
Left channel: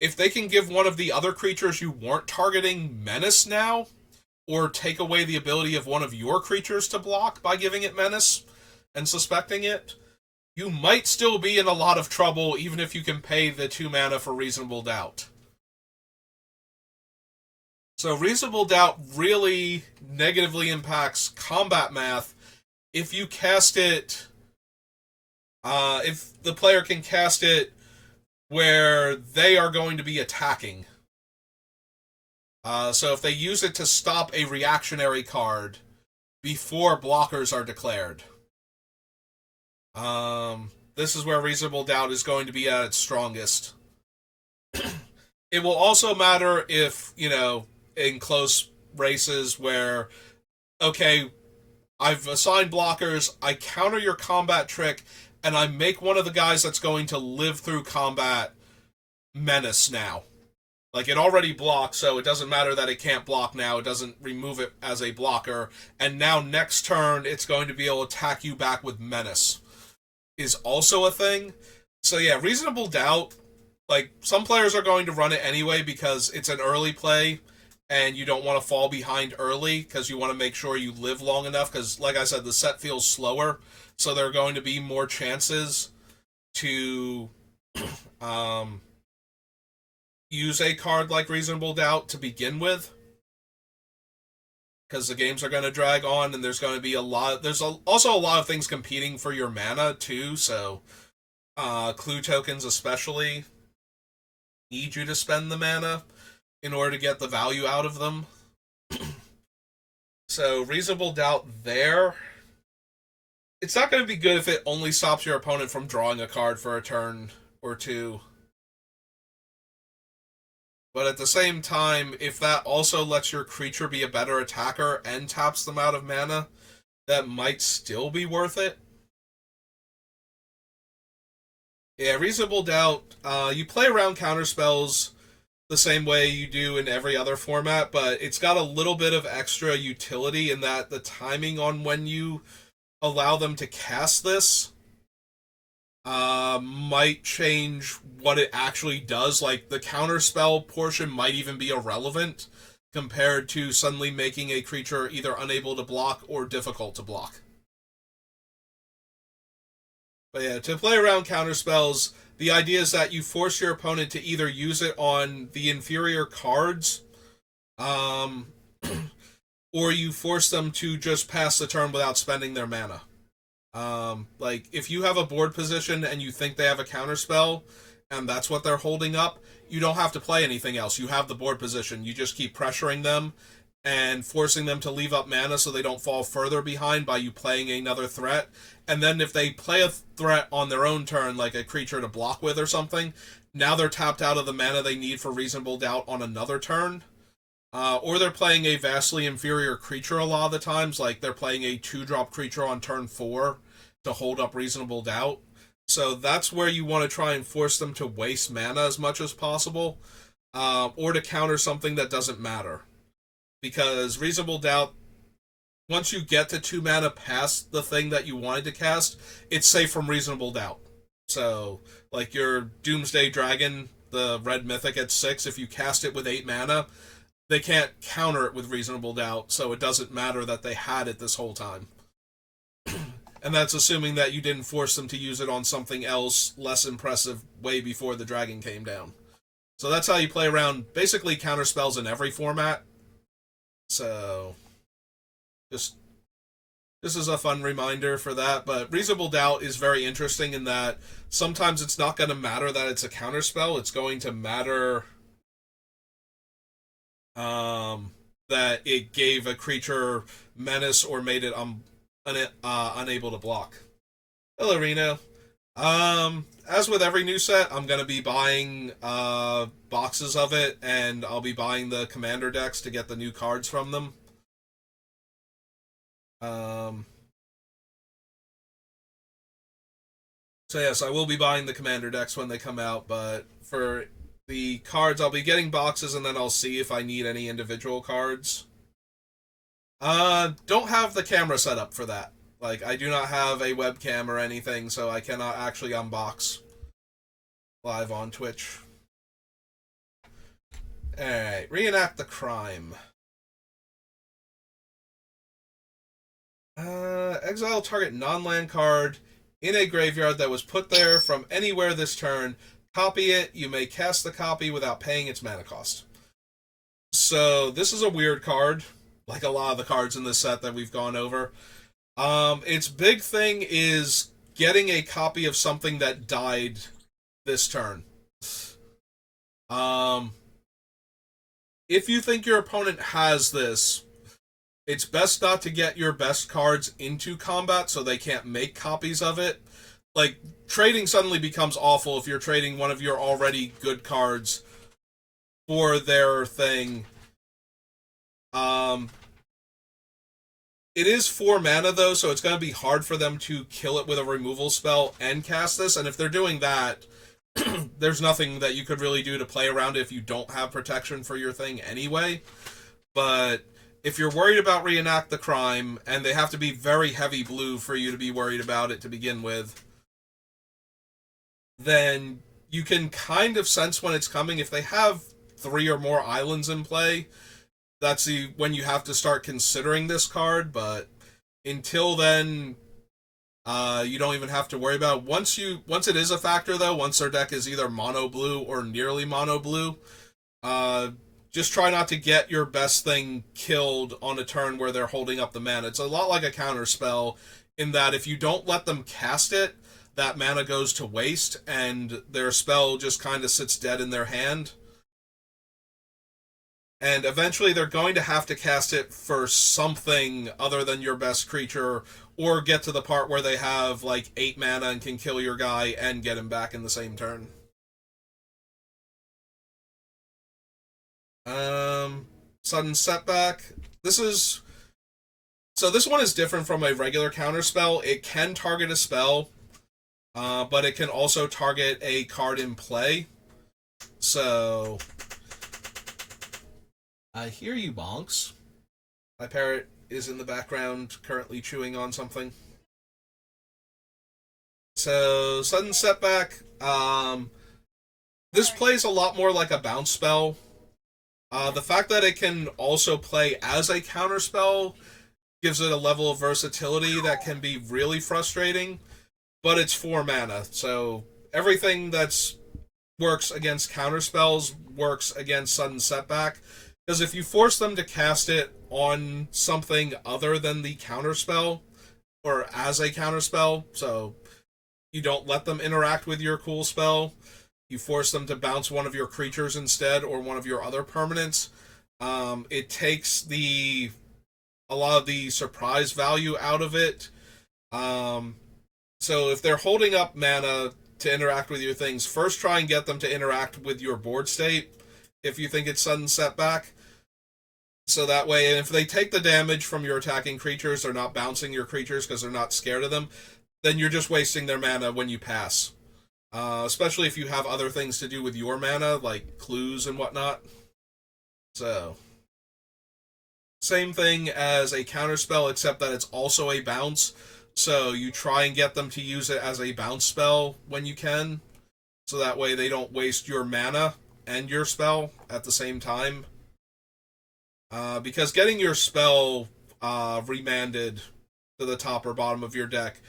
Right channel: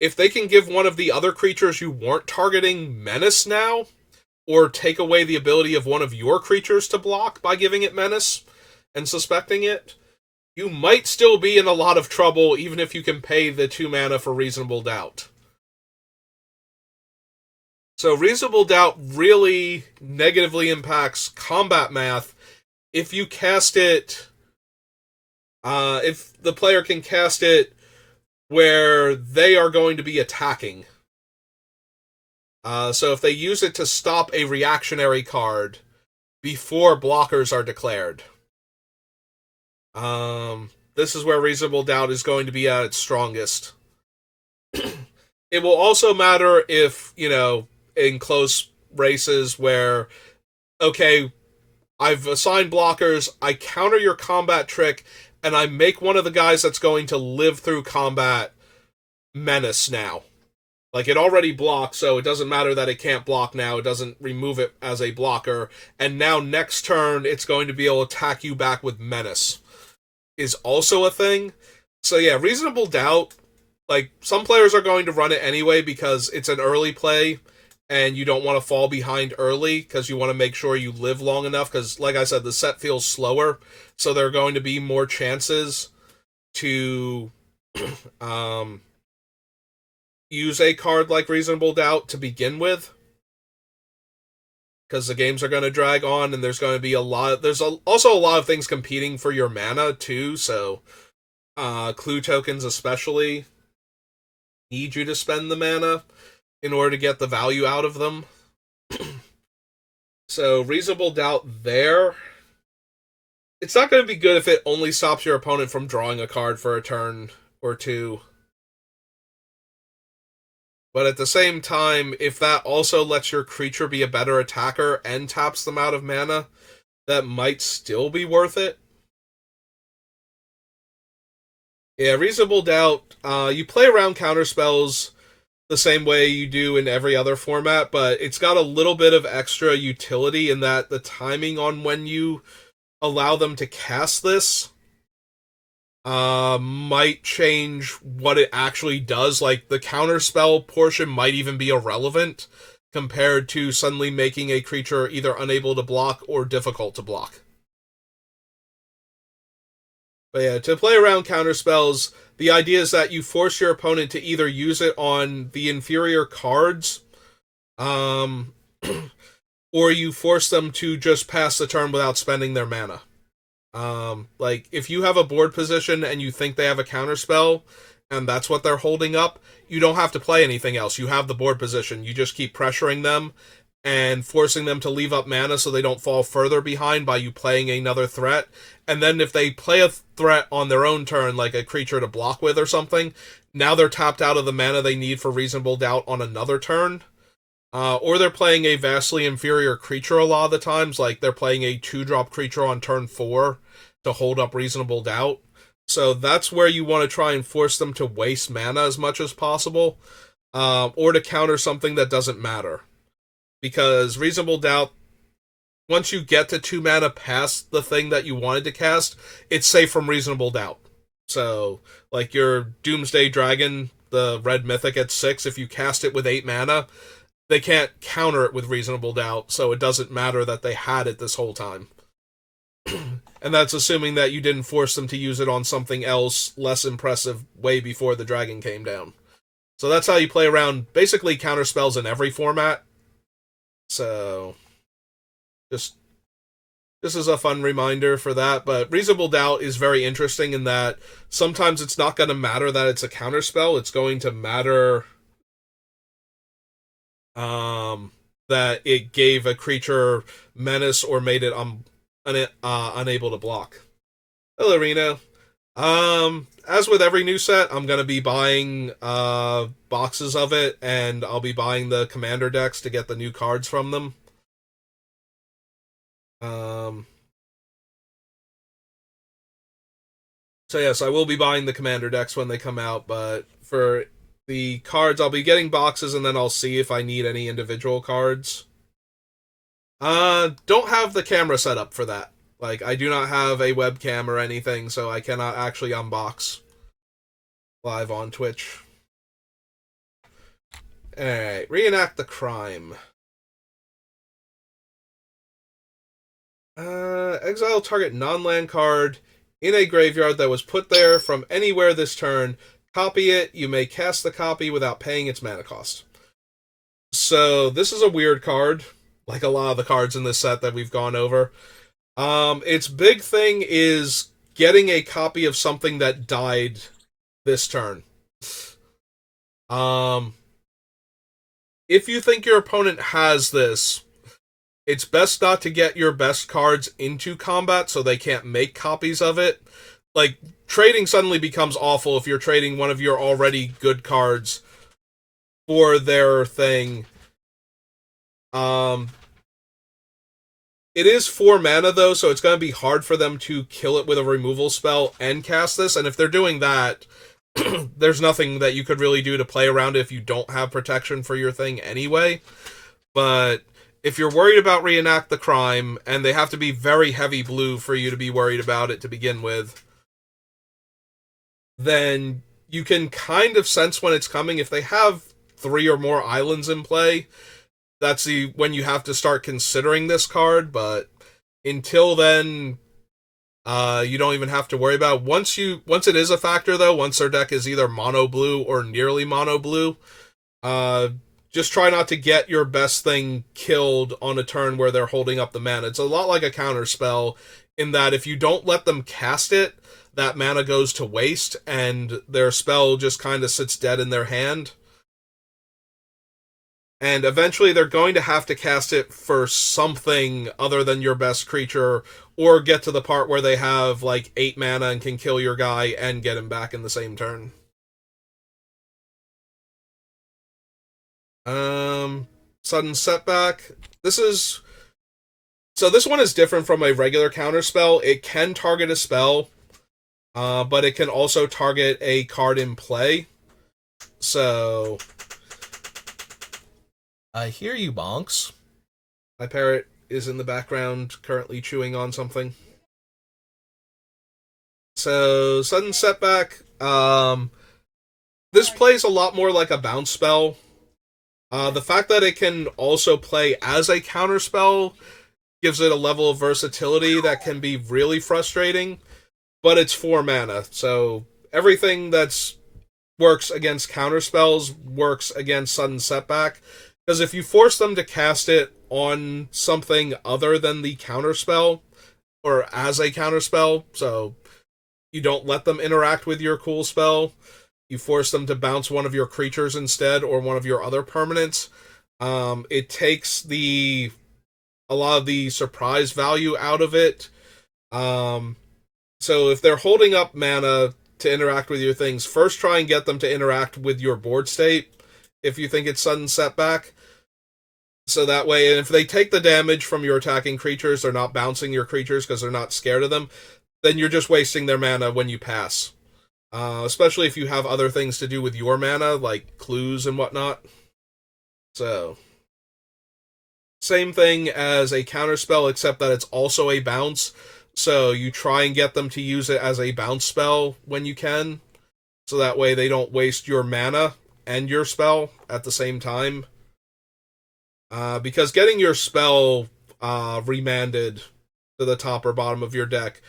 if they can give one of the other creatures you weren't targeting menace now, or take away the ability of one of your creatures to block by giving it menace and suspecting it, you might still be in a lot of trouble even if you can pay the 2 mana for Reasonable Doubt. So Reasonable Doubt really negatively impacts combat math if you cast it. If the player can cast it where they are going to be attacking. So if they use it to stop a reactionary card before blockers are declared. This is where Reasonable Doubt is going to be at its strongest. It will also matter if, in close races where, okay, I've assigned blockers, I counter your combat trick, and I make one of the guys that's going to live through combat menace now. Like, it already blocks, so it doesn't matter that it can't block now. It doesn't remove it as a blocker. And now next turn, it's going to be able to attack you back with menace. Is also a thing. So yeah, Reasonable Doubt, like, some players are going to run it anyway because it's an early play, and you don't want to fall behind early because you want to make sure you live long enough because, like I said, the set feels slower, so there are going to be more chances to use a card like Reasonable Doubt to begin with, because the games are going to drag on, and there's going to be also a lot of things competing for your mana too. So clue tokens especially need you to spend the mana in order to get the value out of them. So Reasonable Doubt there, it's not going to be good if it only stops your opponent from drawing a card for a turn or two. But at the same time, if that also lets your creature be a better attacker and taps them out of mana, that might still be worth it. Yeah, Reasonable Doubt, you play around counterspells the same way you do in every other format, but it's got a little bit of extra utility in that the timing on when you allow them to cast this might change what it actually does. Like, the counterspell portion might even be irrelevant compared to suddenly making a creature either unable to block or difficult to block. But yeah, to play around counterspells, the idea is that you force your opponent to either use it on the inferior cards, or you force them to just pass the turn without spending their mana. Like, if you have a board position and you think they have a counterspell, and that's what they're holding up, you don't have to play anything else. You have the board position. You just keep pressuring them and forcing them to leave up mana so they don't fall further behind by you playing another threat. And then if they play a threat on their own turn, like a creature to block with or something, now they're tapped out of the mana they need for Reasonable Doubt on another turn. Or they're playing a vastly inferior creature a lot of the times, like they're playing a 2-drop creature on turn 4 to hold up Reasonable Doubt. So that's where you want to try and force them to waste mana as much as possible, or to counter something that doesn't matter. Because Reasonable Doubt, once you get to 2 mana past the thing that you wanted to cast, it's safe from Reasonable Doubt. So, like your Doomsday Dragon, the red mythic at 6, if you cast it with 8 mana, they can't counter it with Reasonable Doubt, so it doesn't matter that they had it this whole time. And that's assuming that you didn't force them to use it on something else less impressive way before the dragon came down. So that's how you play around basically counterspells in every format. So just this is a fun reminder for that. But Reasonable Doubt is very interesting in that sometimes it's not going to matter that it's a counterspell. It's going to matter that it gave a creature menace or made it unable to block. Hello, Reno. As with every new set, I'm gonna be buying boxes of it, and I'll be buying the commander decks to get the new cards from them. So yes, I will be buying the commander decks when they come out, but for the cards, I'll be getting boxes, and then I'll see if I need any individual cards. Don't have the camera set up for that. Like, I do not have a webcam or anything, so I cannot actually unbox live on Twitch. Alright, reenact the crime. Exile target non-land card in a graveyard that was put there from anywhere this turn. Copy it. You may cast the copy without paying its mana cost. So this is a weird card, like a lot of the cards in this set that we've gone over. Its big thing is getting a copy of something that died this turn. Um, if you think your opponent has this, it's best not to get your best cards into combat so they can't make copies of it. Like, trading suddenly becomes awful if you're trading one of your already good cards for their thing. Um, it is 4 mana though, so it's going to be hard for them to kill it with a removal spell and cast this. And if they're doing that, there's nothing that you could really do to play around it if you don't have protection for your thing anyway. But if you're worried about Reenact the Crime, and they have to be very heavy blue for you to be worried about it to begin with, then you can kind of sense when it's coming. If they have 3 or more islands in play, that's when you have to start considering this card. But until then, you don't even have to worry about it. Once it is a factor though, once their deck is either mono blue or nearly mono blue, just try not to get your best thing killed on a turn where they're holding up the mana. It's a lot like a counter spell in that if you don't let them cast it, that mana goes to waste and their spell just kind of sits dead in their hand. And eventually they're going to have to cast it for something other than your best creature, or get to the part where they have like 8 mana and can kill your guy and get him back in the same turn. Sudden Setback. This one is different from a regular counter spell. It can target a spell, but it can also target a card in play. So I hear you, Bonks. My parrot is in the background currently chewing on something. So, Sudden Setback. This plays a lot more like a bounce spell. The fact that it can also play as a counter spell gives it a level of versatility that can be really frustrating, but it's 4 mana, so everything that's works against counter spells works against Sudden Setback. Because if you force them to cast it on something other than the counter spell, or as a counter spell, so you don't let them interact with your cool spell, you force them to bounce one of your creatures instead, or one of your other permanents, it takes a lot of the surprise value out of it. So if they're holding up mana to interact with your things, first try and get them to interact with your board state if you think it's Sudden Setback. So that way, and if they take the damage from your attacking creatures, they're not bouncing your creatures because they're not scared of them, then you're just wasting their mana when you pass. Especially if you have other things to do with your mana, like clues and whatnot. So, same thing as a counterspell, except that it's also a bounce. So you try and get them to use it as a bounce spell when you can. So that way they don't waste your mana and your spell at the same time. Because getting your spell remanded to the top or bottom of your deck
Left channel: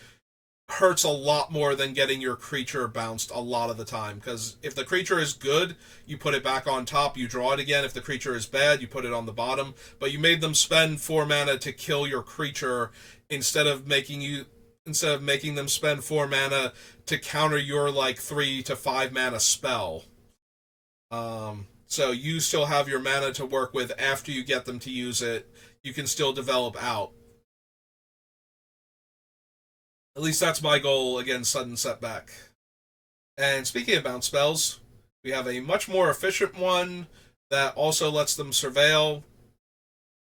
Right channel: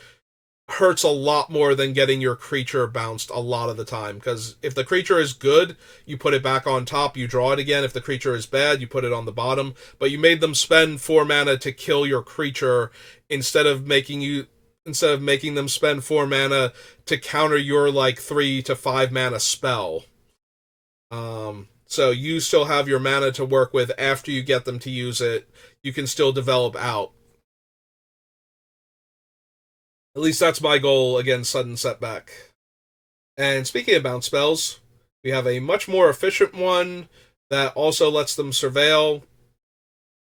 hurts a lot more than getting your creature bounced a lot of the time. Because if the creature is good, you put it back on top, you draw it again. If the creature is bad, you put it on the bottom. But you made them spend 4 mana to kill your creature instead of making them spend 4 mana to counter your like 3 to 5 mana spell. So you still have your mana to work with after you get them to use it. You can still develop out. At least that's my goal against Sudden Setback. And speaking of bounce spells, we have a much more efficient one that also lets them surveil.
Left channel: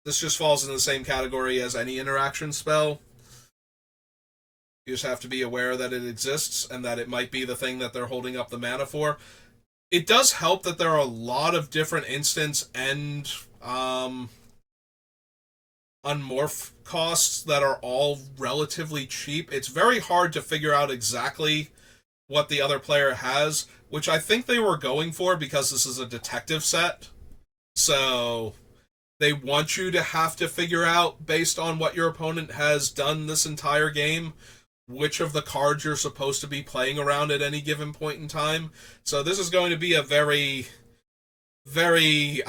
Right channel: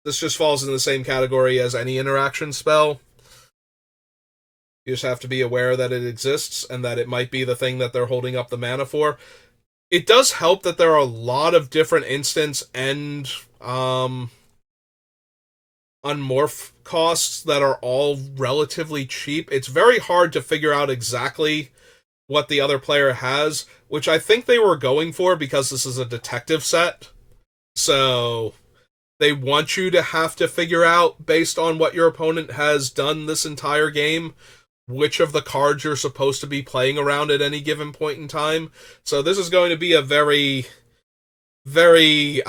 This just falls in the same category as any interaction spell. You just have to be aware that it exists and that it might be the thing that they're holding up the mana for. It does help that there are a lot of different instance and unmorph costs that are all relatively cheap. It's very hard to figure out exactly what the other player has, which I think they were going for because this is a detective set. So they want you to have to figure out, based on what your opponent has done this entire game, which of the cards you're supposed to be playing around at any given point in time. So this is going to be a very, very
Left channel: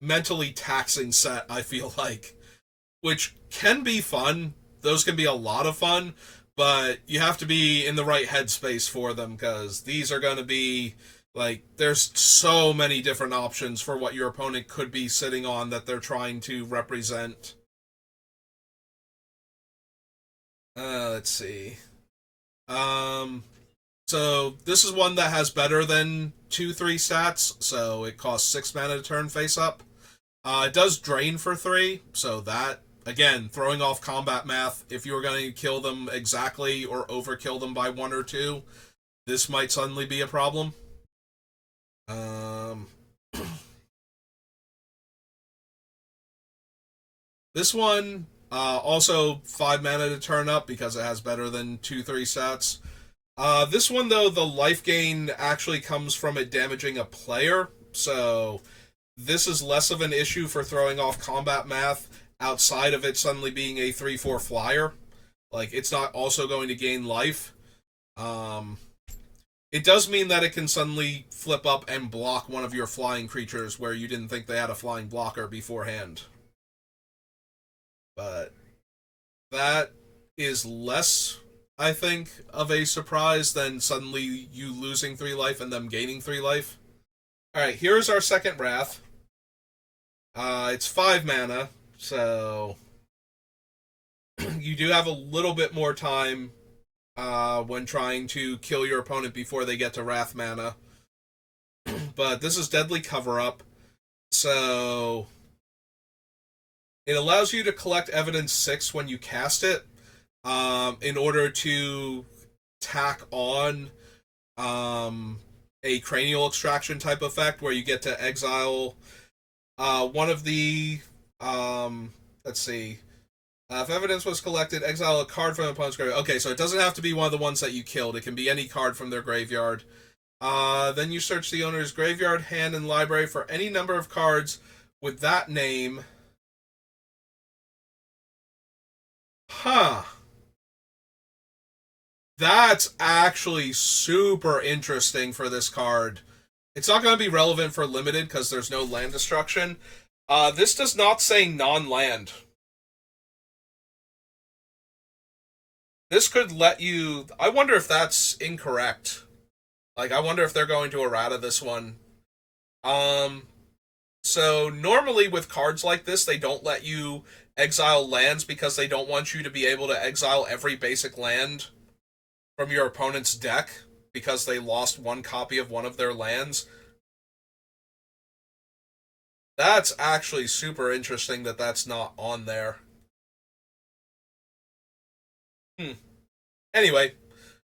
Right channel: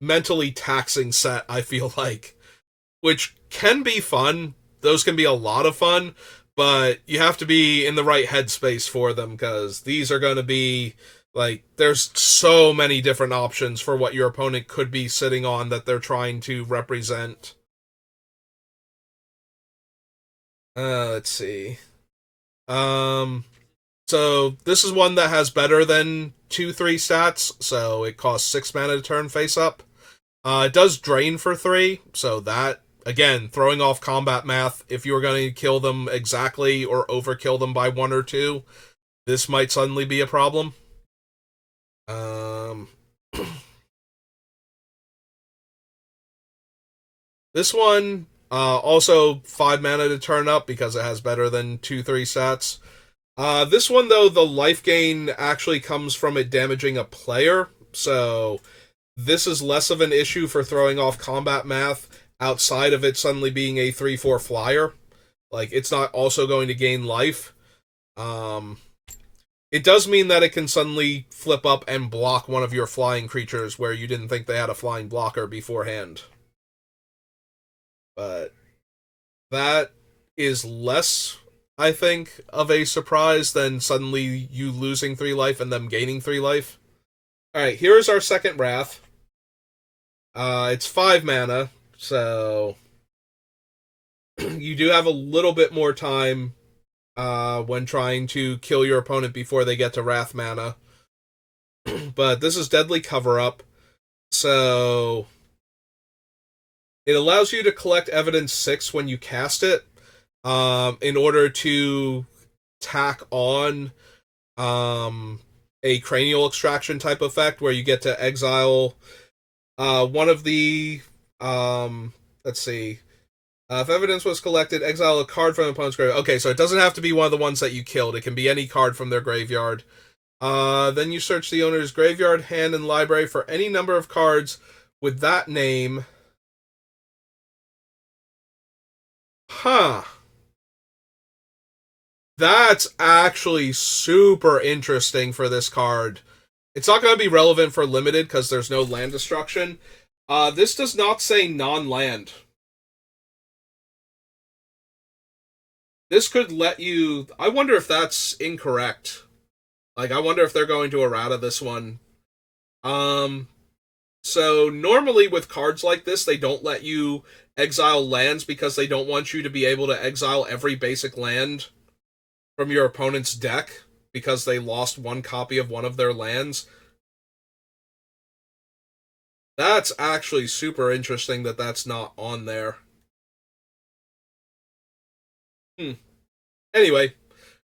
mentally taxing set, I feel like, which can be fun. Those can be a lot of fun, but you have to be in the right headspace for them because these are going to be like there's so many different options for what your opponent could be sitting on that they're trying to represent. Let's see. Um, so this is one that has better than 2/3 stats, so it costs 6 mana to turn face up. It does drain for 3, so that again throwing off combat math. If you were going to kill them exactly or overkill them by 1 or 2, this might suddenly be a problem. Um, this one also 5 mana to turn up because it has better than 2/3 stats. This one though, the life gain actually comes from it damaging a player, so this is less of an issue for throwing off combat math outside of it suddenly being a 3/4 flyer. Like, it's not also going to gain life. Um, it does mean that it can suddenly flip up and block one of your flying creatures where you didn't think they had a flying blocker beforehand. But that is less, I think, of a surprise than suddenly you losing 3 life and them gaining 3 life. Alright, here's our second Wrath. It's 5 mana, so you do have a little bit more time when trying to kill your opponent before they get to Wrath mana. But this is Deadly Cover Up, so it allows you to collect Evidence 6 when you cast it in order to tack on a Cranial Extraction type effect where you get to exile one of the let's see. If evidence was collected, exile a card from the opponent's graveyard. Okay, so it doesn't have to be one of the ones that you killed. It can be any card from their graveyard. Then you search the owner's graveyard, hand, and library for any number of cards with that name. Huh. That's actually super interesting for this card. It's not going to be relevant for limited because there's no land destruction. This does not say non-land. This could let you... I wonder if that's incorrect. Like, I wonder if they're going to errata this one. So normally with cards like this, they don't let you exile lands because they don't want you to be able to exile every basic land from your opponent's deck because they lost one copy of one of their lands. That's actually super interesting that that's not on there. Anyway,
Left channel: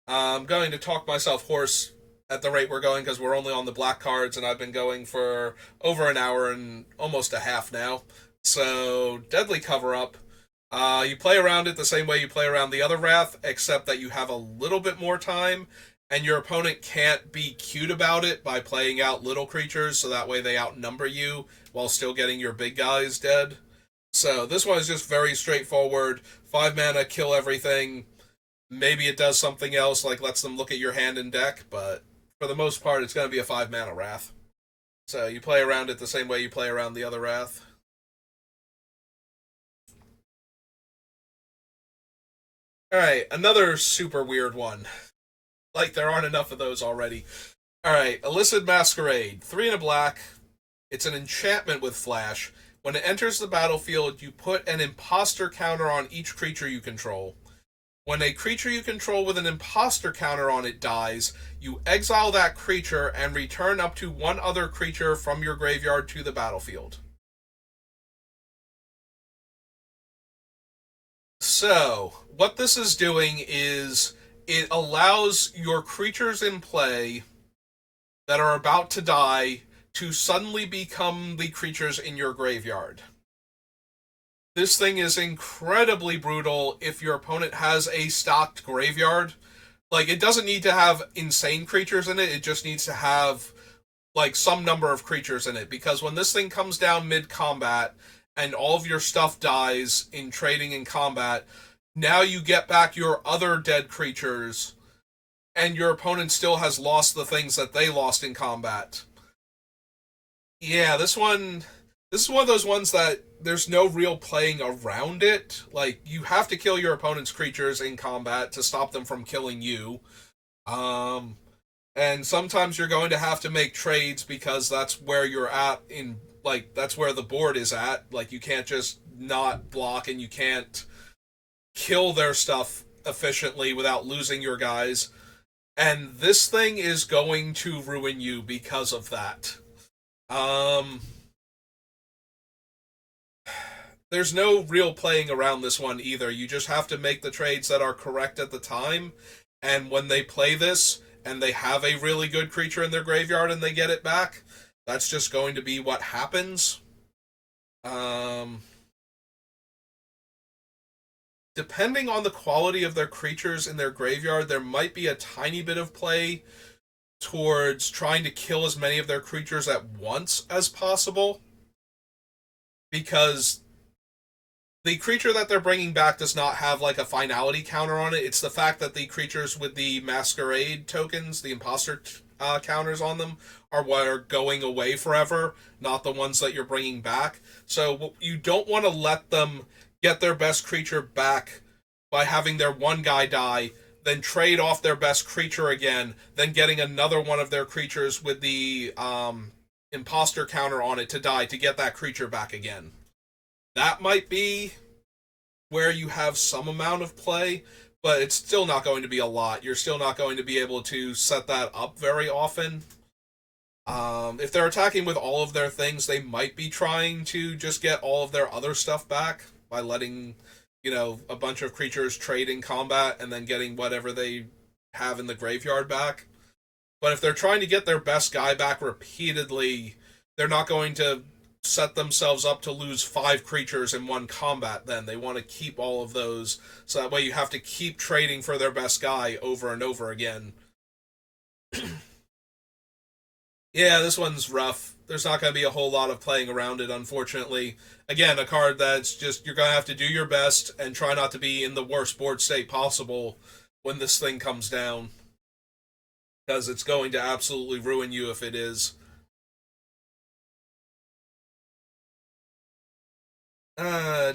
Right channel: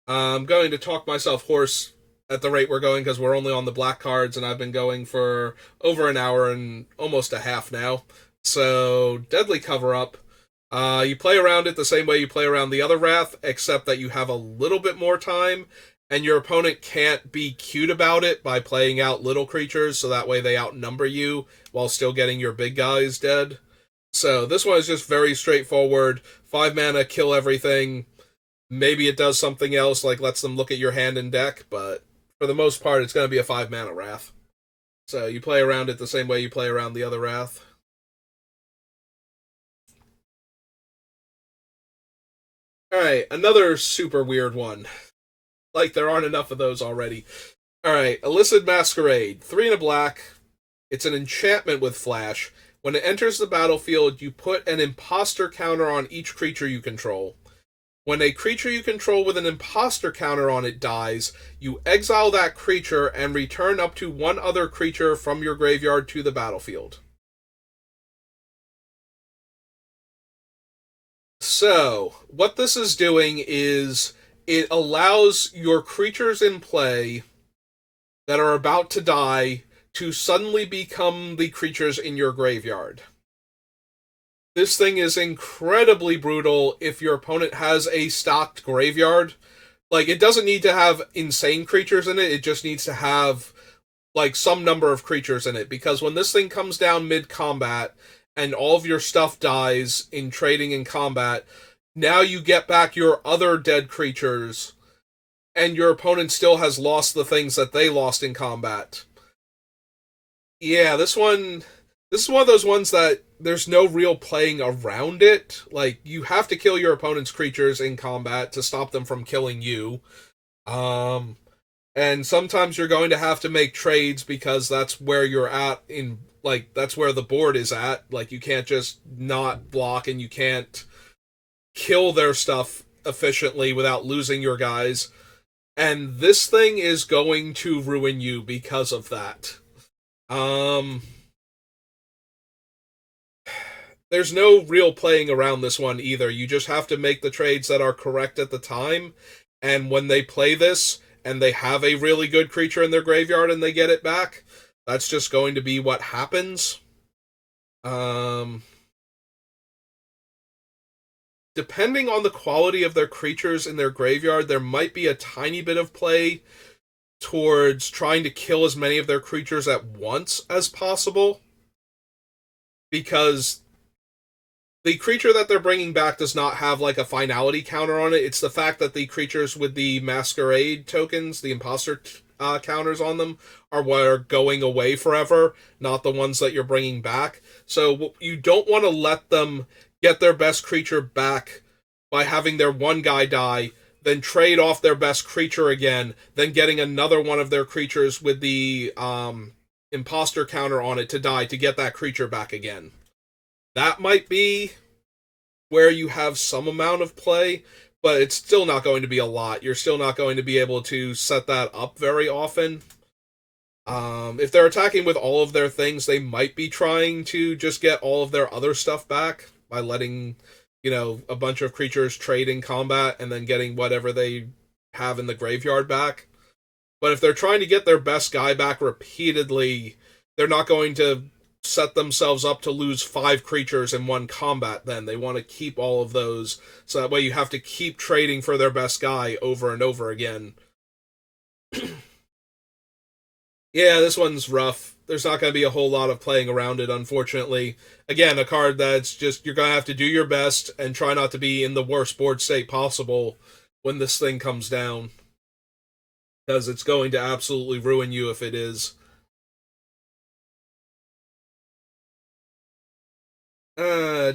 I'm going to talk myself hoarse at the rate we're going because we're only on the black cards and I've been going for over an hour and almost a half now. So, Deadly Cover Up. You play around it the same way you play around the other Wrath, except that you have a little bit more time, and your opponent can't be cute about it by playing out little creatures, so that way they outnumber you while still getting your big guys dead. So this one is just very straightforward. 5 mana, kill everything. Maybe it does something else, like lets them look at your hand and deck, but for the most part, it's going to be a 5 mana Wrath. So you play around it the same way you play around the other Wrath. Alright, another super weird one. Like, there aren't enough of those already. Alright, Illicit Masquerade. 3 and a black. It's an enchantment with flash. When it enters the battlefield, you put an imposter counter on each creature you control. When a creature you control with an imposter counter on it dies, you exile that creature and return up to one other creature from your graveyard to the battlefield. So, what this is doing is it allows your creatures in play that are about to die to suddenly become the creatures in your graveyard. This thing is incredibly brutal if your opponent has a stocked graveyard. Like, it doesn't need to have insane creatures in it, it just needs to have, like, some number of creatures in it. Because when this thing comes down mid-combat, and all of your stuff dies in trading and combat, now you get back your other dead creatures, and your opponent still has lost the things that they lost in combat. Yeah, this one This is one of those ones that there's no real playing around it. Like, you have to kill your opponent's creatures in combat to stop them from killing you. Um, and sometimes you're going to have to make trades because that's where you're at in, like, that's where the board is at. Like, you can't just not block, and you can't kill their stuff efficiently without losing your guys. And this thing is going to ruin you because of that. Um, there's no real playing around this one either. You just have to make the trades that are correct at the time. And when they play this and they have a really good creature in their graveyard and they get it back, that's just going to be what happens. Depending on the quality of their creatures in their graveyard, there might be a tiny bit of play towards trying to kill as many of their creatures at once as possible. Because the creature that they're bringing back does not have like a finality counter on it. It's the fact that the creatures with the masquerade tokens, the imposter counters on them, are what are going away forever, not the ones that you're bringing back. So you don't want to let them get their best creature back by having their one guy die, then trade off their best creature again, then getting another one of their creatures with the imposter counter on it to die to get that creature back again. That might be where you have some amount of play, but it's still not going to be a lot. You're still not going to be able to set that up very often. If they're attacking with all of their things, they might be trying to just get all of their other stuff back by letting, a bunch of creatures trade in combat and then getting whatever they have in the graveyard back. But if they're trying to get their best guy back repeatedly, they're not going to set themselves up to lose 5 creatures in one combat. Then they want to keep all of those, so that way you have to keep trading for their best guy over and over again. Yeah, this one's rough. There's not going to be a whole lot of playing around it, unfortunately. Again, a card that's just, you're going to have to do your best and try not to be in the worst board state possible when this thing comes down, because it's going to absolutely ruin you if it is.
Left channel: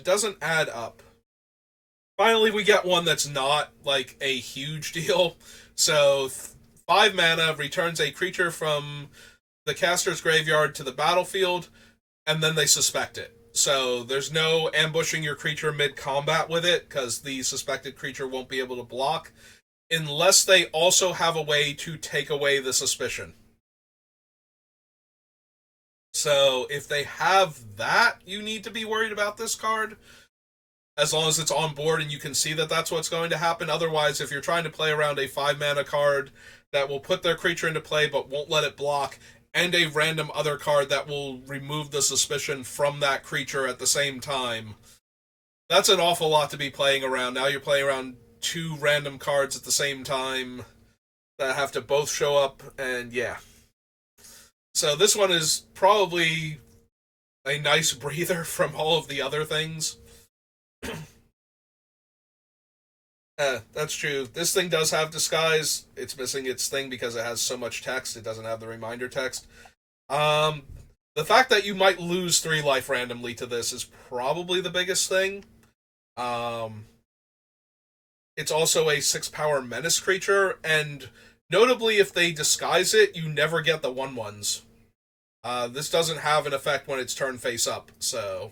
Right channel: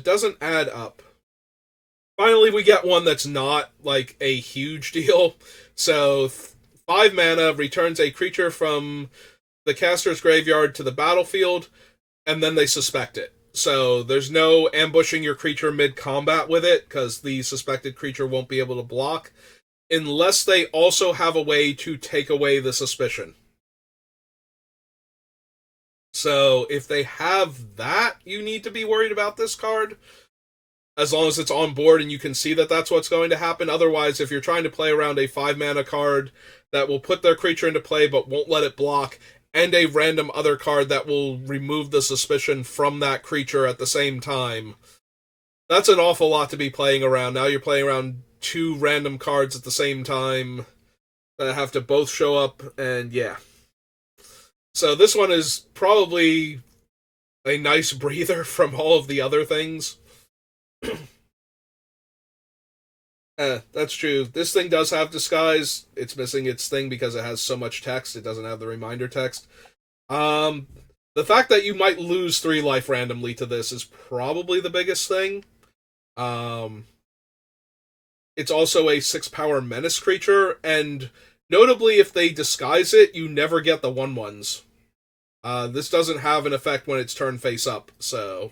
Doesn't add up. Finally, we get one that's not like a huge deal. So, 5 mana returns a creature from the caster's graveyard to the battlefield, and then they suspect it. So there's no ambushing your creature mid-combat with it, because the suspected creature won't be able to block, unless they also have a way to take away the suspicion. So if they have that, you need to be worried about this card, as long as it's on board and you can see that that's what's going to happen. Otherwise, if you're trying to play around a 5-mana card that will put their creature into play but won't let it block, and a random other card that will remove the suspicion from that creature at the same time, that's an awful lot to be playing around. Now you're playing around 2 random cards at the same time that have to both show up, and yeah. So this one is probably a nice breather from all of the other things. That's true. This thing does have disguise. It's missing its thing because it has so much text. It doesn't have the reminder text. The fact that you might lose 3 life randomly to this is probably the biggest thing. It's also a 6-power menace creature, and notably, if they disguise it, you never get the 1/1s. This doesn't have an effect when it's turned face up, so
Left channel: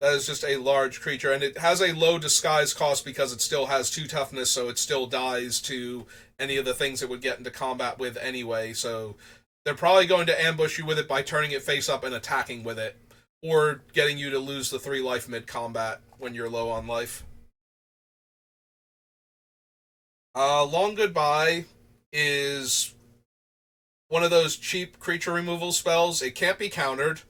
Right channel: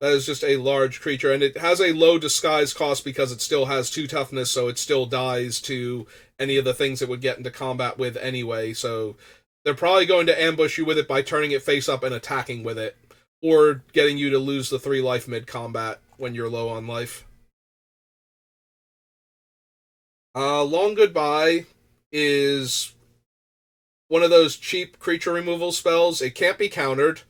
that is just a large creature, and it has a low disguise cost because it still has 2 toughness, so it still dies to any of the things it would get into combat with anyway, so they're probably going to ambush you with it by turning it face up and attacking with it, or getting you to lose the 3 life mid-combat when you're low on life. Long Goodbye is one of those cheap creature removal spells. It can't be countered.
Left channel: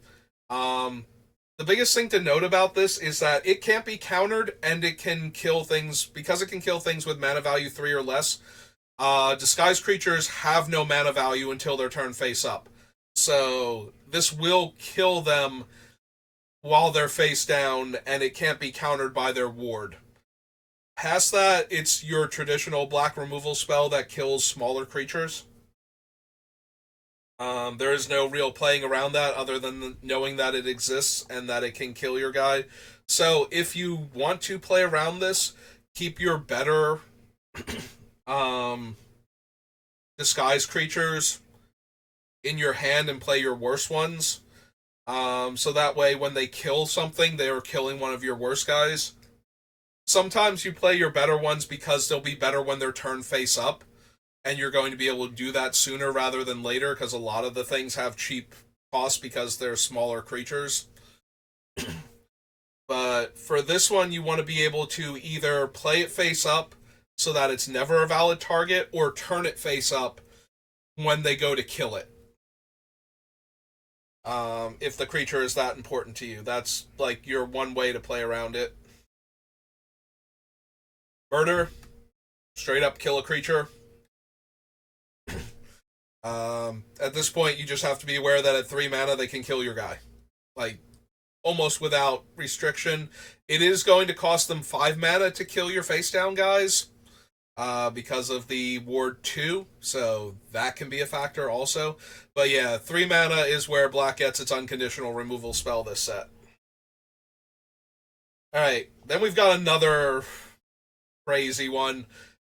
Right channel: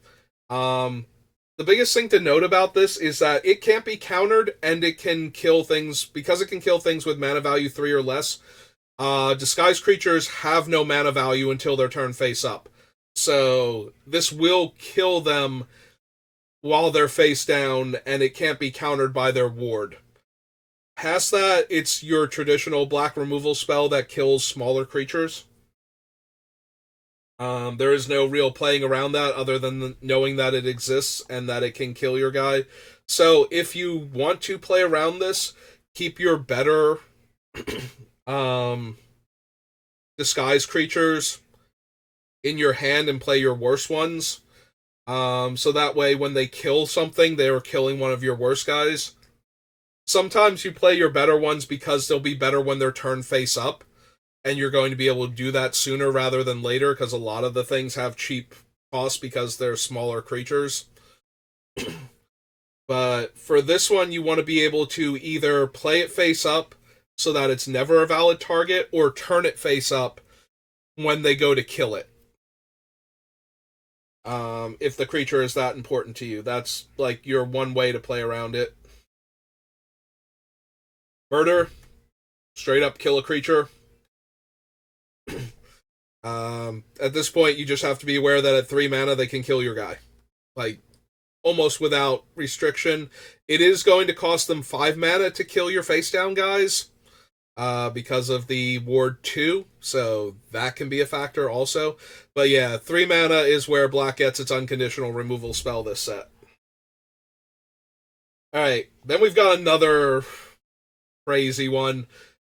The biggest thing to note about this is that it can't be countered, and it can kill things, because it can kill things with mana value 3 or less. Disguised creatures have no mana value until their turn face up. So this will kill them while they're face down, and it can't be countered by their ward. Past that, it's your traditional black removal spell that kills smaller creatures. There is no real playing around that other than knowing that it exists and that it can kill your guy. So if you want to play around this, keep your better um, disguise creatures in your hand and play your worst ones. So that way, when they kill something, they are killing one of your worst guys. Sometimes you play your better ones because they'll be better when they're turned face up, and you're going to be able to do that sooner rather than later because a lot of the things have cheap costs because they're smaller creatures. But for this one, you want to be able to either play it face up so that it's never a valid target, or turn it face up when they go to kill it. If the creature is that important to you, that's like your one way to play around it. Murder, straight up kill a creature. At this point, you just have to be aware that at 3 mana they can kill your guy, like almost without restriction. It is going to cost them 5 mana to kill your face down guys, because of the Ward 2, so that can be a factor also. But yeah, 3 mana is where black gets its unconditional removal spell this set. Alright, then we've got another crazy one.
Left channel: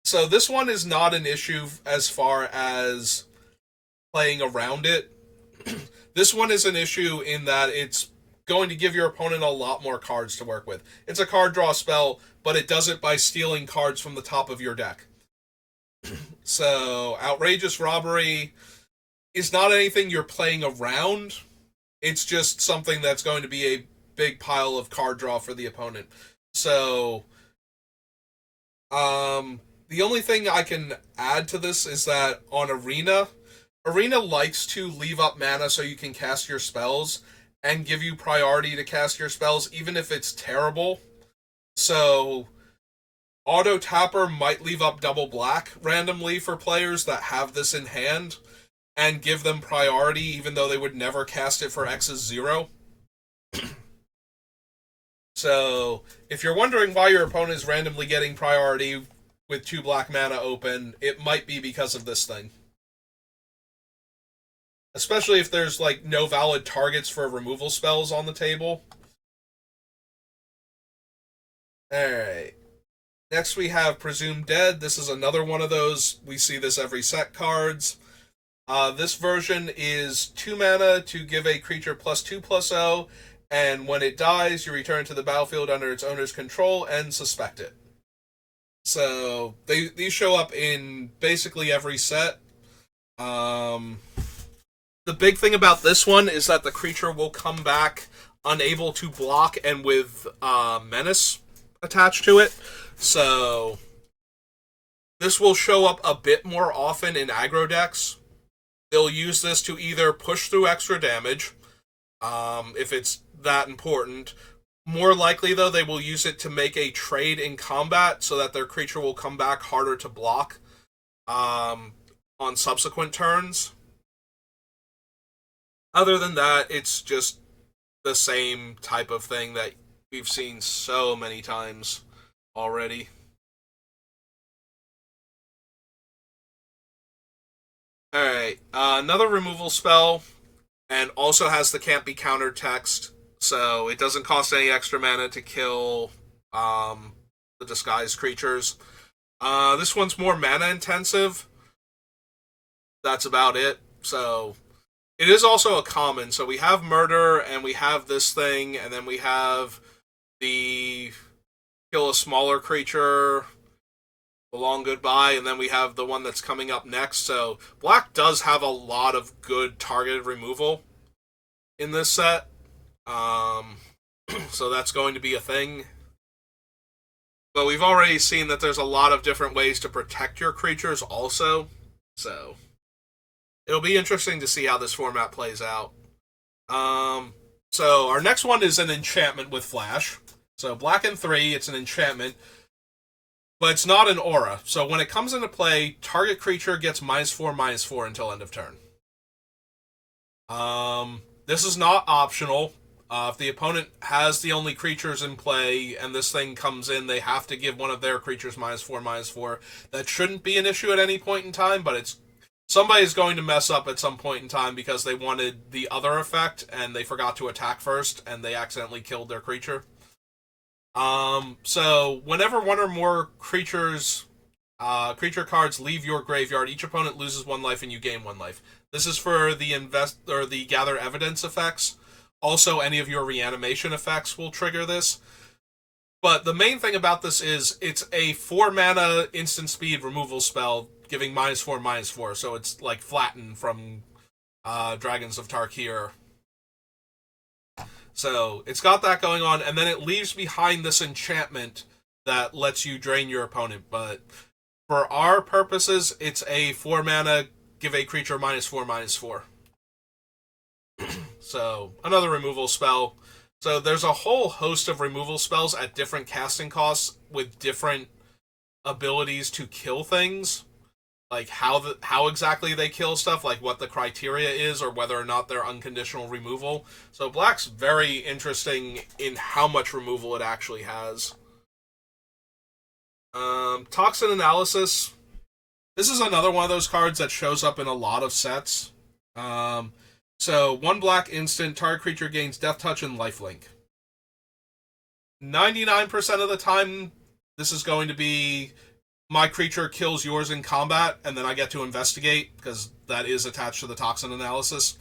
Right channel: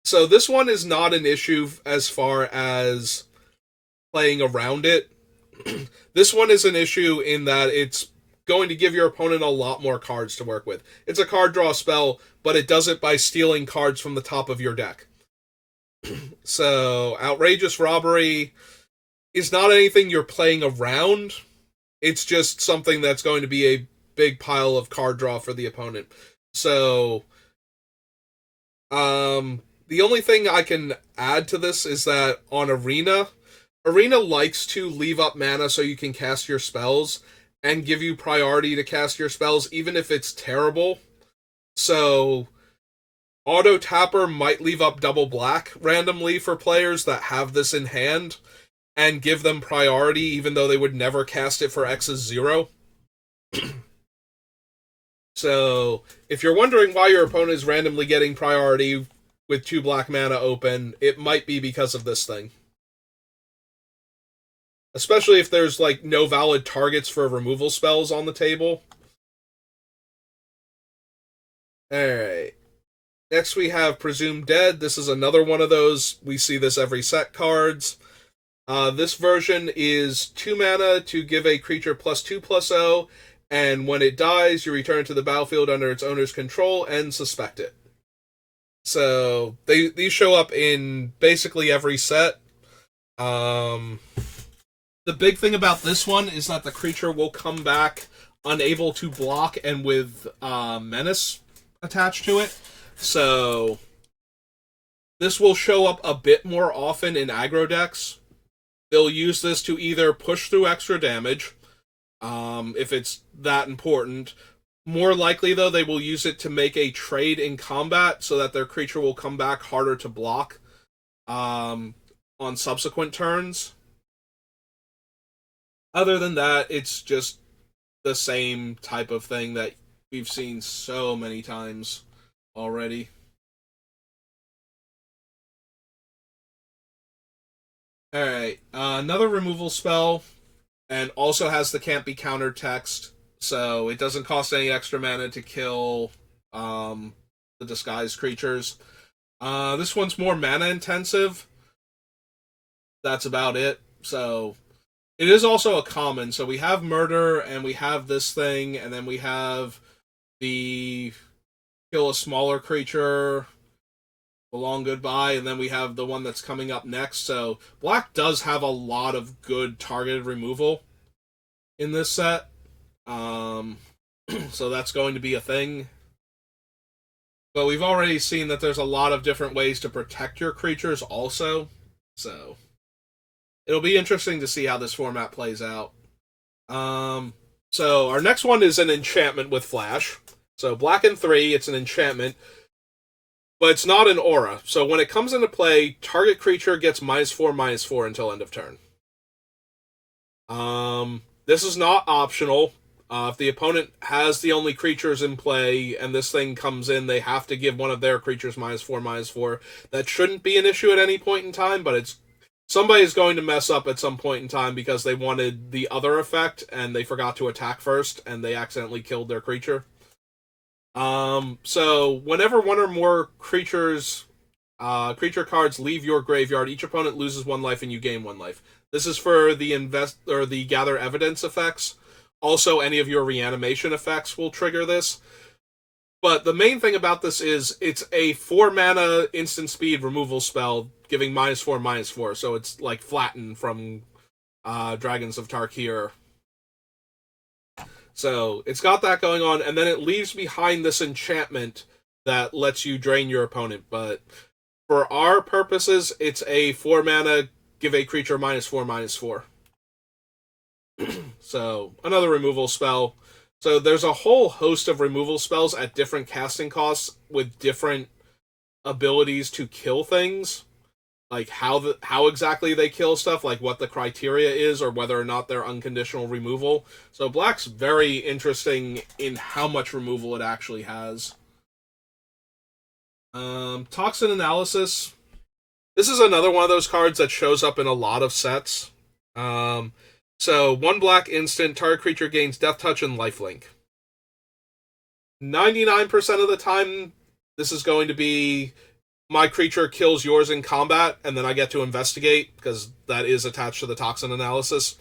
So this one is not an issue as far as playing around it. This one is an issue in that it's going to give your opponent a lot more cards to work with. It's a card draw spell, but it does it by stealing cards from the top of your deck. So, Outrageous Robbery is not anything you're playing around. It's just something that's going to be a big pile of card draw for the opponent. So, the only thing I can add to this is that on Arena likes to leave up mana so you can cast your spells and give you priority to cast your spells, even if it's terrible. So, Auto Tapper might leave up double black randomly for players that have this in hand and give them priority, even though they would never cast it for X's 0. So, if you're wondering why your opponent is randomly getting priority with 2 black mana open, it might be because of this thing. Especially if there's, like, no valid targets for removal spells on the table. Alright. Next we have Presumed Dead. This is another one of those. We see this every set cards. This version is 2 mana to give a creature +2/+0, and when it dies, you return to the battlefield under its owner's control and suspect it. So, these show up in basically every set. The big thing about this one is that the creature will come back unable to block and with Menace attached to it. So, this will show up a bit more often in aggro decks. They'll use this to either push through extra damage, if it's that important. More likely, though, they will use it to make a trade in combat so that their creature will come back harder to block on subsequent turns. Other than that, it's just the same type of thing that we've seen so many times already. Alright, another removal spell, and also has the can't be countered text, so it doesn't cost any extra mana to kill the disguised creatures. This one's more mana intensive. That's about it. So, it is also a common, so we have Murder, and we have this thing, and then we have the kill a smaller creature, the long goodbye, and then we have the one that's coming up next. So black does have a lot of good targeted removal in this set. So that's going to be a thing. But we've already seen that there's a lot of different ways to protect your creatures also. So it'll be interesting to see how this format plays out. So our next one is an enchantment with flash. So black and 3, it's an enchantment, but it's not an aura. So when it comes into play, target creature gets -4/-4 until end of turn. This is not optional. If the opponent has the only creatures in play and this thing comes in, they have to give one of their creatures -4/-4. That shouldn't be an issue at any point in time, but it's somebody's going to mess up at some point in time because they wanted the other effect and they forgot to attack first and they accidentally killed their creature. So whenever one or more creature cards leave your graveyard, each opponent loses 1 life and you gain 1 life. This is for the gather evidence effects. Also, any of your reanimation effects will trigger this. But the main thing about this is it's a 4 mana instant speed removal spell, giving -4/-4. So it's like Flatten from Dragons of Tarkir. So it's got that going on, and then it leaves behind this enchantment that lets you drain your opponent. But for our purposes, it's a 4 mana, give a creature -4/-4. So another removal spell. So there's a whole host of removal spells at different casting costs with different abilities to kill things. Like how exactly they kill stuff, like what the criteria is, or whether or not they're unconditional removal. So black's very interesting in how much removal it actually has. Toxin Analysis. This is another one of those cards that shows up in a lot of sets. So 1 black instant, target creature gains Death Touch and Lifelink. 99% of the time, this is going to be my creature kills yours in combat, and then I get to investigate, because that is attached to the Toxin Analysis.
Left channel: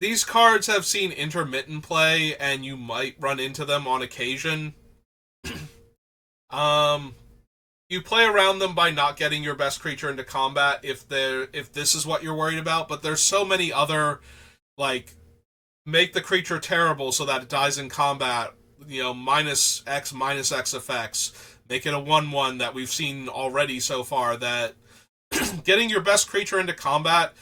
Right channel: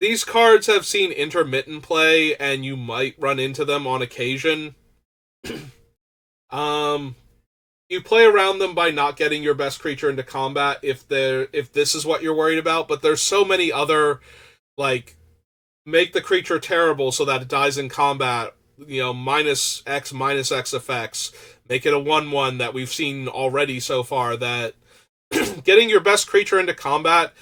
These cards have seen intermittent play, and you might run into them on occasion. You play around them by not getting your best creature into combat if this is what you're worried about, but there's so many other, like, make the creature terrible so that it dies in combat, -X effects, make it a 1/1 that we've seen already so far, that getting your best creature into combat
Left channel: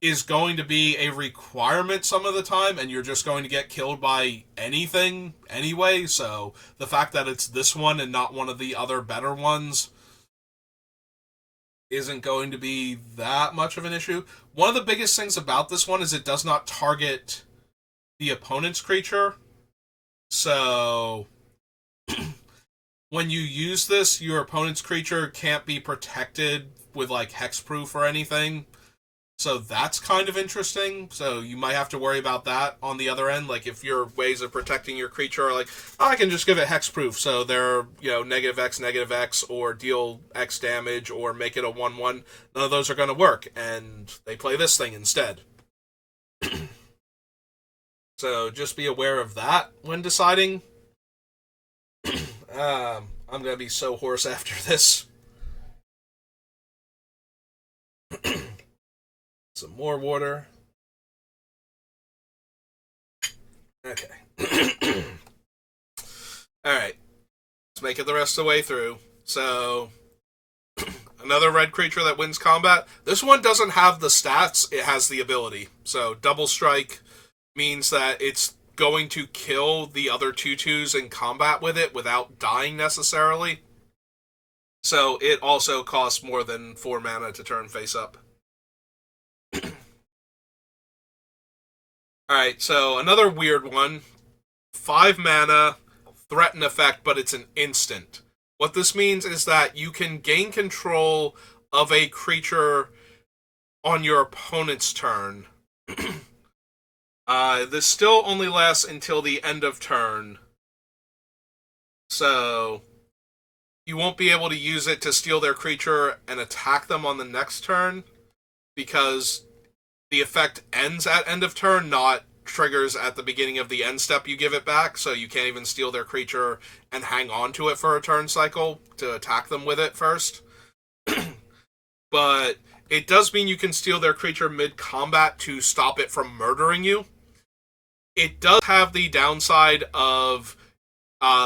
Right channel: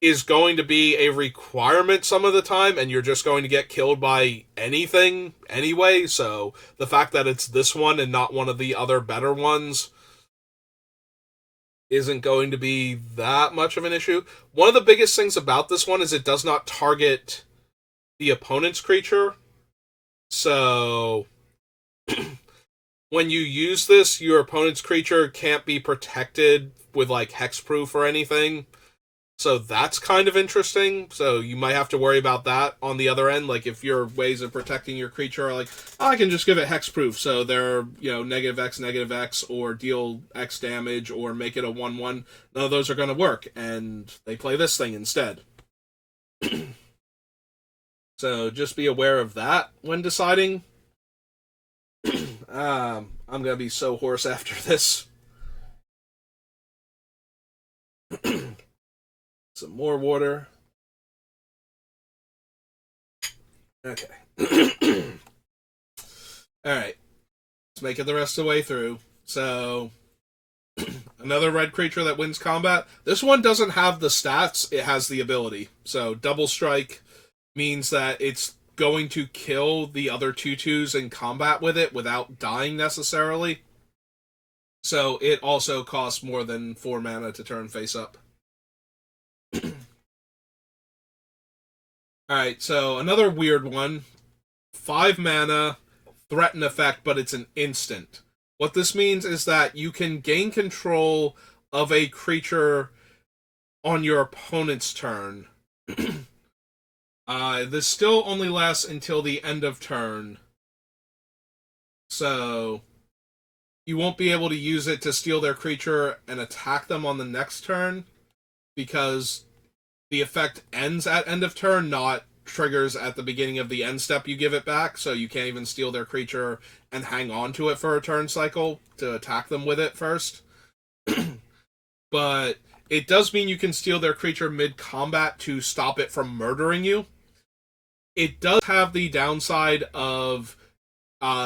is going to be a requirement some of the time, and you're just going to get killed by anything anyway, so the fact that it's this one and not one of the other better ones isn't going to be that much of an issue. One of the biggest things about this one is it does not target the opponent's creature, so when you use this, your opponent's creature can't be protected with, like, hexproof or anything. So that's kind of interesting. So you might have to worry about that on the other end. Like, if your ways of protecting your creature are like, oh, I can just give it hexproof, so they're, -X, or deal X damage, or make it a 1/1. None of those are going to work, and they play this thing instead. So just be aware of that when deciding. I'm going to be so hoarse after this. Some more water. Okay. Alright. Let's make it the rest of the way through. So, another red creature that wins combat. This one doesn't have the stats, it has the ability. So, double strike means that it's going to kill the other 2/2s in combat with it without dying necessarily. So, it also costs more than 4 mana to turn face up. Alright, so another weird one. 5 mana, threaten effect, but it's an instant. What this means is that you can gain control of a creature on your opponent's turn. This still only lasts until the end of turn. So you won't be able to use it to steal their creature and attack them on the next turn, because the effect ends at end of turn, not triggers at the beginning of the end step you give it back, so you can't even steal their creature and hang on to it for a turn cycle to attack them with it first. But it does mean you can steal their creature mid-combat to stop it from murdering you. It does have the downside of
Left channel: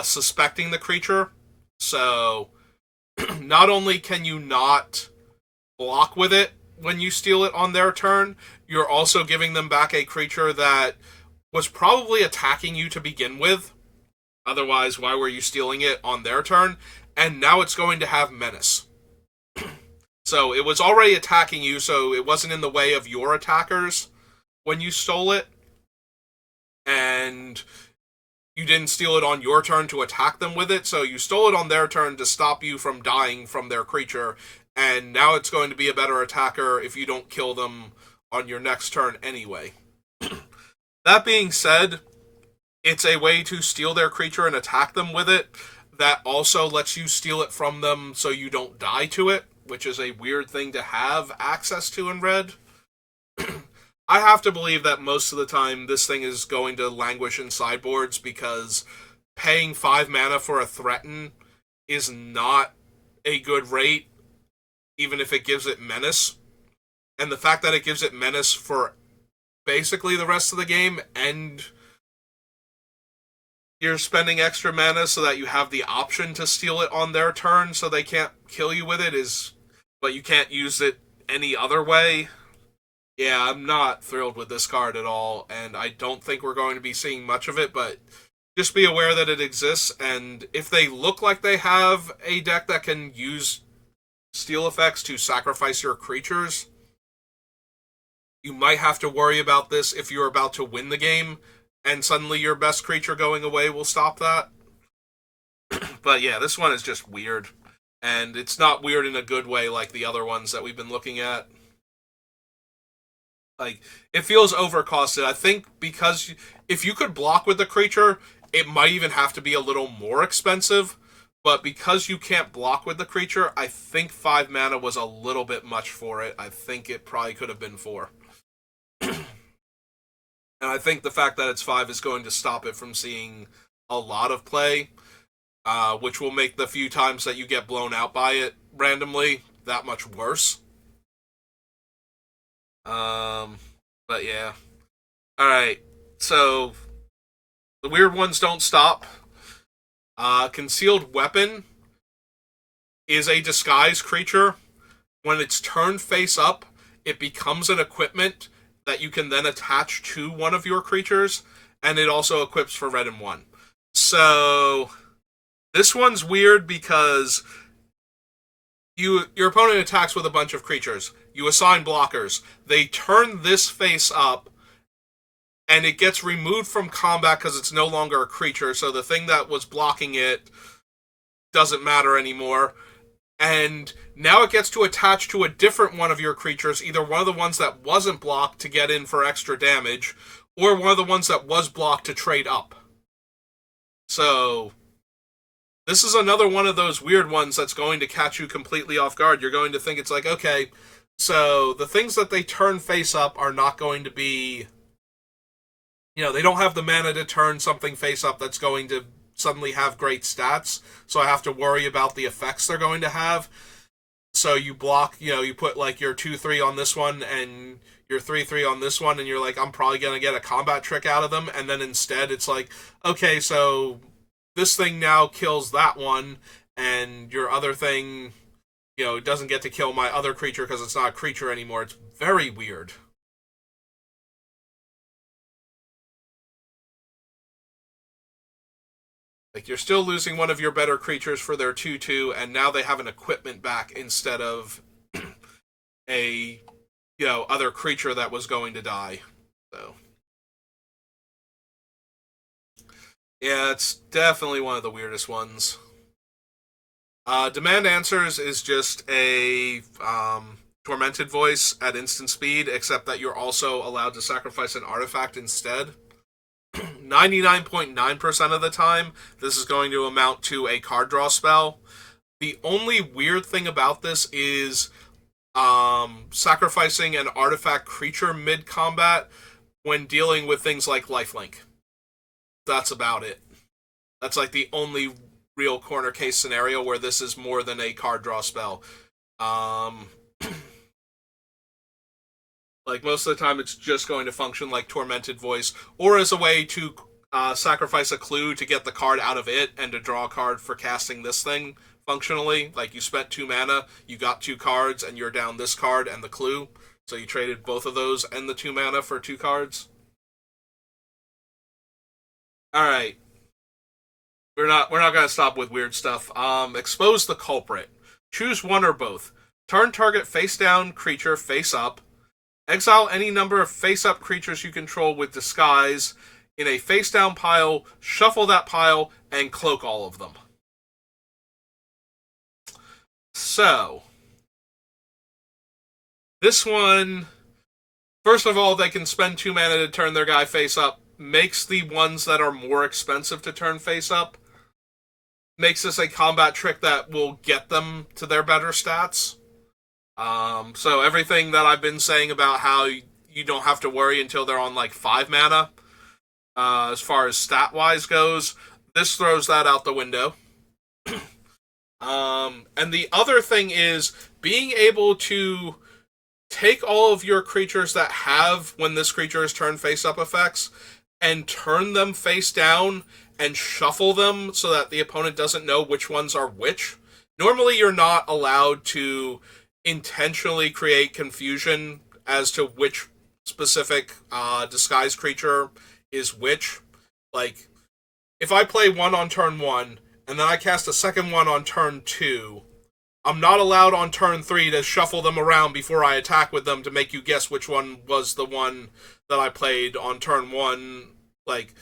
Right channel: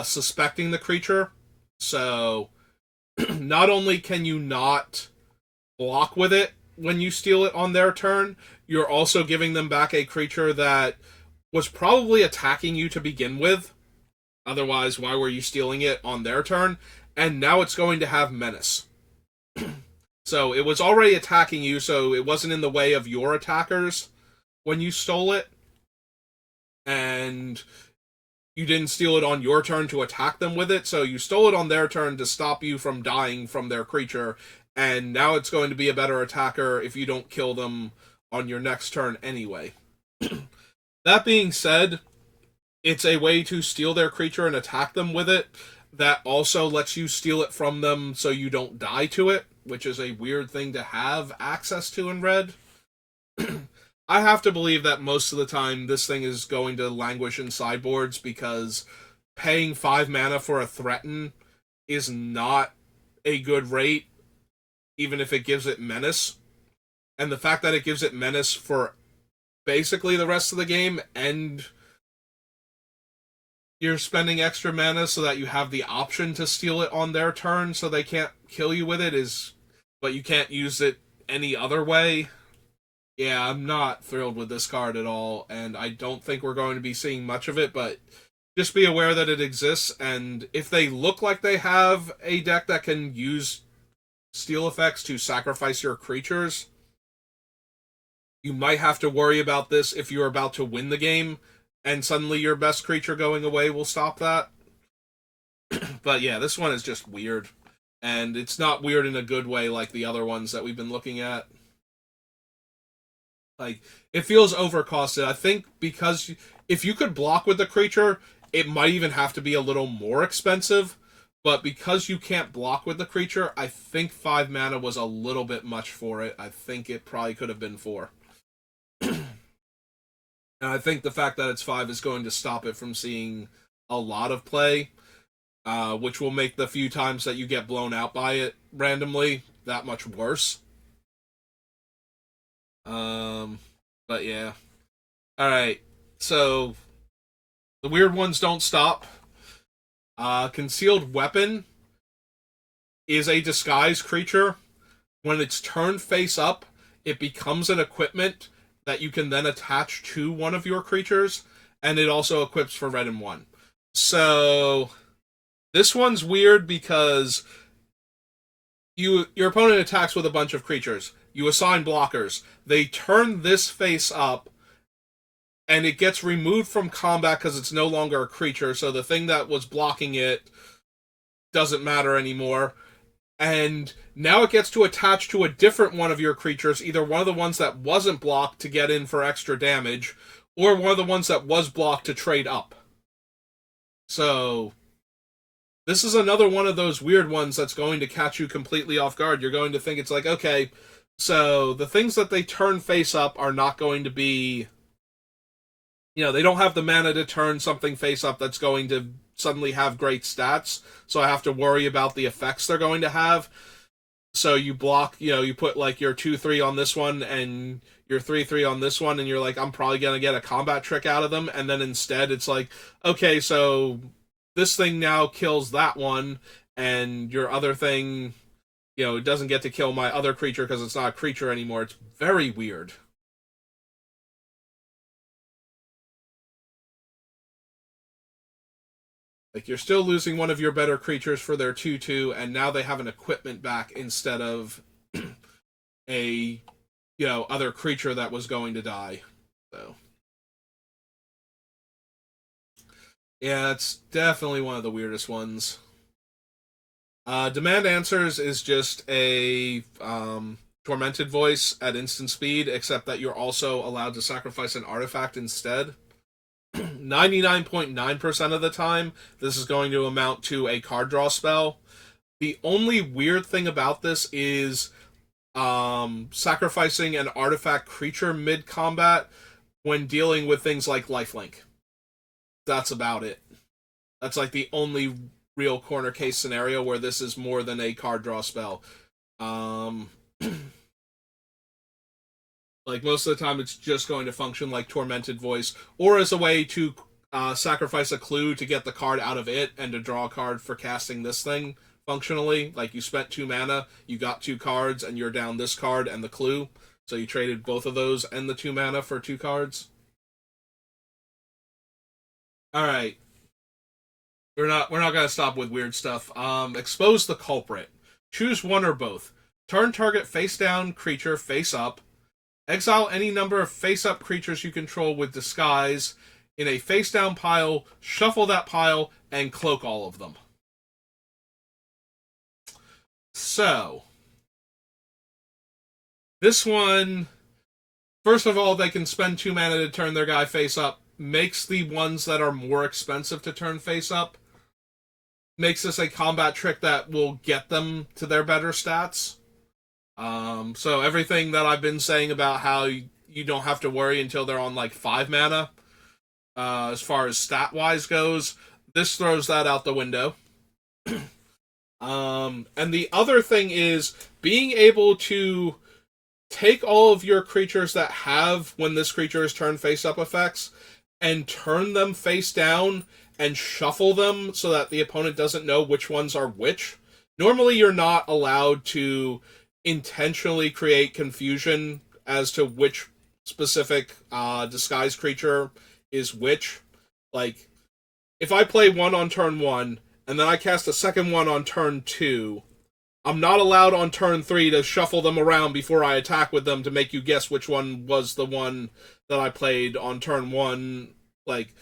suspecting the creature, so not only can you not block with it when you steal it on their turn, you're also giving them back a creature that was probably attacking you to begin with. Otherwise, why were you stealing it on their turn? And now it's going to have menace. So it was already attacking you, so it wasn't in the way of your attackers when you stole it. And you didn't steal it on your turn to attack them with it, so you stole it on their turn to stop you from dying from their creature, and now it's going to be a better attacker if you don't kill them on your next turn anyway. That being said, it's a way to steal their creature and attack them with it that also lets you steal it from them so you don't die to it, which is a weird thing to have access to in red. I have to believe that most of the time this thing is going to languish in sideboards because paying 5 mana for a threaten is not a good rate, even if it gives it menace. And the fact that it gives it menace for basically the rest of the game, and you're spending extra mana so that you have the option to steal it on their turn so they can't kill you with it, but you can't use it any other way. Yeah, I'm not thrilled with this card at all, and I don't think we're going to be seeing much of it, but just be aware that it exists, and if they look like they have a deck that can use steal effects to sacrifice your creatures, you might have to worry about this if you're about to win the game, and suddenly your best creature going away will stop that. But yeah, this one is just weird, and it's not weird in a good way like the other ones that we've been looking at. Like, it feels overcosted. I think because if you could block with the creature, it might even have to be a little more expensive. But because you can't block with the creature, I think 5 mana was a little bit much for it. I think it probably could have been 4. And I think the fact that it's 5 is going to stop it from seeing a lot of play, which will make the few times that you get blown out by it randomly that much worse. But yeah. Alright, so the weird ones don't stop. Concealed Weapon is a disguise creature. When it's turned face up, it becomes an equipment that you can then attach to one of your creatures, and it also equips for red and 1. So this one's weird because your opponent attacks with a bunch of creatures. You assign blockers. They turn this face up, and it gets removed from combat because it's no longer a creature, so the thing that was blocking it doesn't matter anymore. And now it gets to attach to a different one of your creatures, either one of the ones that wasn't blocked to get in for extra damage, or one of the ones that was blocked to trade up. So this is another one of those weird ones that's going to catch you completely off guard. You're going to think it's like, okay, so the things that they turn face up are not going to be, they don't have the mana to turn something face up that's going to suddenly have great stats, so I have to worry about the effects they're going to have. So you block, you put like your 2/3 on this one and your 3/3 on this one, and you're like, I'm probably going to get a combat trick out of them, and then instead it's like, okay, so this thing now kills that one, and your other thing, it doesn't get to kill my other creature because it's not a creature anymore. It's very weird. Like, you're still losing one of your better creatures for their 2/2, and now they have an equipment back instead of a, other creature that was going to die. So, yeah, it's definitely one of the weirdest ones. Demand Answers is just a Tormented Voice at instant speed, except that you're also allowed to sacrifice an artifact instead. 99.9% of the time, this is going to amount to a card draw spell. The only weird thing about this is sacrificing an artifact creature mid-combat when dealing with things like lifelink. That's about it. That's like the only real corner case scenario where this is more than a card draw spell. Like, most of the time, it's just going to function like Tormented Voice, or as a way to sacrifice a clue to get the card out of it and to draw a card for casting this thing functionally. Like, you spent 2 mana, you got 2 cards, and you're down this card and the clue. So you traded both of those and the 2 mana for 2 cards. Alright. We're not gonna stop with weird stuff. Expose the culprit. Choose one or both. Turn target face down creature face up. Exile any number of face-up creatures you control with Disguise. in a face down pile, shuffle that pile, and cloak all of them. So, this one, first of all, they can spend 2 mana to turn their guy face up, makes the ones that are more expensive to turn face up, makes this a combat trick that will get them to their better stats. So everything that I've been saying about how you don't have to worry until they're on like 5 mana, as far as stat wise goes, this throws that out the window. And the other thing is being able to take all of your creatures that have when this creature is turned face up effects and turn them face down and shuffle them so that the opponent doesn't know which ones are which. Normally, you're not allowed to intentionally create confusion as to which specific disguise creature is which. Like, if I play one on turn 1 and then I cast a second one on turn 2, I'm not allowed on turn 3 to shuffle them around before I attack with them to make you guess which one was the one that I played on turn 1, like,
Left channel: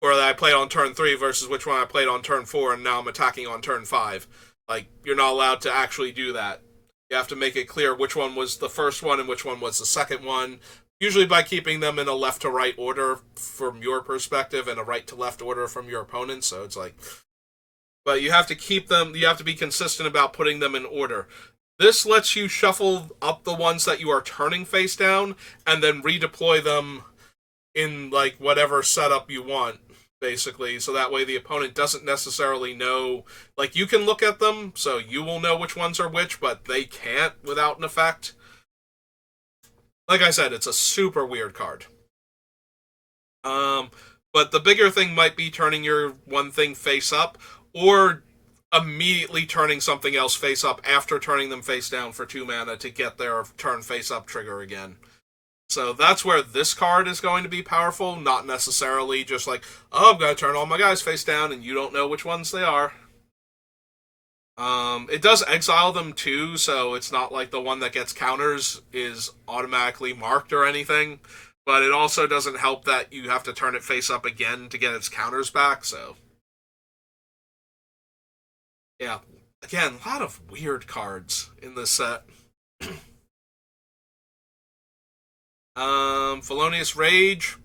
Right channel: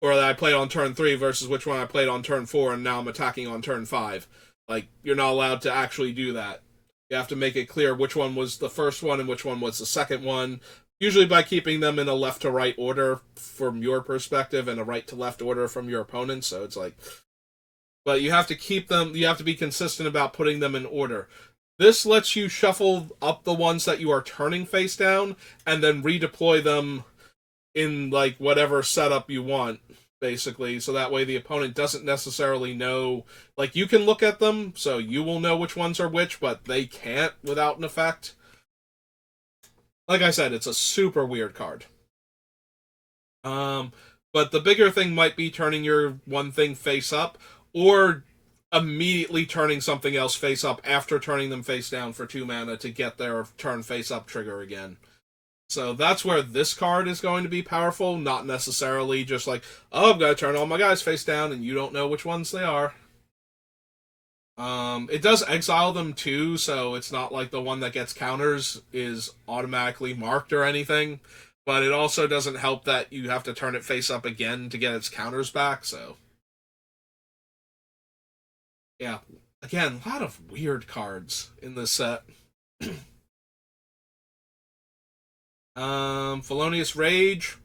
or that I played on turn 3 versus which one I played on turn 4 and now I'm attacking on turn 5. Like, you're not allowed to actually do that. You have to make it clear which one was the first one and which one was the second one, usually by keeping them in a left to right order from your perspective and a right to left order from your opponent, so it's like... But you have to keep them, you have to be consistent about putting them in order. This lets you shuffle up the ones that you are turning face down and then redeploy them in, like, whatever setup you want, basically. So that way the opponent doesn't necessarily know. Like, you can look at them, so you will know which ones are which, but they can't without an effect. Like I said, it's a super weird card. But the bigger thing might be turning your one thing face up, or immediately turning something else face up after turning them face down for 2 mana to get their turn face up trigger again. So that's where this card is going to be powerful, not necessarily just like, oh, I'm going to turn all my guys face down and you don't know which ones they are. It does exile them too, so it's not like the one that gets counters is automatically marked or anything, but it also doesn't help that you have to turn it face up again to get its counters back, so... Yeah, again, a lot of weird cards in this set. Felonious Rage.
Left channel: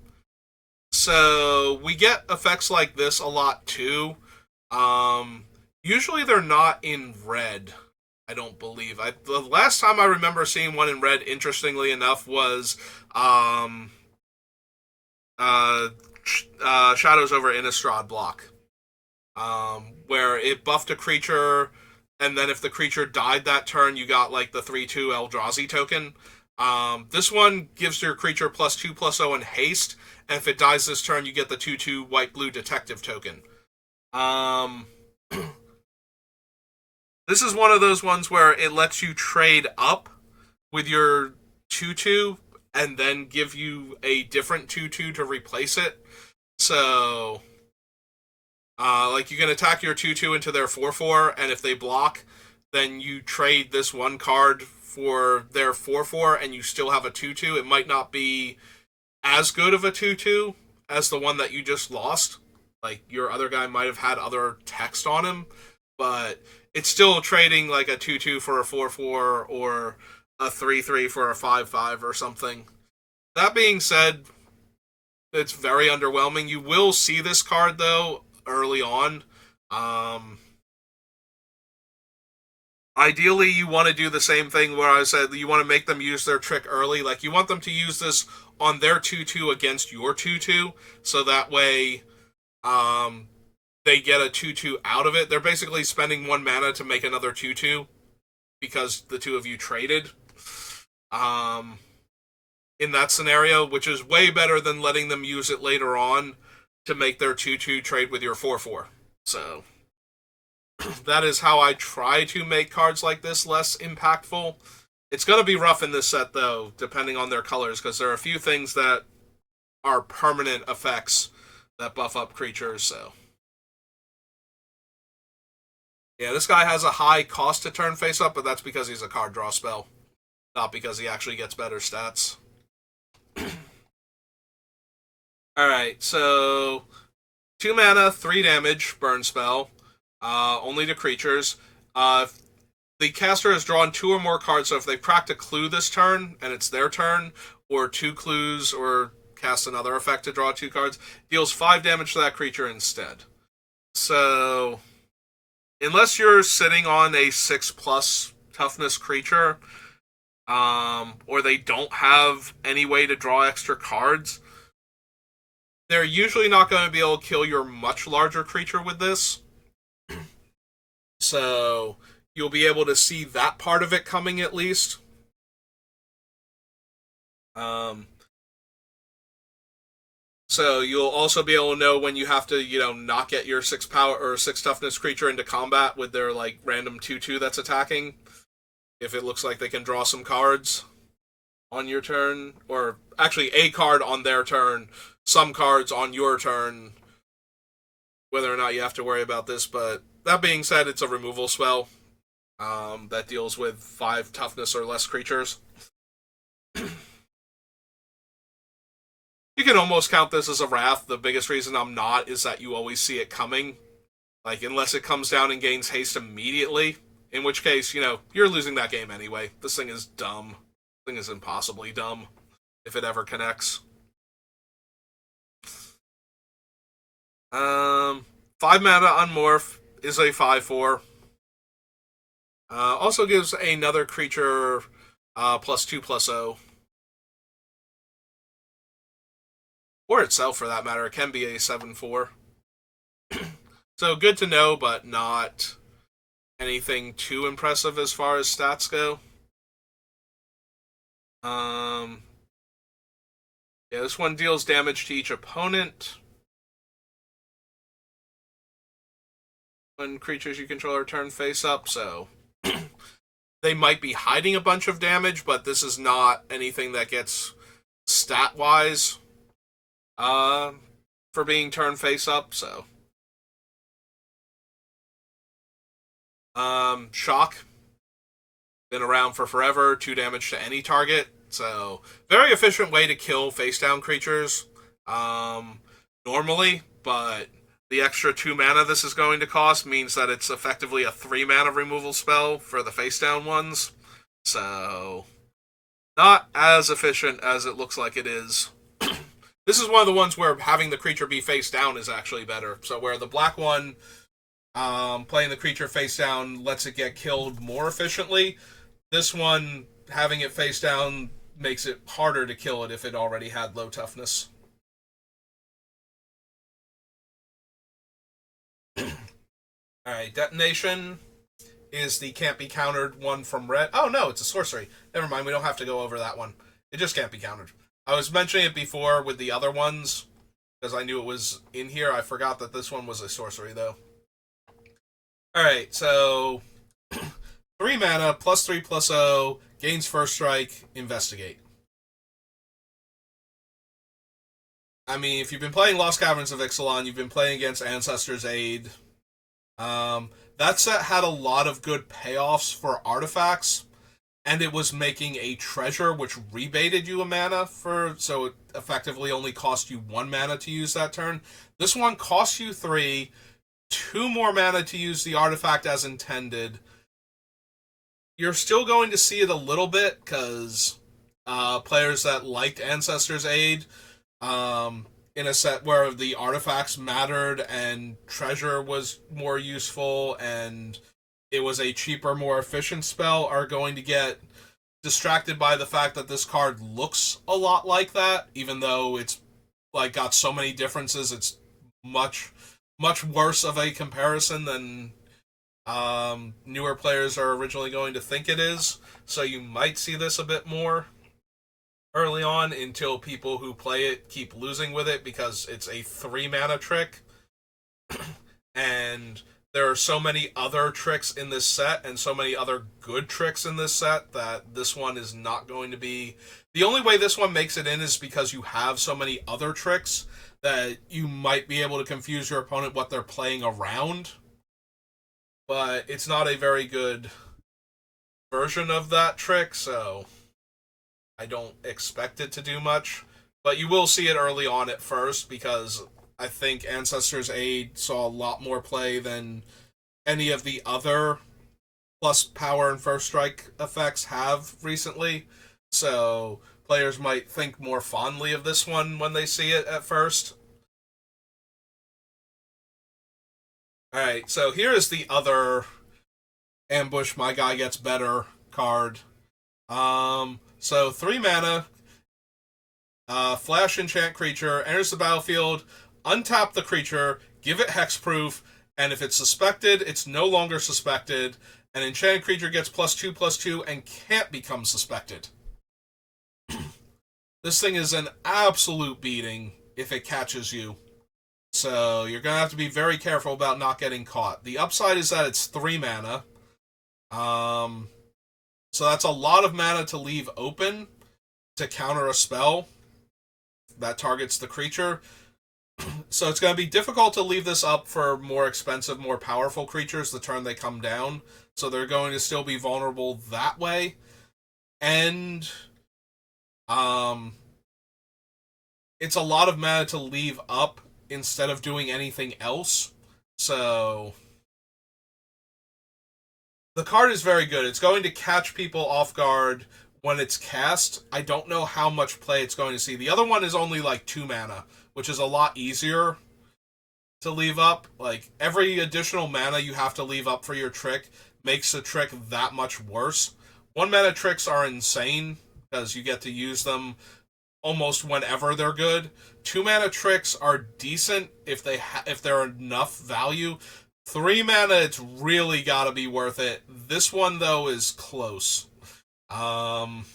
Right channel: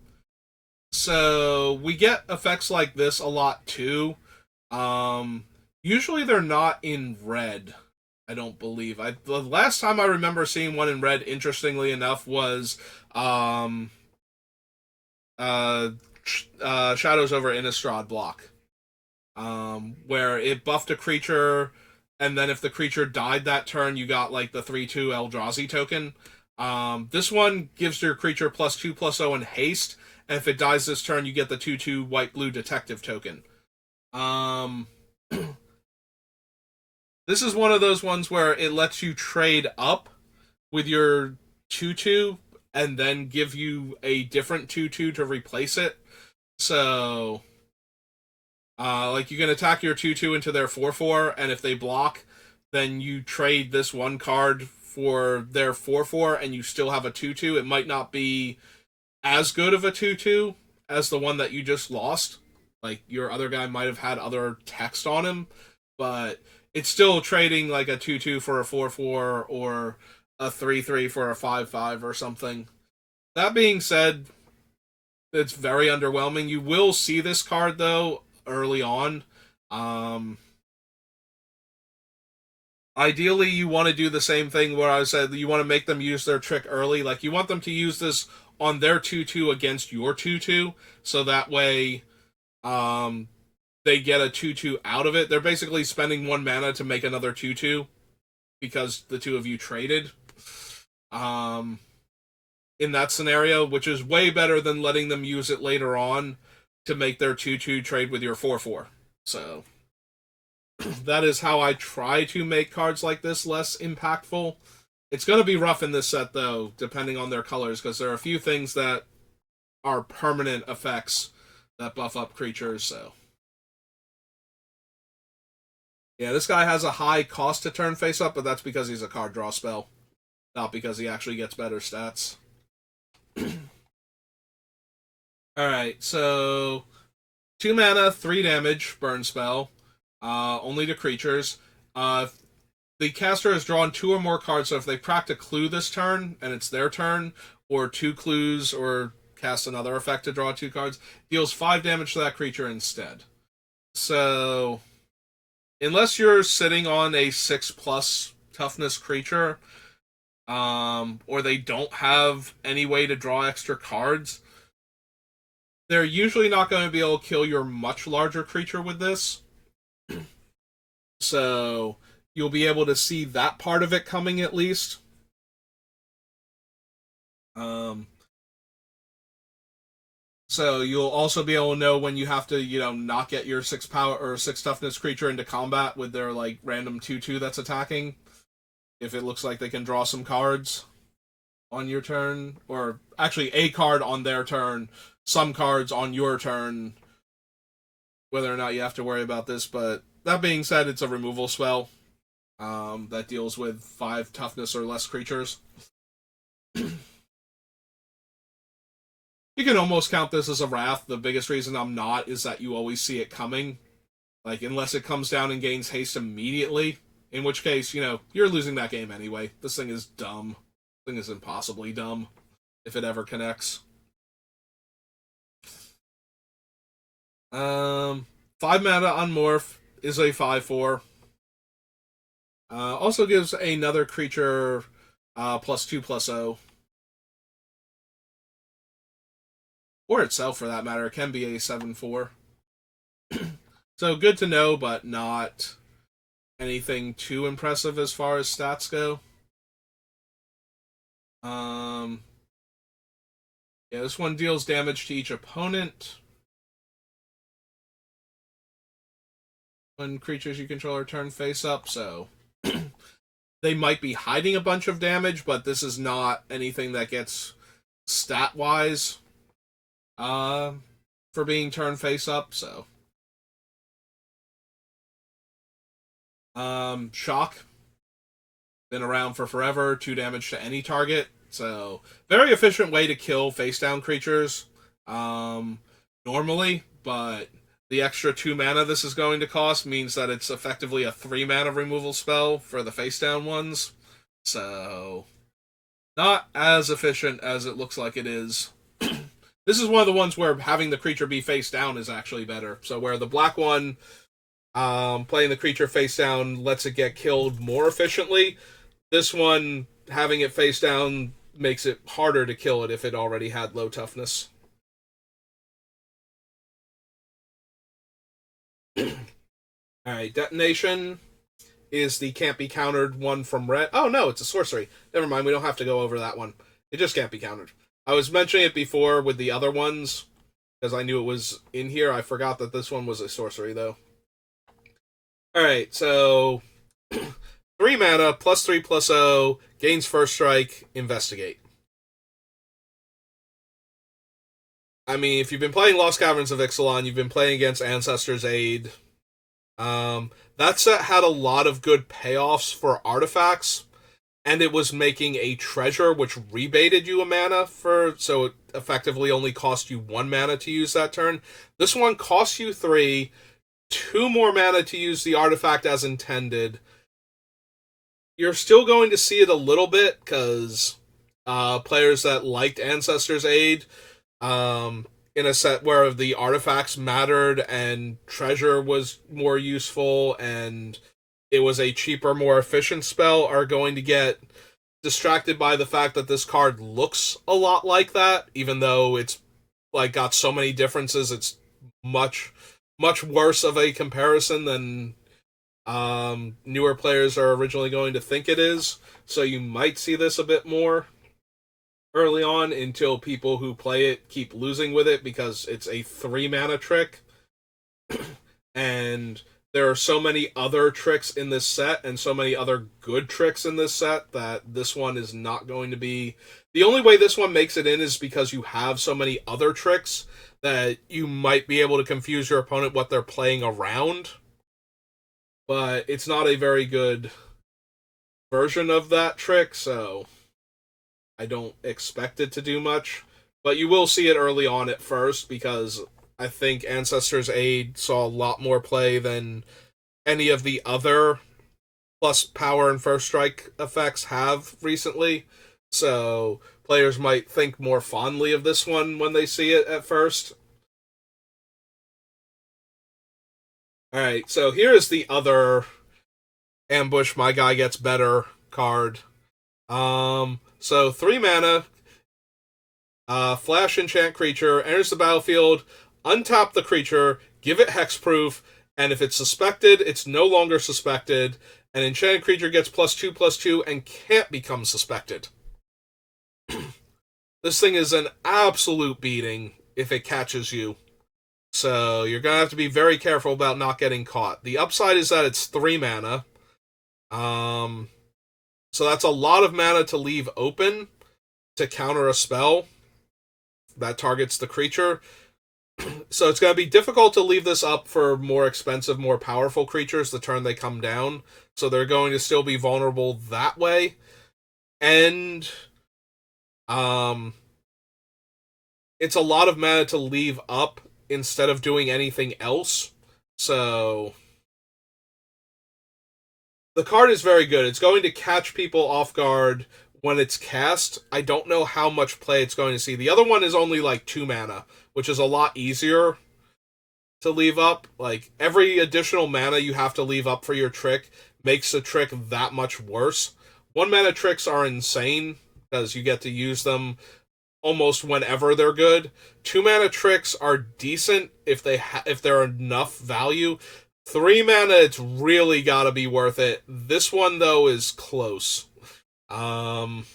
So, we get effects like this a lot, too. Usually they're not in red, I don't believe. The last time I remember seeing one in red, interestingly enough, was Shadows over Innistrad block. Where it buffed a creature, and then if the creature died that turn, you got like the 3/2 Eldrazi token. This one gives your creature +2/+0 and haste, and if it dies this turn, you get the 2/2 white-blue detective token. This is one of those ones where it lets you trade up with your 2/2 and then give you a different 2/2 to replace it. So... like, you can attack your 2/2 into their 4/4, and if they block, then you trade this one card for their 4/4, and you still have a 2/2. It might not be as good of a 2/2 as the one that you just lost. Like, your other guy might have had other text on him, but it's still trading, like, a 2/2 for a 4/4 or a 3/3 for a 5/5 or something. That being said, it's very underwhelming. You will see this card, though, early on. Ideally, you want to do the same thing where I said you want to make them use their trick early. Like, you want them to use this on their 2/2 against your 2/2, so that way they get a 2/2 out of it. They're basically spending 1 mana to make another 2/2 because the two of you traded. In that scenario, which is way better than letting them use it later on to make their 2/2 trade with your 4/4. So, that is how I try to make cards like this less impactful. It's going to be rough in this set, though, depending on their colors, because there are a few things that are permanent effects that buff up creatures, so... Yeah, this guy has a high cost to turn face up, but that's because he's a card draw spell, not because he actually gets better stats. Alright, so 2 mana, 3 damage, burn spell. Only to creatures. The caster has drawn 2 or more cards, so if they cracked a clue this turn, and it's their turn, or 2 clues, or cast another effect to draw 2 cards, deals 5 damage to that creature instead. So, unless you're sitting on a 6+ toughness creature, or they don't have any way to draw extra cards, they're usually not going to be able to kill your much larger creature with this. So you'll be able to see that part of it coming at least. So you'll also be able to know when you have to, not get your 6 power or 6 toughness creature into combat with their like random 2/2 that's attacking. If it looks like they can draw some cards on your turn, or actually a card on their turn, some cards on your turn, whether or not you have to worry about this. But that being said, it's a removal spell that deals with 5 toughness or less creatures. You can almost count this as a wrath. The biggest reason I'm not is that you always see it coming. Like, unless it comes down and gains haste immediately, in which case, you're losing that game anyway. This thing is dumb. This thing is impossibly dumb if it ever connects. 5 mana Unmorph is a 5/4. Also gives another creature +2/+0. Or itself, for that matter. It can be a 7/4. So good to know, but not anything too impressive as far as stats go. Yeah, this one deals damage to each opponent when creatures you control are turned face up, so they might be hiding a bunch of damage, but this is not anything that gets stat-wise for being turned face up, so. Shock. Been around for forever, 2 damage to any target, so very efficient way to kill face-down creatures normally, but the extra 2 mana this is going to cost means that it's effectively a 3 mana removal spell for the face-down ones, so not as efficient as it looks like it is. This is one of the ones where having the creature be face down is actually better. So where the black one, playing the creature face down lets it get killed more efficiently, this one, having it face down, makes it harder to kill it if it already had low toughness. Alright, Detonation is the can't be countered one from red. Oh no, it's a sorcery. Never mind, we don't have to go over that one. It just can't be countered. I was mentioning it before with the other ones, because I knew it was in here. I forgot that this one was a sorcery, though. Alright, so 3 mana, +3/+0, gains first strike, investigate. I mean, if you've been playing Lost Caverns of Ixalan, you've been playing against Ancestor's Aid. That set had a lot of good payoffs for artifacts, and it was making a treasure which rebated you a mana so it effectively only cost you 1 mana to use that turn. This one costs you 3, 2 more mana to use the artifact as intended. You're still going to see it a little bit, because players that liked Ancestor's Aid, in a set where the artifacts mattered and treasure was more useful and it was a cheaper, more efficient spell, are going to get distracted by the fact that this card looks a lot like that, even though it's like got so many differences. It's much worse of a comparison than newer players are originally going to think it is. So you might see this a bit more early on until people who play it keep losing with it, because it's a 3 mana trick. And there are so many other tricks in this set and so many other good tricks in this set that this one is not going to be. The only way this one makes it in is because you have so many other tricks that you might be able to confuse your opponent what they're playing around. But it's not a very good version of that trick, so I don't expect it to do much. But you will see it early on at first because I think Ancestor's Aid saw a lot more play than any of the other plus power and first strike effects have recently. So players might think more fondly of this one when they see it at first. Alright, so here is the other ambush my guy gets better card. So 3 mana, flash enchant creature, enters the battlefield, untap the creature, give it hexproof, and if it's suspected, it's no longer suspected. An enchanted creature gets +2/+2 and can't become suspected. This thing is an absolute beating if it catches you. So you're going to have to be very careful about not getting caught. The upside is that it's 3 mana. So that's a lot of mana to leave open to counter a spell that targets the creature. So it's going to be difficult to leave this up for more expensive, more powerful creatures the turn they come down. So they're going to still be vulnerable that way. And it's a lot of mana to leave up instead of doing anything else. So the card is very good. It's going to catch people off guard when it's cast. I don't know how much play it's going to see. The other one is only like 2 mana, which is a lot easier to leave up. Like, every additional mana you have to leave up for your trick makes the trick that much worse. 1 mana tricks are insane because you get to use them almost whenever they're good. 2 mana tricks are decent if they're enough value. 3 mana, it's really got to be worth it. This one, though, is close. And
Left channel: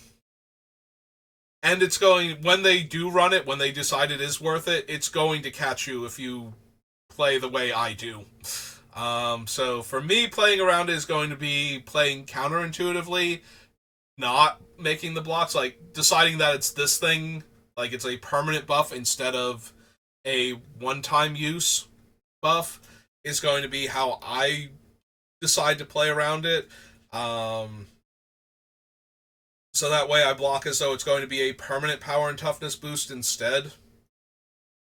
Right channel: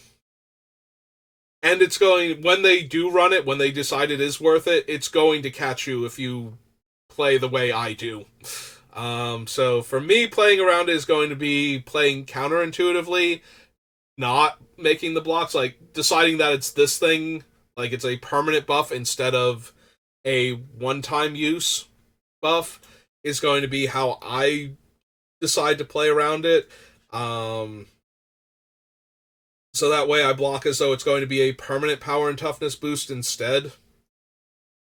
it's going, when they do run it, when they decide it is worth it, it's going to catch you if you play the way I do. So for me, playing around it is going to be playing counterintuitively, not making the blocks, like deciding that it's this thing, like it's a permanent buff instead of a one-time use buff, is going to be how I decide to play around it. So that way I block as though it's going to be a permanent power and toughness boost instead.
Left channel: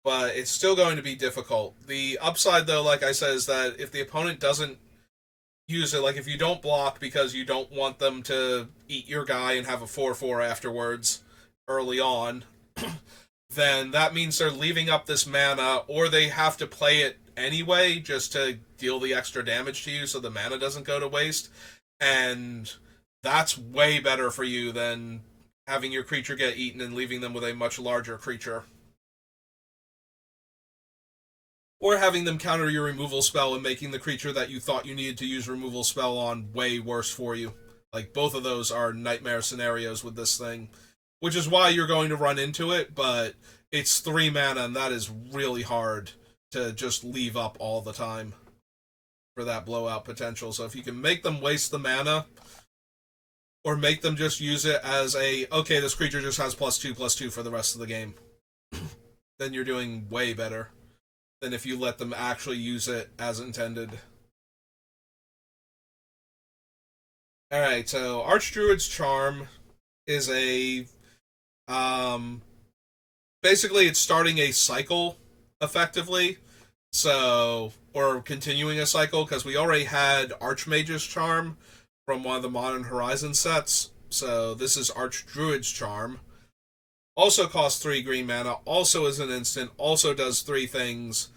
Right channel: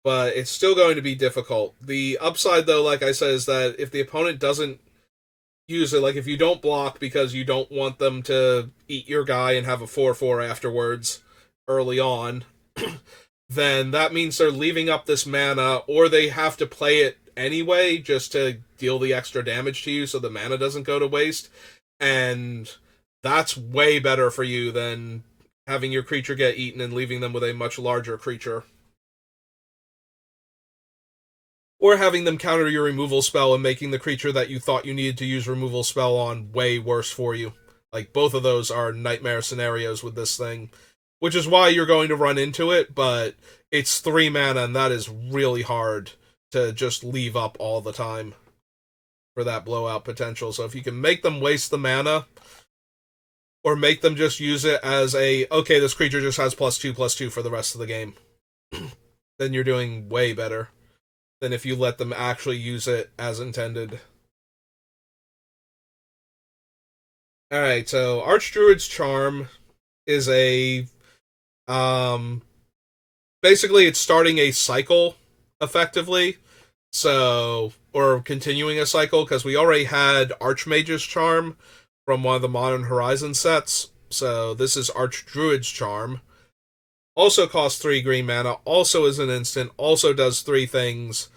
But it's still going to be difficult. The upside, though, like I said, is that if the opponent doesn't use it, like if you don't block because you don't want them to eat your guy and have a 4/4 afterwards early on, then that means they're leaving up this mana, or they have to play it anyway just to deal the extra damage to you so the mana doesn't go to waste. And that's way better for you than having your creature get eaten and leaving them with a much larger creature. Or having them counter your removal spell and making the creature that you thought you needed to use removal spell on way worse for you. Like, both of those are nightmare scenarios with this thing, which is why you're going to run into it, but it's 3 mana, and that is really hard to just leave up all the time for that blowout potential. So if you can make them waste the mana, or make them just use it as a, okay, this creature just has +2/+2 for the rest of the game, then you're doing way better than if you let them actually use it as intended. Alright, so Archdruid's Charm is a... basically, it's starting a cycle, effectively. So, or continuing a cycle, because we already had Archmage's Charm from one of the Modern Horizon sets. So this is Archdruid's Charm. Also costs 3 green mana, also is an instant, also does 3 things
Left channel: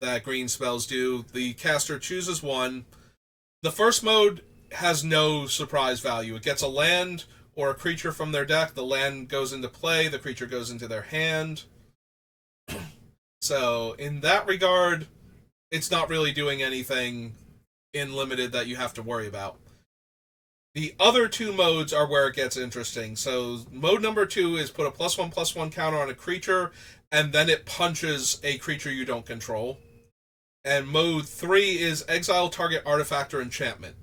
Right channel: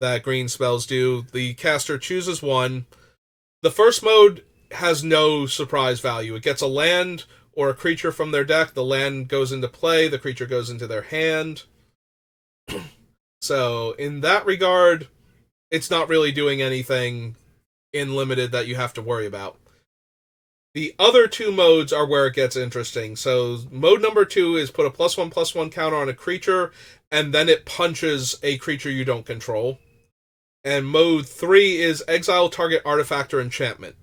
that green spells do. The caster chooses one. The first mode has no surprise value. It gets a land or a creature from their deck. The land goes into play, the creature goes into their hand. So, in that regard, it's not really doing anything in limited that you have to worry about. The other 2 modes are where it gets interesting. So, mode number 2 is put a +1/+1 counter on a creature, and then it punches a creature you don't control. And mode 3 is exile target artifact or enchantment.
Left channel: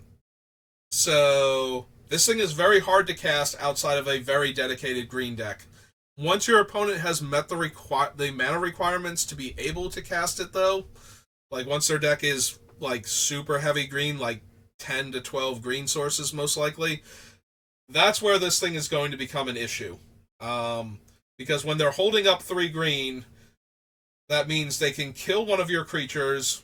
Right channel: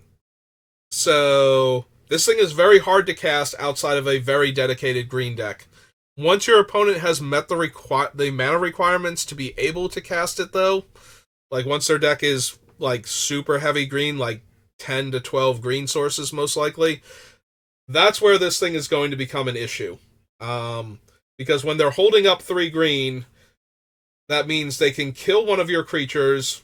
So, this thing is very hard to cast outside of a very dedicated green deck. Once your opponent has met the mana requirements to be able to cast it, though, like once their deck is like super heavy green, like 10 to 12 green sources most likely, that's where this thing is going to become an issue. Because when they're holding up 3 green, that means they can kill one of your creatures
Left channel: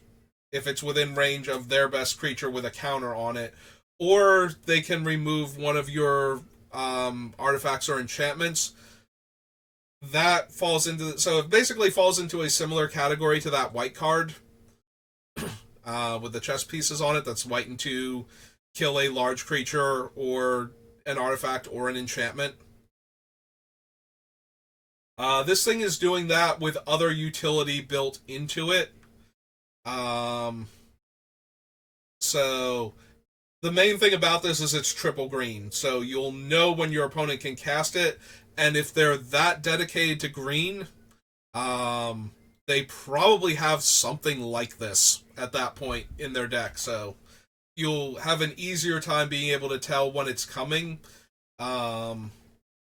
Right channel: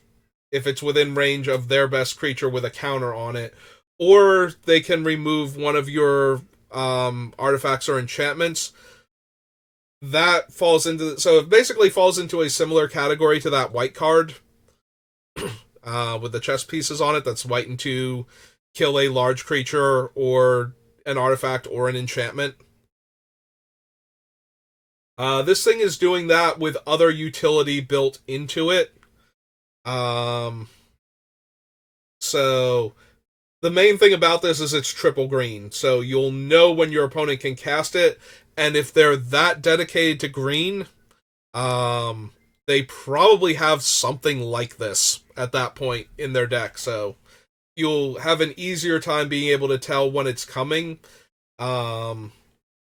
if it's within range of their best creature with a counter on it, or they can remove one of your artifacts or enchantments. That falls into, so it basically falls into a similar category to that white card with the chess pieces on it. That's white and 2, kill a large creature or an artifact or an enchantment. This thing is doing that with other utility built into it. So the main thing about this is it's triple green, so you'll know when your opponent can cast it, and if they're that dedicated to green, they probably have something like this at that point in their deck. So you'll have an easier time being able to tell when it's coming.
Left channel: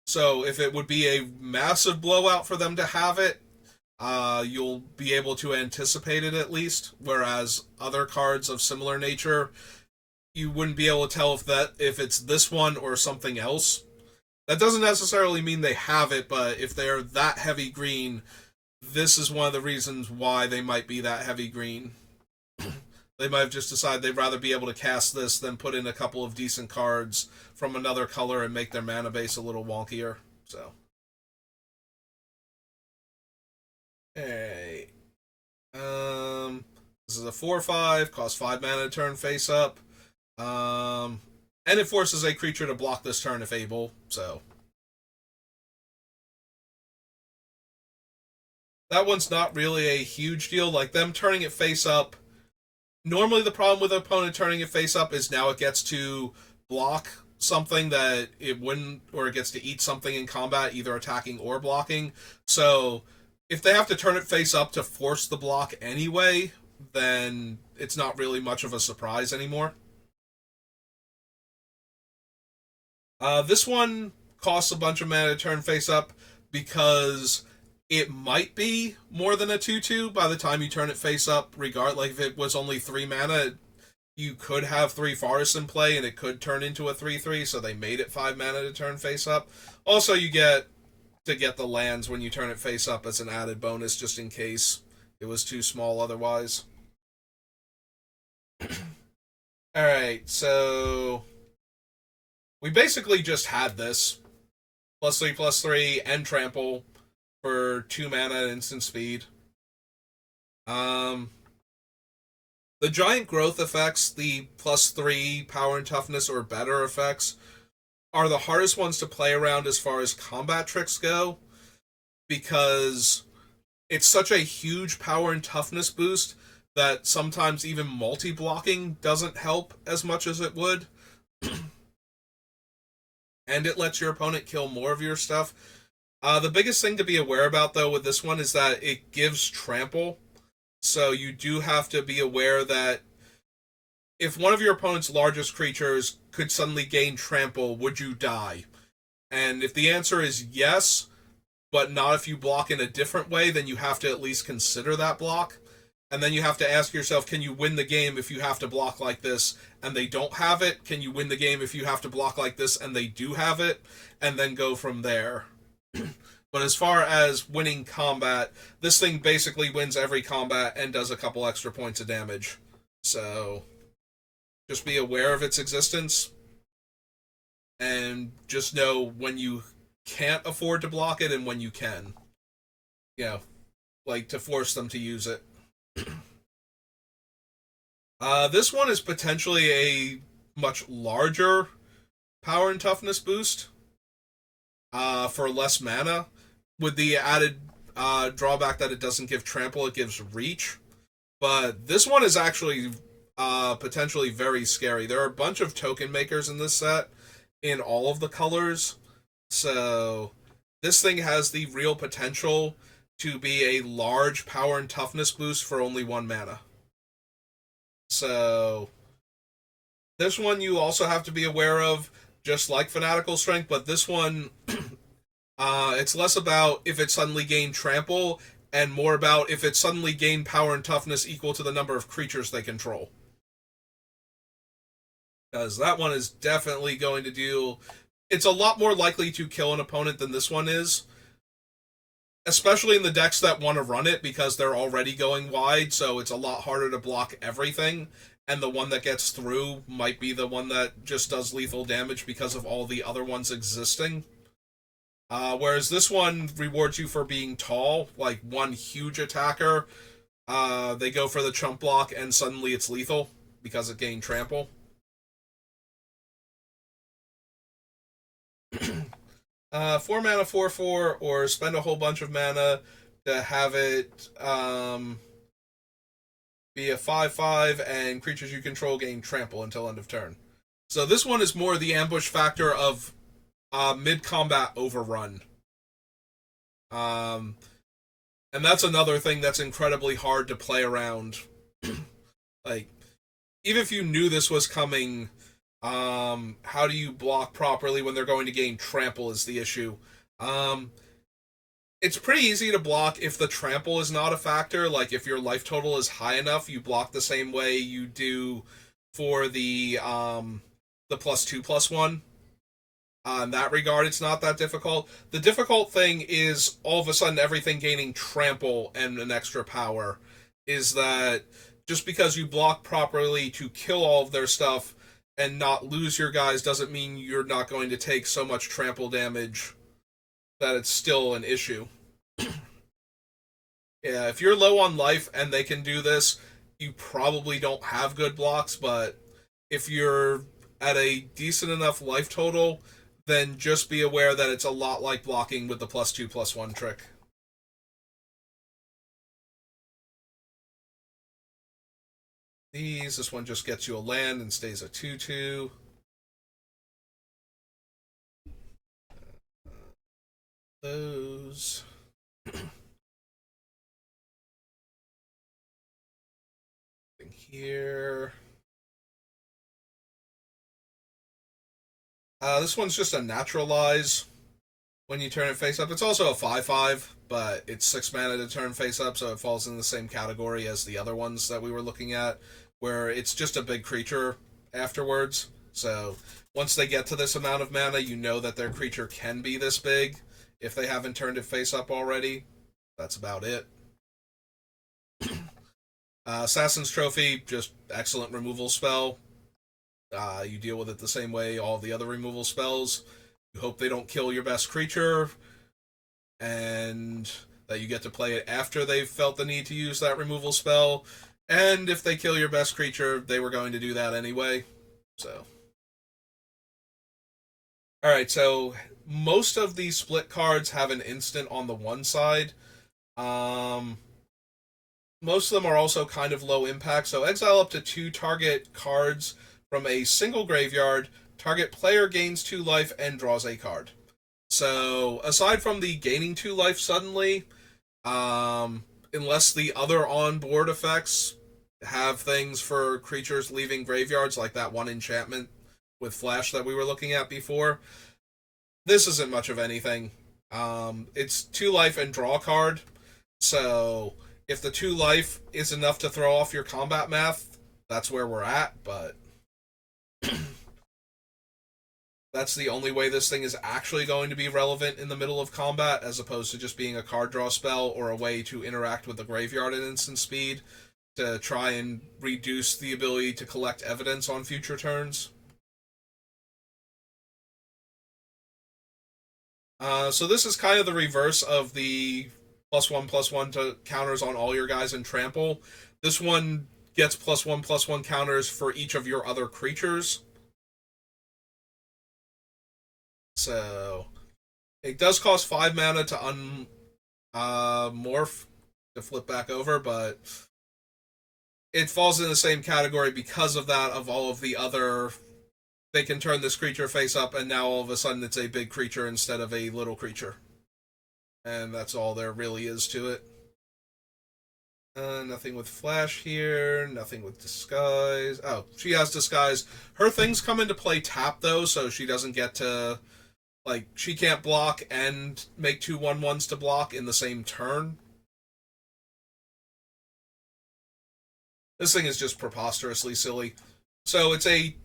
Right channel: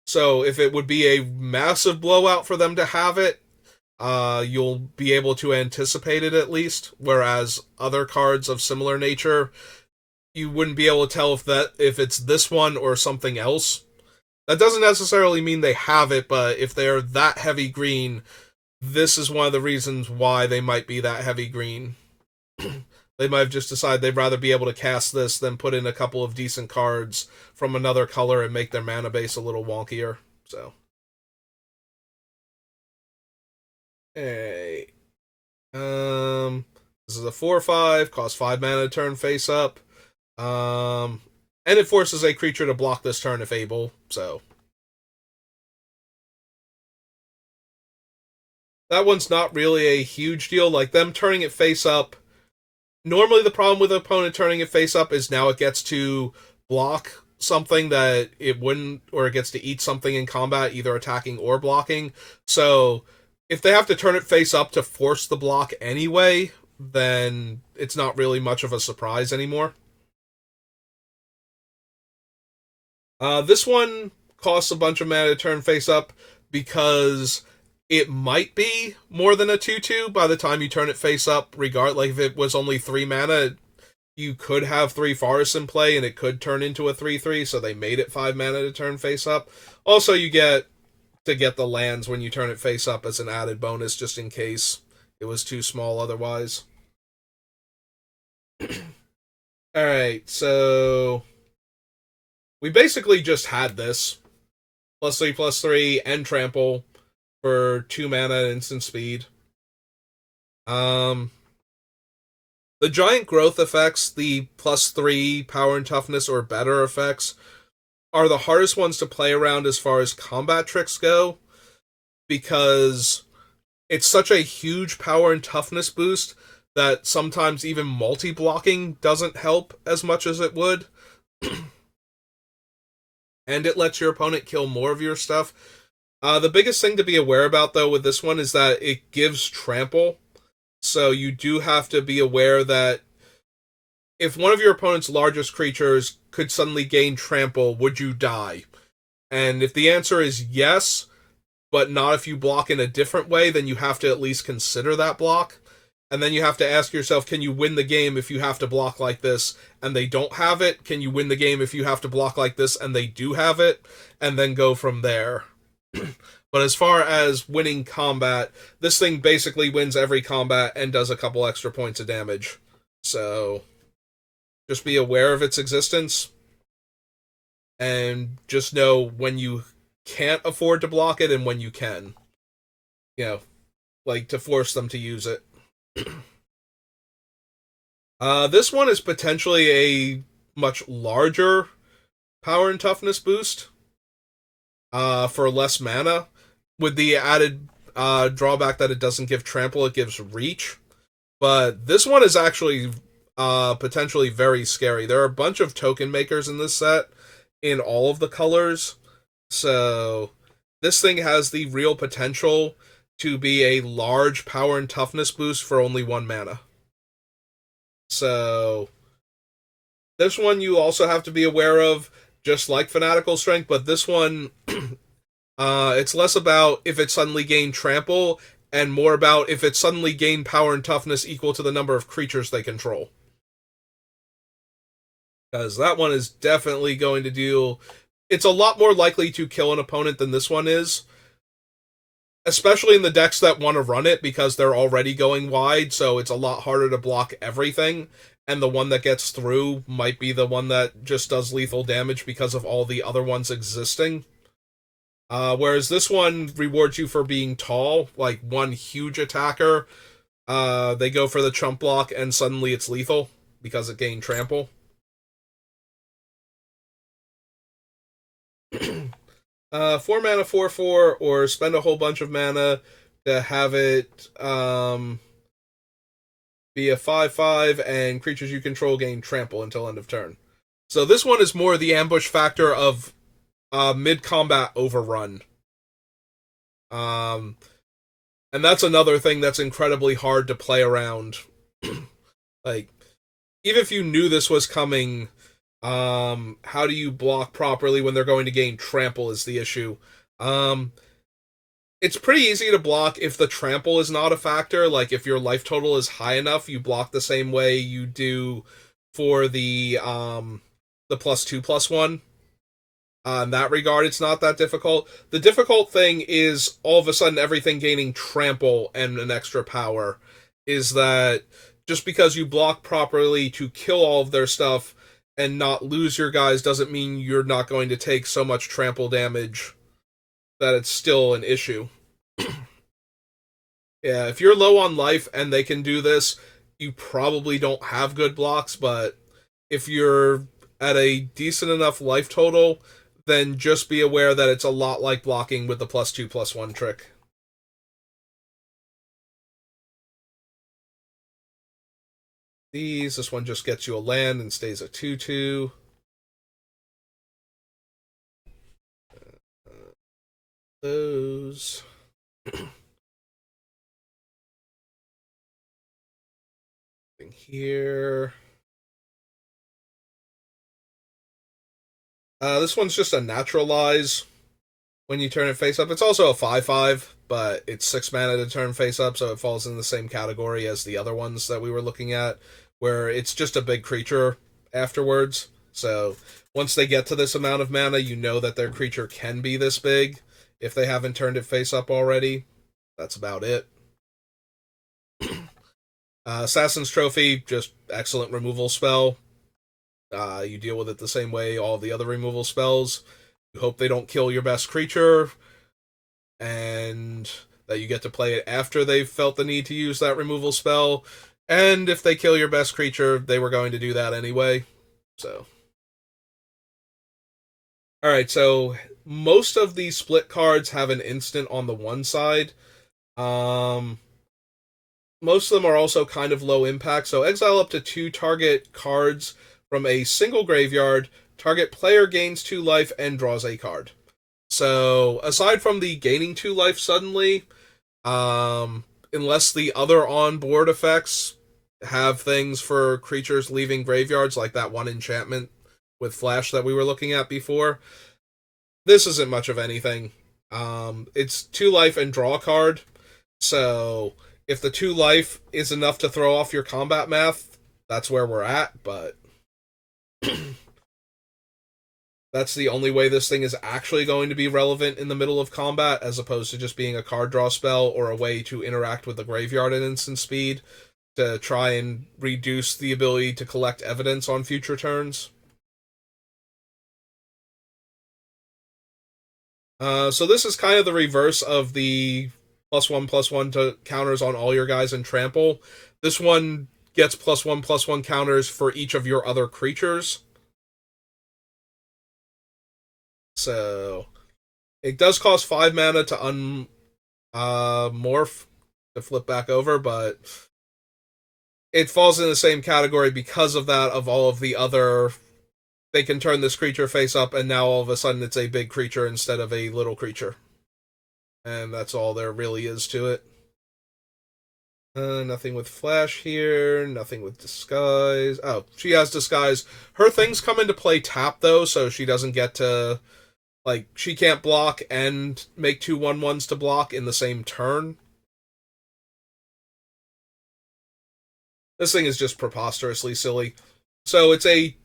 So if it would be a massive blowout for them to have it, you'll be able to anticipate it at least. Whereas other cards of similar nature, you wouldn't be able to tell if it's this one or something else. That doesn't necessarily mean they have it, but if they're that heavy green, this is one of the reasons why they might be that heavy green. They might have just decided they'd rather be able to cast this than put in a couple of decent cards from another color and make their mana base a little wonkier. So, hey, this is a 4/5, costs 5 mana to turn face up, and it forces a creature to block this turn if able. So that one's not really a huge deal. Like them turning it face up. Normally, the problem with an opponent turning it face up is now it gets to block something that it wouldn't, or it gets to eat something in combat, either attacking or blocking. So if they have to turn it face up to force the block anyway, then it's not really much of a surprise anymore. This one costs a bunch of mana to turn face up because it might be more than a 2/2 by the time you turn it face up. Like if it was only 3 mana, you could have 3 forests in play and it could turn into a 3/3, so they made it 5 mana to turn face up. Also, you get to get the lands when you turn it face up as an added bonus, just in case it was too small otherwise. Alright, so we basically just had this. +3/+3 and trample for 2 mana and instant speed. The giant growth effects, the +3 power and toughness or better effects, are the hardest ones to play around as far as combat tricks go, because it's such a huge power and toughness boost that sometimes even multi-blocking doesn't help as much as it would. And it lets your opponent kill more of your stuff. The biggest thing to be aware about, though, with this one is that it gives trample. So you do have to be aware that if one of your opponent's largest creatures could suddenly gain trample, would you die? And if the answer is yes, but not if you block in a different way, then you have to at least consider that block. And then you have to ask yourself, can you win the game if you have to block like this and they don't have it? Can you win the game if you have to block like this and they do have it? And then go from there. But as far as winning combat, this thing basically wins every combat and does a couple extra points of damage. So just be aware of its existence and just know when you can't afford to block it and when you can. You know, like to force them to use it. This one is potentially a much larger power and toughness boost for less mana, with the added drawback that it doesn't give trample, it gives reach. But this one is actually potentially very scary. There are a bunch of token makers in this set in all of the colors, so this thing has the real potential to be a large power and toughness boost for only 1 mana. So this one you also have to be aware of, just like Fanatical Strength, but this one it's less about if it suddenly gained trample and more about if it suddenly gained power and toughness equal to the number of creatures they control. Because that one is definitely going to do... It's a lot more likely to kill an opponent than this one is, especially in the decks that want to run it because they're already going wide, so it's a lot harder to block everything. And the one that gets through might be the one that just does lethal damage because of all the other ones existing. Whereas this one rewards you for being tall, like one huge attacker. They go for the chump block, and suddenly it's lethal because it gained trample. 4 mana, 4/4, or spend a whole bunch of mana to have it be a 5/5, and creatures you control gain trample until end of turn. So this one is more the ambush factor of mid combat overrun. Um, and that's another thing that's incredibly hard to play around. Like, even if you knew this was coming, how do you block properly when they're going to gain trample is the issue. Um, it's pretty easy to block if the trample is not a factor. Like, if your life total is high enough, you block the same way you do for the +2/+1. In that regard, it's not that difficult. The difficult thing is all of a sudden everything gaining trample and an extra power. Is that just because you block properly to kill all of their stuff and not lose your guys doesn't mean you're not going to take so much trample damage that it's still an issue. Yeah, if you're low on life and they can do this, you probably don't have good blocks, but if you're at a decent enough life total, then just be aware that it's a lot like blocking with the +2/+1 trick. This one just gets you a land and stays a 2/2. Those. Here. This one's just a naturalize when you turn it face up. It's also a 5/5, but it's 6 mana to turn face up, so it falls in the same category as the other ones that we were looking at, where it's just a big creature afterwards. So once they get to this amount of mana, you know that their creature can be this big if they haven't turned it face up already. That's about it. Assassin's Trophy, just excellent removal spell. You deal with it the same way all the other removal spells. You hope they don't kill your best creature, and that you get to play it after they've felt the need to use that removal spell. And if they kill your best creature, they were going to do that anyway. So, alright, so most of these split cards have an instant on the one side. Most of them are also kind of low impact, so exile up to 2 target cards from a single graveyard, target player gains 2 life and draws a card. So, aside from the gaining 2 life suddenly, unless the other on-board effects have things for creatures leaving graveyards, like that one enchantment with Flash that we were looking at before, this isn't much of anything. It's 2 life and draw a card, so if the 2 life is enough to throw off your combat math, that's where we're at, but that's the only way this thing is actually going to be relevant in the middle of combat, as opposed to just being a card draw spell or a way to interact with the graveyard at instant speed to try and reduce the ability to collect evidence on future turns. So this is kind of the reverse of the +1/+1 to counters on all your guys in trample. This one gets +1/+1 counters for each of your other creatures. So it does cost 5 mana to morph to flip back over, but it falls in the same category because of that of all of the other. They can turn this creature face up, and now all of a sudden it's a big creature instead of a little creature. And that's all there really is to it. Nothing with Flash here, nothing with Disguise. Oh, she has Disguise. Her things come into play tap, though, so she doesn't get to... Like, she can't block and make 2 1/1s to block in the same turn. This thing is just preposterously silly. So it's a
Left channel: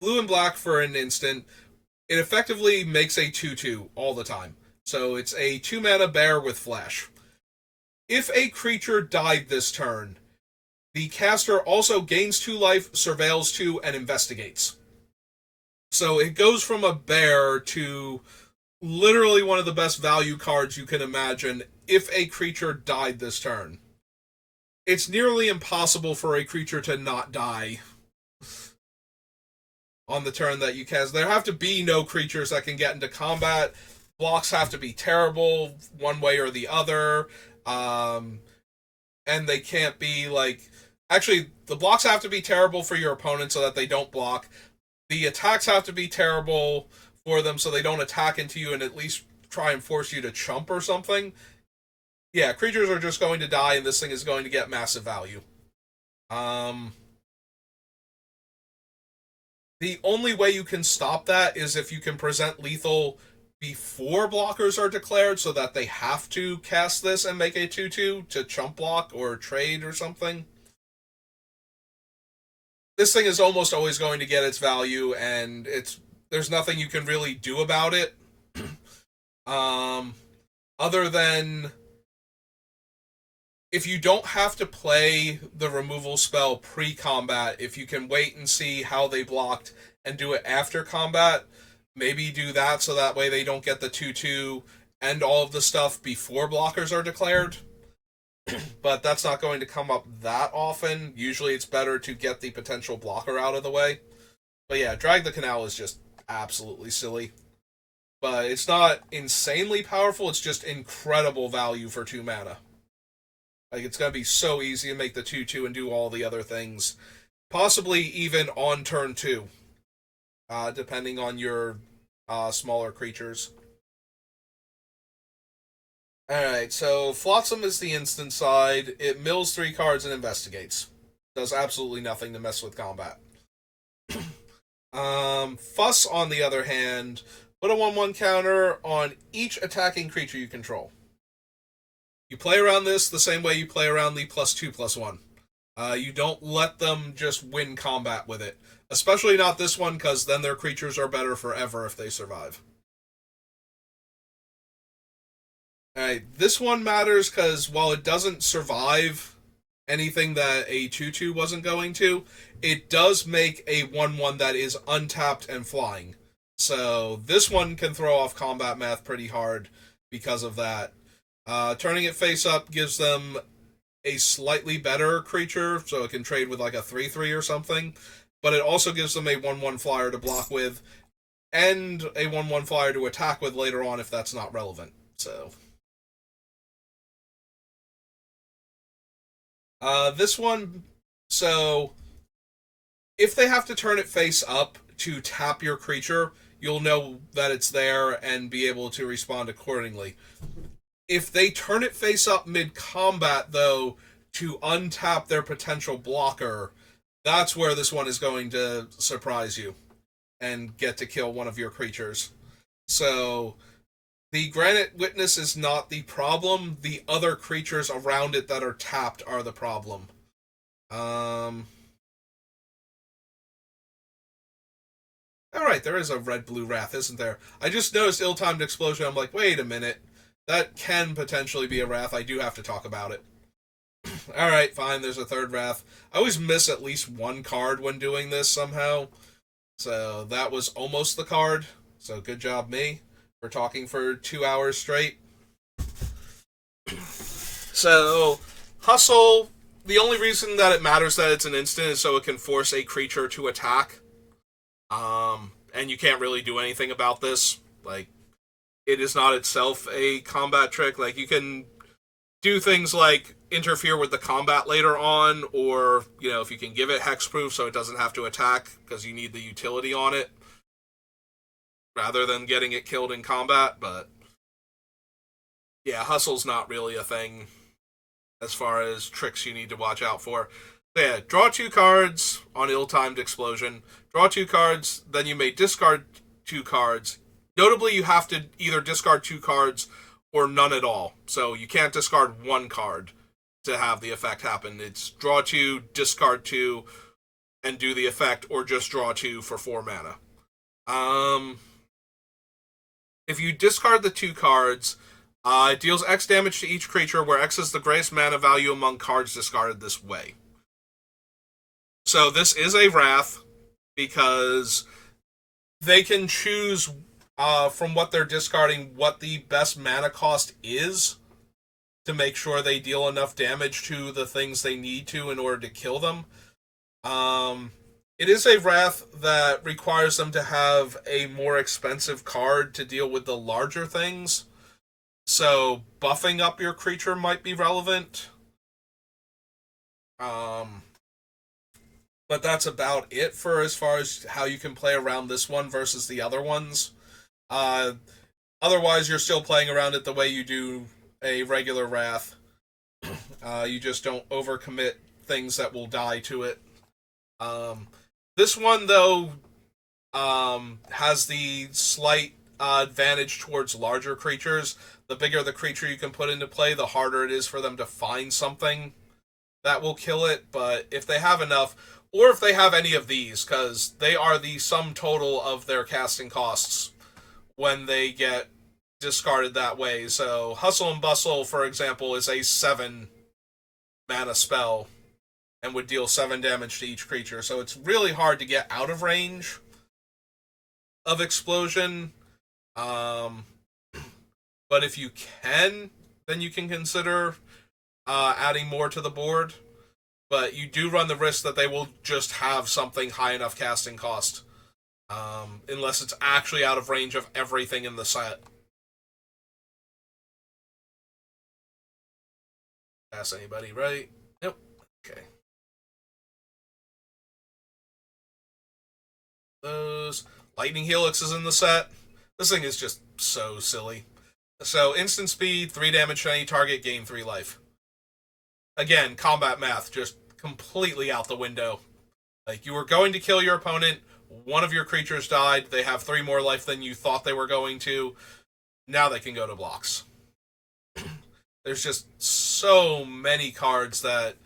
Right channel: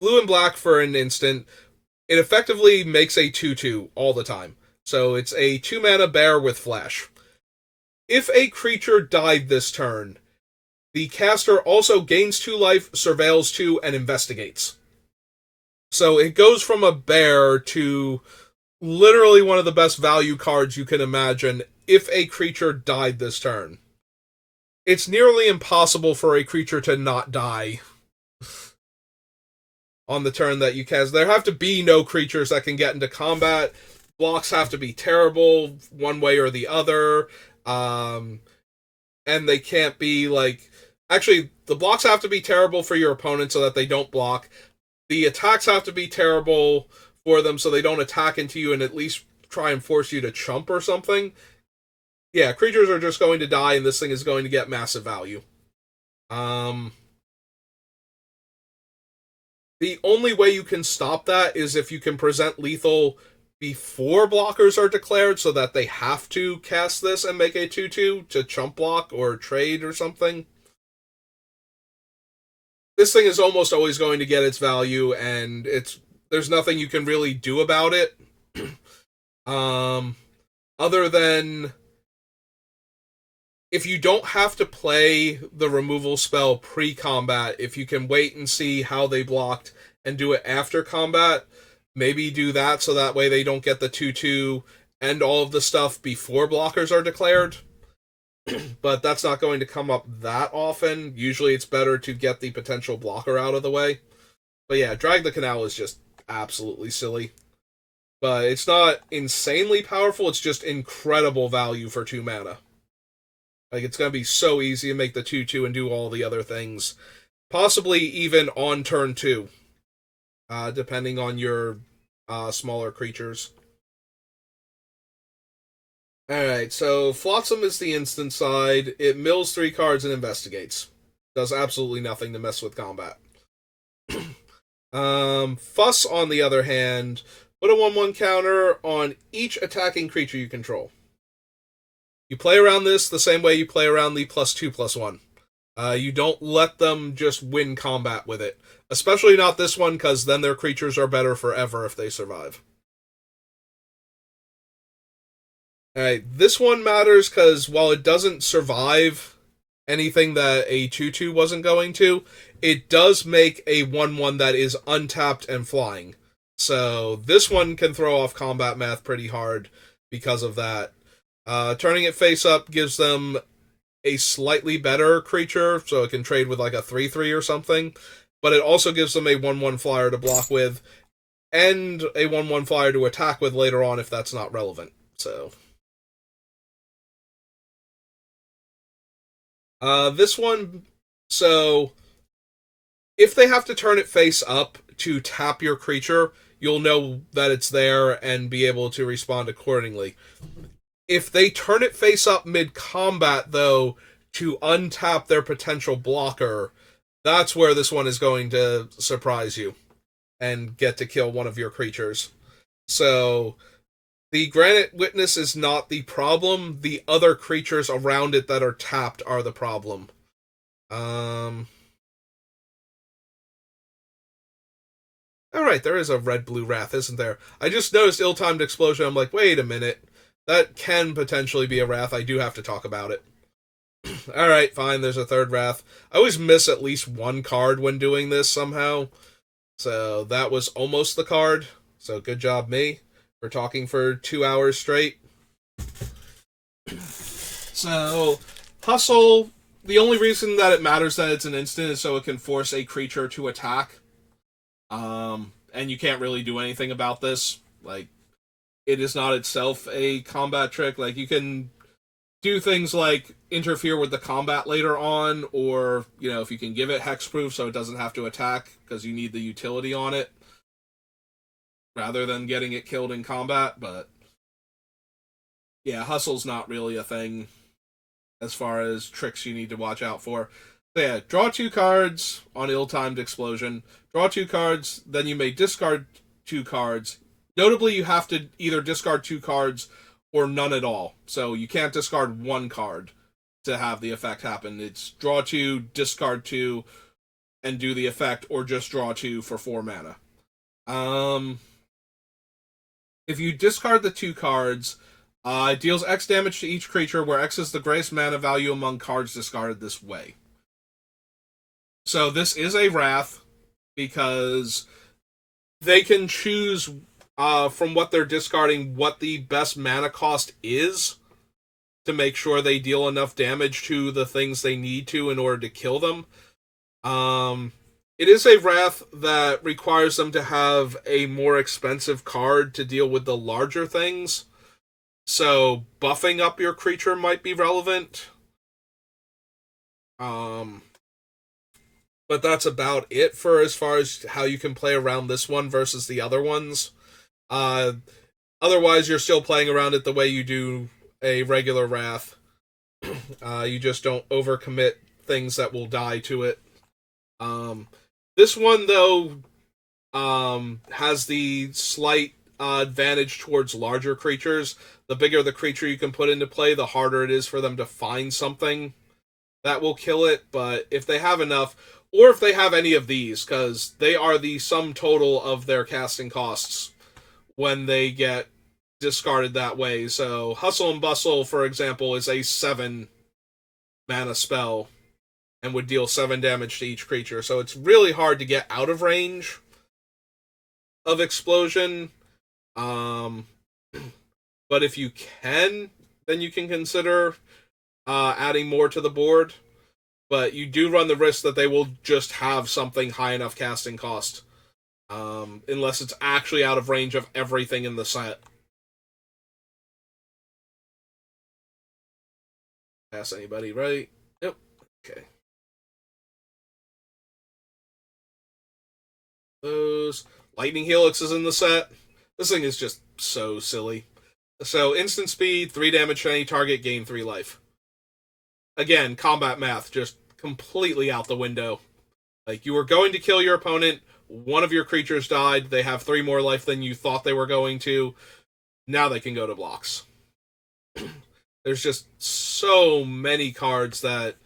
blue and black for an instant. It effectively makes a 2/2 all the time. So it's a 2-mana bear with flash. If a creature died this turn, the caster also gains 2 life, surveils 2, and investigates. So it goes from a bear to literally one of the best value cards you can imagine if a creature died this turn. It's nearly impossible for a creature to not die on the turn that you cast. There have to be no creatures that can get into combat. Blocks have to be terrible one way or the other. And they can't be like. Actually, the blocks have to be terrible for your opponent so that they don't block. The attacks have to be terrible for them so they don't attack into you and at least try and force you to chump or something. Yeah, creatures are just going to die and this thing is going to get massive value. The only way you can stop that is if you can present lethal before blockers are declared so that they have to cast this and make a 2/2 to chump block or trade or something. This thing is almost always going to get its value, and there's nothing you can really do about it. Other than if you don't have to play the removal spell pre-combat, if you can wait and see how they blocked and do it after combat, maybe do that so that way they don't get the 2/2 and all of the stuff before blockers are declared. But that's not going to come up that often. Usually it's better to get the potential blocker out of the way. But yeah, Drag the Canal is just absolutely silly. But it's not insanely powerful, it's just incredible value for 2 mana. Like, it's going to be so easy to make the 2/2 and do all the other things. Possibly even on turn 2, depending on your smaller creatures. Alright, so Flotsam is the instant side. It mills 3 cards and investigates. Does absolutely nothing to mess with combat. Fuss, on the other hand, put a 1/1 counter on each attacking creature you control. You play around this the same way you play around the +2/+1. You don't let them just win combat with it. Especially not this one, because then their creatures are better forever if they survive. Alright, this one matters because while it doesn't survive anything that a 2/2 wasn't going to, it does make a 1/1 that is untapped and flying. So this one can throw off combat math pretty hard because of that. Turning it face up gives them a slightly better creature, so it can trade with like a 3/3 or something. But it also gives them a 1/1 flyer to block with, and a 1/1 flyer to attack with later on if that's not relevant. So this one, so if they have to turn it face up to tap your creature, you'll know that it's there and be able to respond accordingly. If they turn it face up mid-combat, though, to untap their potential blocker, that's where this one is going to surprise you and get to kill one of your creatures. So the Granite Witness is not the problem. The other creatures around it that are tapped are the problem. Alright, there is a red-blue Wrath, isn't there? I just noticed Ill-Timed Explosion. I'm like, wait a minute. That can potentially be a Wrath. I do have to talk about it. Alright, fine, there's a third Wrath. I always miss at least one card when doing this somehow. So that was almost the card. So good job, me, for talking for 2 hours straight. So, Hustle, the only reason that it matters that it's an instant is so it can force a creature to attack. And you can't really do anything about this. Like, it is not itself a combat trick. Like, you can do things like interfere with the combat later on, or, you know, if you can give it hexproof so it doesn't have to attack because you need the utility on it rather than getting it killed in combat. But yeah, Hustle's not really a thing as far as tricks you need to watch out for. But yeah, draw 2 cards on Ill-Timed Explosion. Draw 2 cards, then you may discard 2 cards. Notably, you have to either discard 2 cards or none at all. So you can't discard 1 card to have the effect happen. It's draw 2, discard 2, and do the effect, or just draw 2 for 4 mana. If you discard the 2 cards, it deals X damage to each creature, where X is the greatest mana value among cards discarded this way. So this is a Wrath, because they can choose from what they're discarding what the best mana cost is to make sure they deal enough damage to the things they need to in order to kill them. It is a Wrath that requires them to have a more expensive card to deal with the larger things. So buffing up your creature might be relevant. But that's about it for as far as how you can play around this one versus the other ones. Otherwise, you're still playing around it the way you do a regular Wrath. You just don't overcommit things that will die to it. This one, though, has the slight advantage towards larger creatures. The bigger the creature you can put into play, the harder it is for them to find something that will kill it. But if they have enough, or if they have any of these, because they are the sum total of their casting costs when they get discarded that way. So Hustle and Bustle, for example, is a 7 mana spell and would deal 7 damage to each creature. So it's really hard to get out of range of Explosion. But if you can, then you can consider adding more to the board. But you do run the risk that they will just have something high enough casting cost. Unless it's actually out of range of everything in the set. Pass anybody, right? Yep. Okay. Those. Lightning Helix is in the set. This thing is just so silly. So, instant speed, 3 damage to any target, gain 3 life. Again, combat math just completely out the window. Like, you were going to kill your opponent, one of your creatures died, they have 3 more life than you thought they were going to. Now they can go to blocks. There's just so many cards that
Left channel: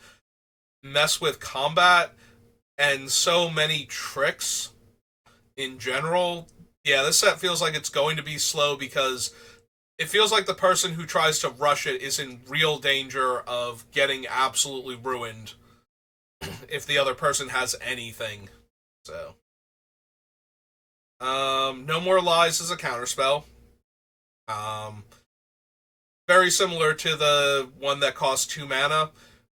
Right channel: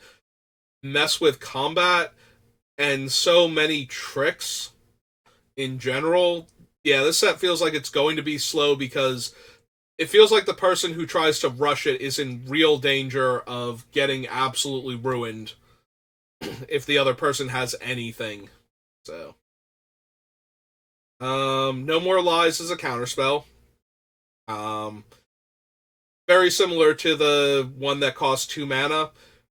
mess with combat and so many tricks in general. Yeah, this set feels like it's going to be slow because it feels like the person who tries to rush it is in real danger of getting absolutely ruined if the other person has anything. So, No More Lies is a counterspell. Very similar to the one that costs 2 mana,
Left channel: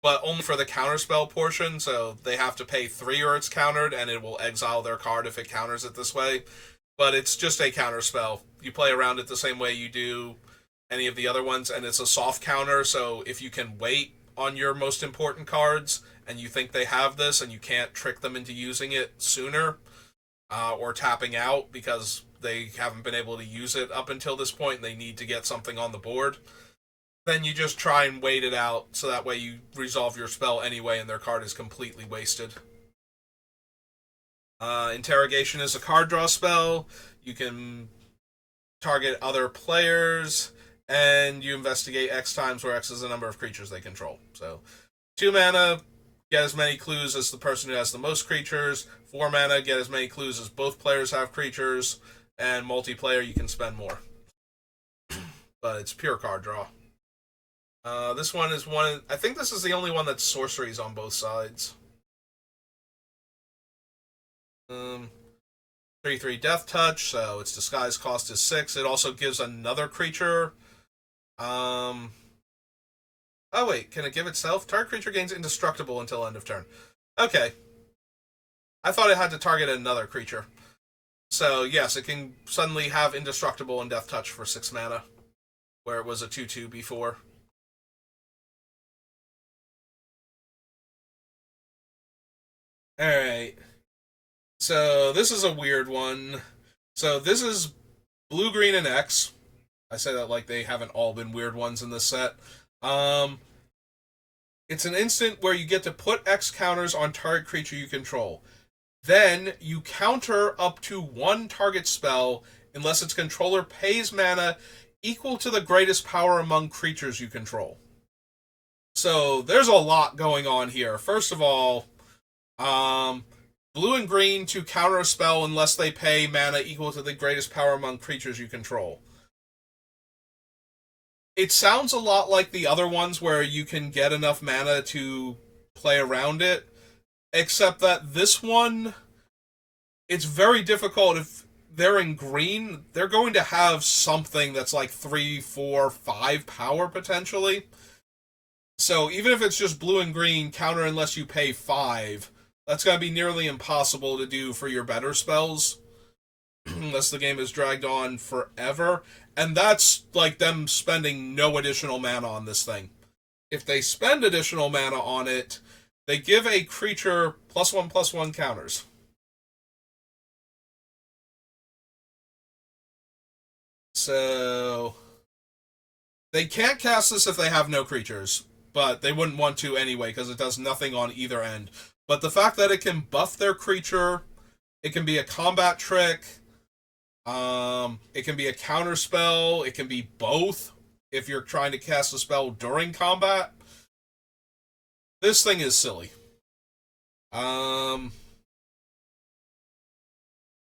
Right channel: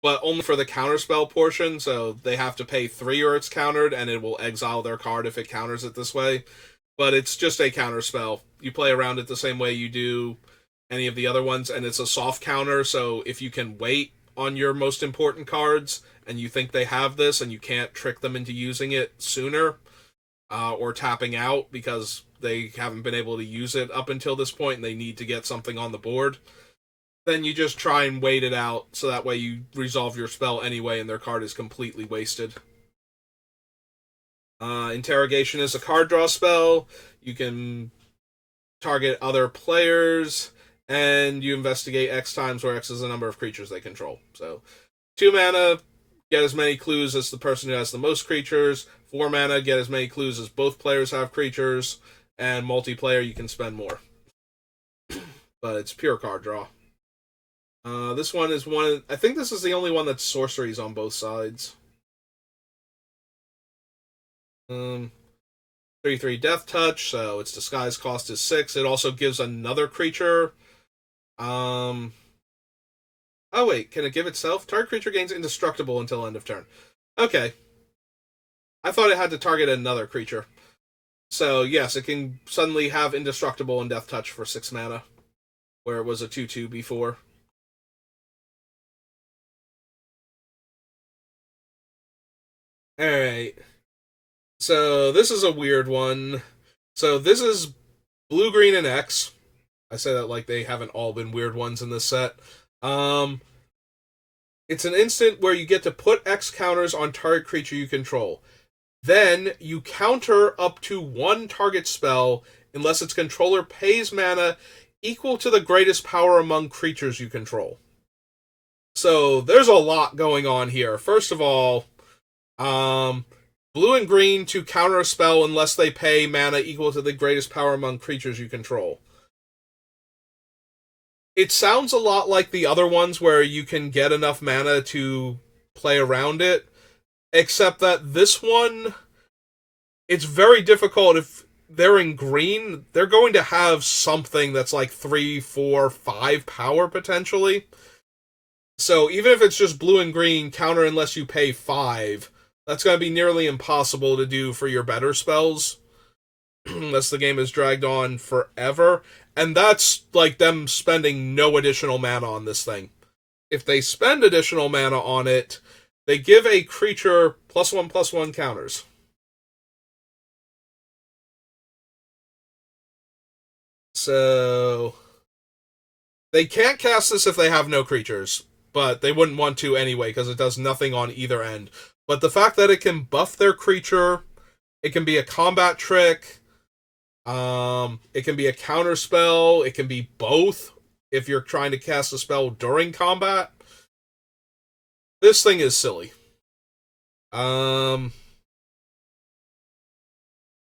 but only for the counterspell portion, so they have to pay 3 or it's countered, and it will exile their card if it counters it this way. But it's just a counterspell. You play around it the same way you do any of the other ones, and it's a soft counter, so if you can wait on your most important cards, and you think they have this, and you can't trick them into using it sooner, or tapping out because they haven't been able to use it up until this point, and they need to get something on the board, then you just try and wait it out, so that way you resolve your spell anyway, and their card is completely wasted. Interrogation is a card draw spell. You can target other players, and you investigate X times, where X is the number of creatures they control. So, 2 mana, get as many clues as the person who has the most creatures. 4 mana, get as many clues as both players have creatures. And multiplayer, you can spend more. But it's pure card draw. This one is one... I think this is the only one that's sorceries on both sides. 3/3 Death Touch, so its disguise cost is 6. It also gives another creature. Oh wait, can it give itself? Target creature gains indestructible until end of turn. Okay. I thought it had to target another creature. So yes, it can suddenly have indestructible and Death Touch for 6 mana, where it was a 2/2 before. Alright. So this is a weird one. So this is blue, green, and X. I say that like they haven't all been weird ones in this set. It's an instant where you get to put X counters on target creature you control. Then you counter up to 1 target spell unless its controller pays mana equal to the greatest power among creatures you control. So there's a lot going on here. First of all, blue and green to counter a spell unless they pay mana equal to the greatest power among creatures you control. It sounds a lot like the other ones where you can get enough mana to play around it, except that this one, it's very difficult. If they're in green, they're going to have something that's like 3, 4, 5 power potentially. So even if it's just blue and green, counter unless you pay 5, that's going to be nearly impossible to do for your better spells, unless the game is dragged on forever. And that's like them spending no additional mana on this thing. If they spend additional mana on it, they give a creature +1/+1 counters. So they can't cast this if they have no creatures, but they wouldn't want to anyway because it does nothing on either end. But the fact that it can buff their creature, it can be a combat trick, it can be a counter spell, it can be both if you're trying to cast a spell during combat. This thing is silly. And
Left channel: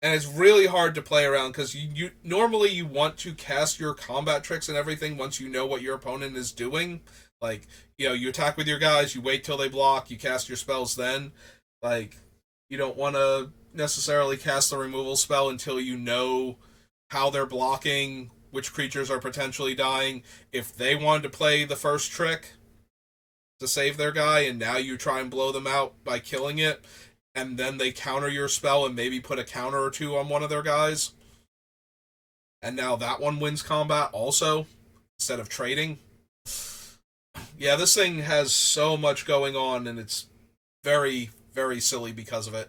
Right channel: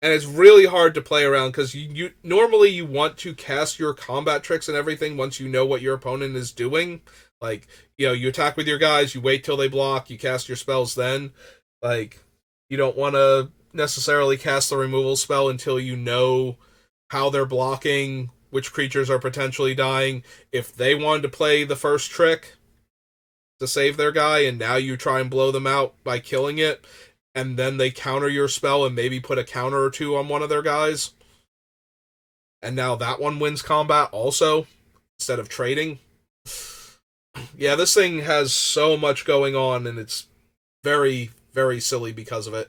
it's really hard to play around because you normally you want to cast your combat tricks and everything once you know what your opponent is doing. Like, you attack with your guys, you wait till they block, you cast your spells then. Like, you don't want to necessarily cast the removal spell until you know how they're blocking, which creatures are potentially dying. If they wanted to play the first trick to save their guy, and now you try and blow them out by killing it, and then they counter your spell and maybe put a counter or two on one of their guys, and now that one wins combat also, instead of trading. Yeah, this thing has so much going on, and it's very, very silly because of it.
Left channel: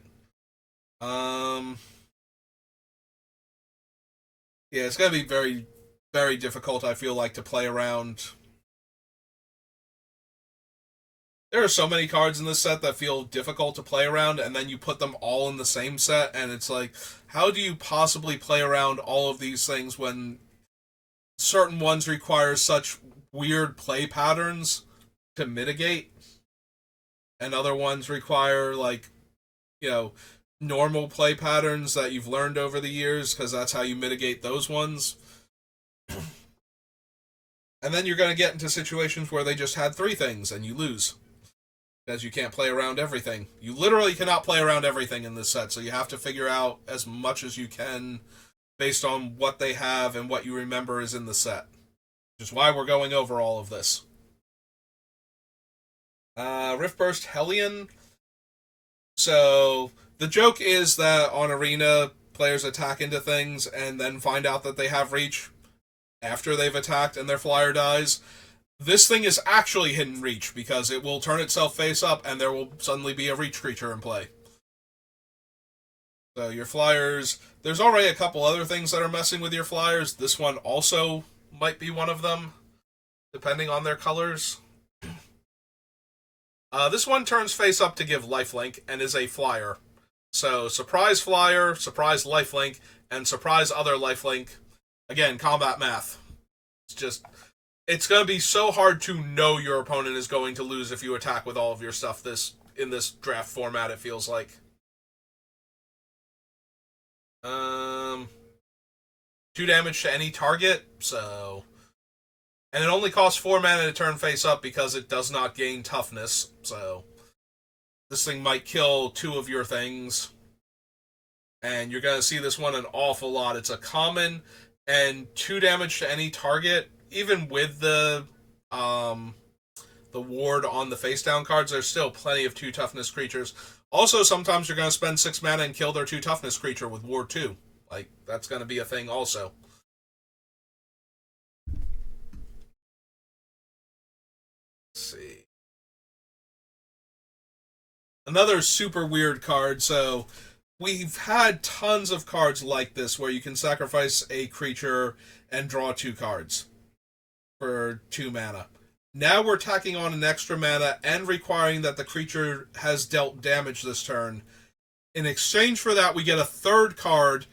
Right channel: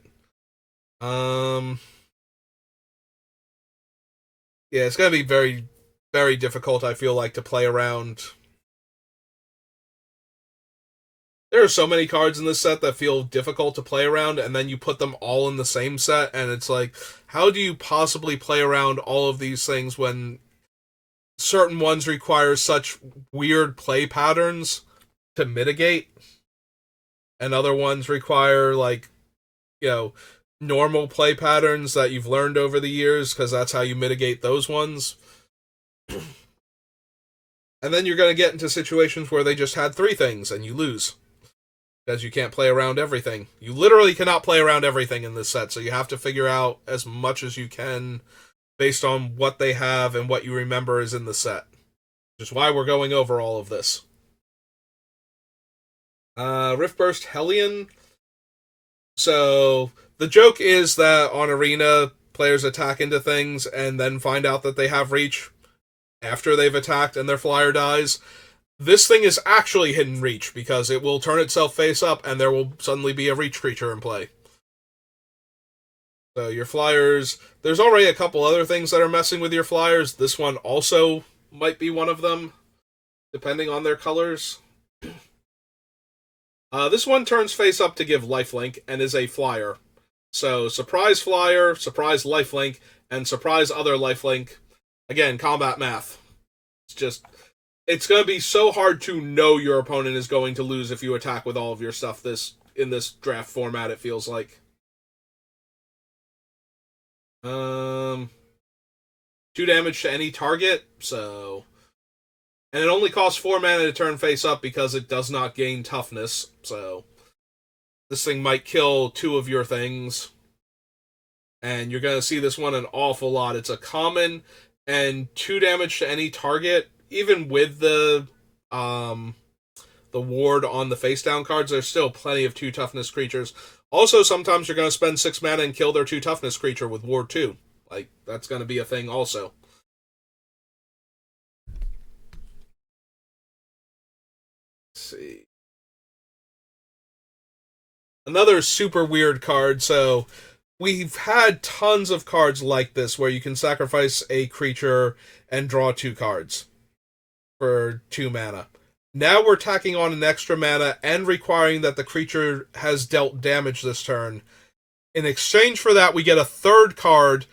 Yeah, it's going to be very, very difficult, I feel like, to play around. There are so many cards in this set that feel difficult to play around, and then you put them all in the same set, and it's like, how do you possibly play around all of these things when certain ones require such weird play patterns to mitigate, and other ones require, like, normal play patterns that you've learned over the years, because that's how you mitigate those ones. And then you're going to get into situations where they just had 3 things, and you lose. Because you can't play around everything. You literally cannot play around everything in this set, so you have to figure out as much as you can based on what they have and what you remember is in the set. Which is why we're going over all of this. Riftburst Hellion. So, the joke is that on Arena, players attack into things and then find out that they have reach after they've attacked and their flyer dies. This thing is actually hidden reach because it will turn itself face up and there will suddenly be a reach creature in play. So your flyers, there's already a couple other things that are messing with your flyers. This one also might be one of them, depending on their colors. This one turns face up to give lifelink and is a flyer. So surprise flyer, surprise lifelink, and surprise other lifelink. Again, combat math. It's going to be so hard to know your opponent is going to lose if you attack with all of your stuff in this draft format, it feels like. 2 damage to any target, so... And it only costs 4 mana to turn face up because it does not gain toughness, so... This thing might kill 2 of your things. And you're going to see this one an awful lot. It's a common, and 2 damage to any target... Even with the ward on the face down cards, there's still plenty of 2 toughness creatures. Also, sometimes you're going to spend 6 mana and kill their 2 toughness creature with ward 2. Like, that's going to be a thing also. Let's see. Another super weird card. So, we've had tons of cards like this where you can sacrifice a creature and draw 2 cards for 2 mana. Now we're tacking on an extra mana and requiring that the creature has dealt damage this turn. In exchange for that, we get a 3rd card.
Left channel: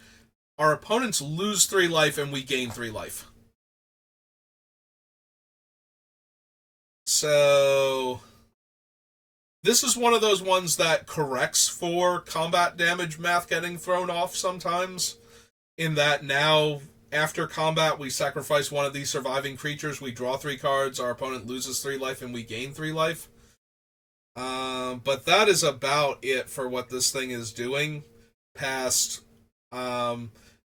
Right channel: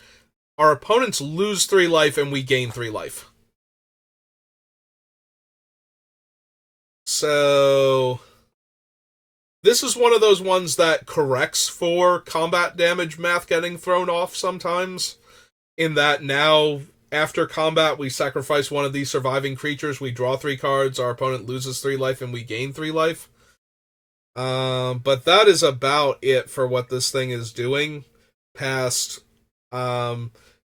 Our opponents lose 3 life and we gain 3 life. So, this is one of those ones that corrects for combat damage math getting thrown off sometimes. In that now after combat, we sacrifice one of these surviving creatures. We draw 3 cards. Our opponent loses 3 life, and we gain 3 life. But that is about it for what this thing is doing. Past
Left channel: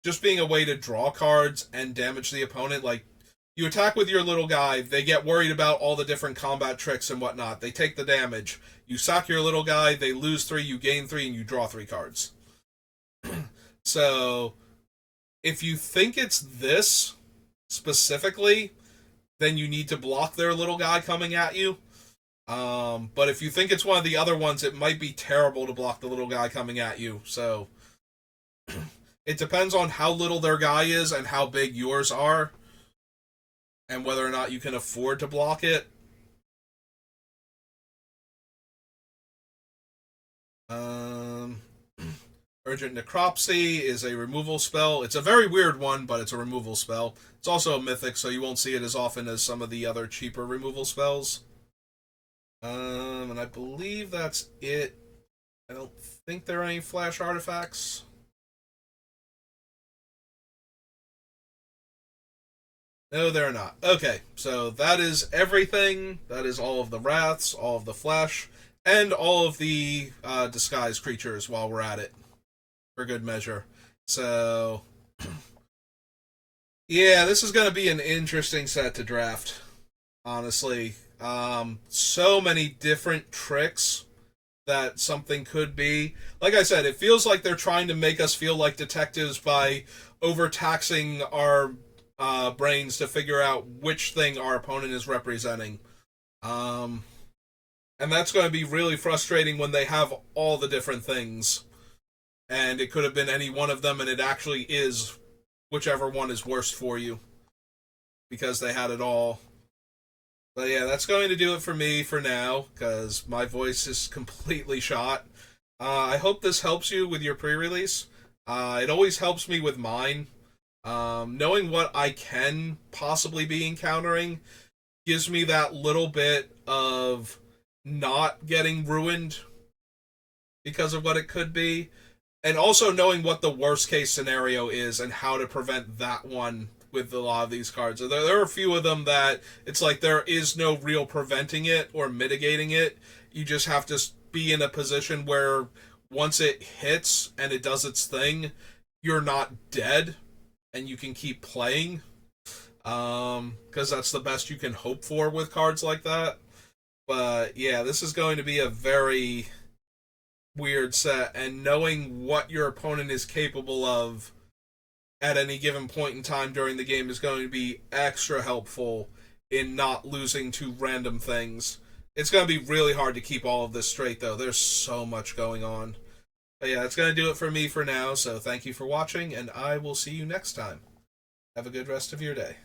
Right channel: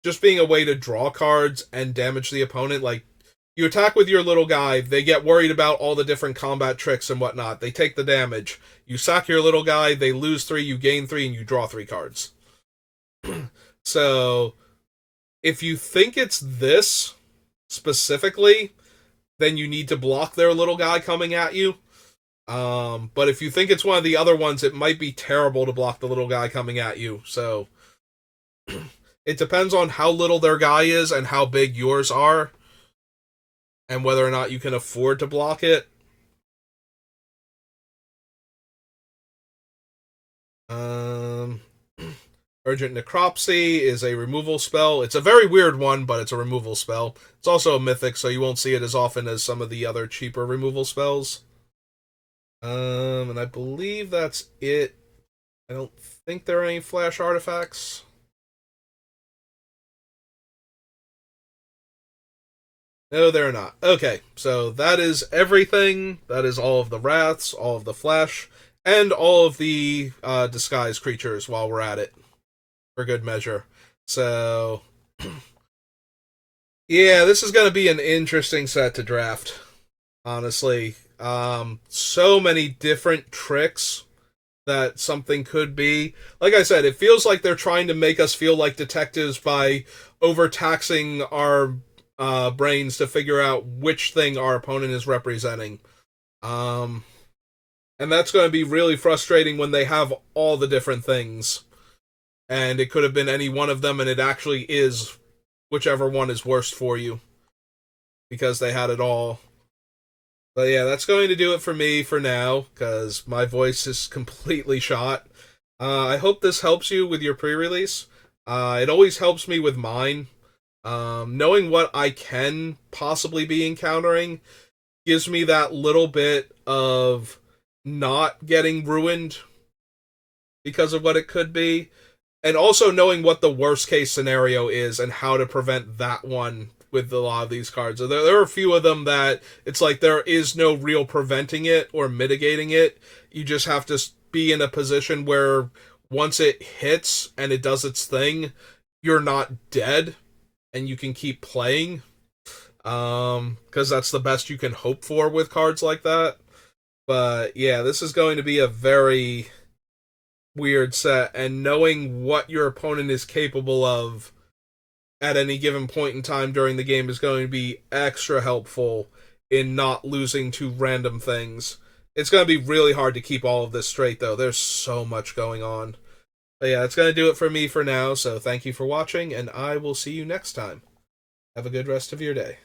just being a way to draw cards and damage the opponent. Like, you attack with your little guy, they get worried about all the different combat tricks and whatnot. They take the damage. You sack your little guy, they lose 3, you gain 3, and you draw 3 cards. So, if you think it's this specifically, then you need to block their little guy coming at you. But if you think it's one of the other ones, it might be terrible to block the little guy coming at you. So, it depends on how little their guy is and how big yours are, and whether or not you can afford to block it. Urgent Necropsy is a removal spell. It's a very weird one, but it's a removal spell. It's also a mythic, so you won't see it as often as some of the other cheaper removal spells. And I believe that's it. I don't think there are any flash artifacts. No, they're not. Okay, so that is everything. That is all of the wraths, all of the flesh, and all of the disguised creatures while we're at it, for good measure. So, yeah, this is going to be an interesting set to draft, honestly. So many different tricks that something could be. Like I said, it feels like they're trying to make us feel like detectives by overtaxing our brains to figure out which thing our opponent is representing. And that's going to be really frustrating when they have all the different things. And it could have been any one of them, and it actually is whichever one is worst for you, because they had it all. But yeah, that's going to do it for me for now, because my voice is completely shot. I hope this helps you with your pre-release. It always helps me with mine. Knowing what I can possibly be encountering gives me that little bit of not getting ruined because of what it could be. And also knowing what the worst case scenario is and how to prevent that one with a lot of these cards. There are a few of them that it's like there is no real preventing it or mitigating it. You just have to be in a position where once it hits and it does its thing, you're not dead and you can keep playing. Because that's the best you can hope for with cards like that. But yeah, this is going to be a very weird set, and knowing what your opponent is capable of at any given point in time during the game is going to be extra helpful in not losing to random things. It's going to be really hard to keep all of this straight, though. There's so much going on. But yeah, that's going to do it for me for now, so thank you for watching, and I will see you next time. Have a good rest of your day.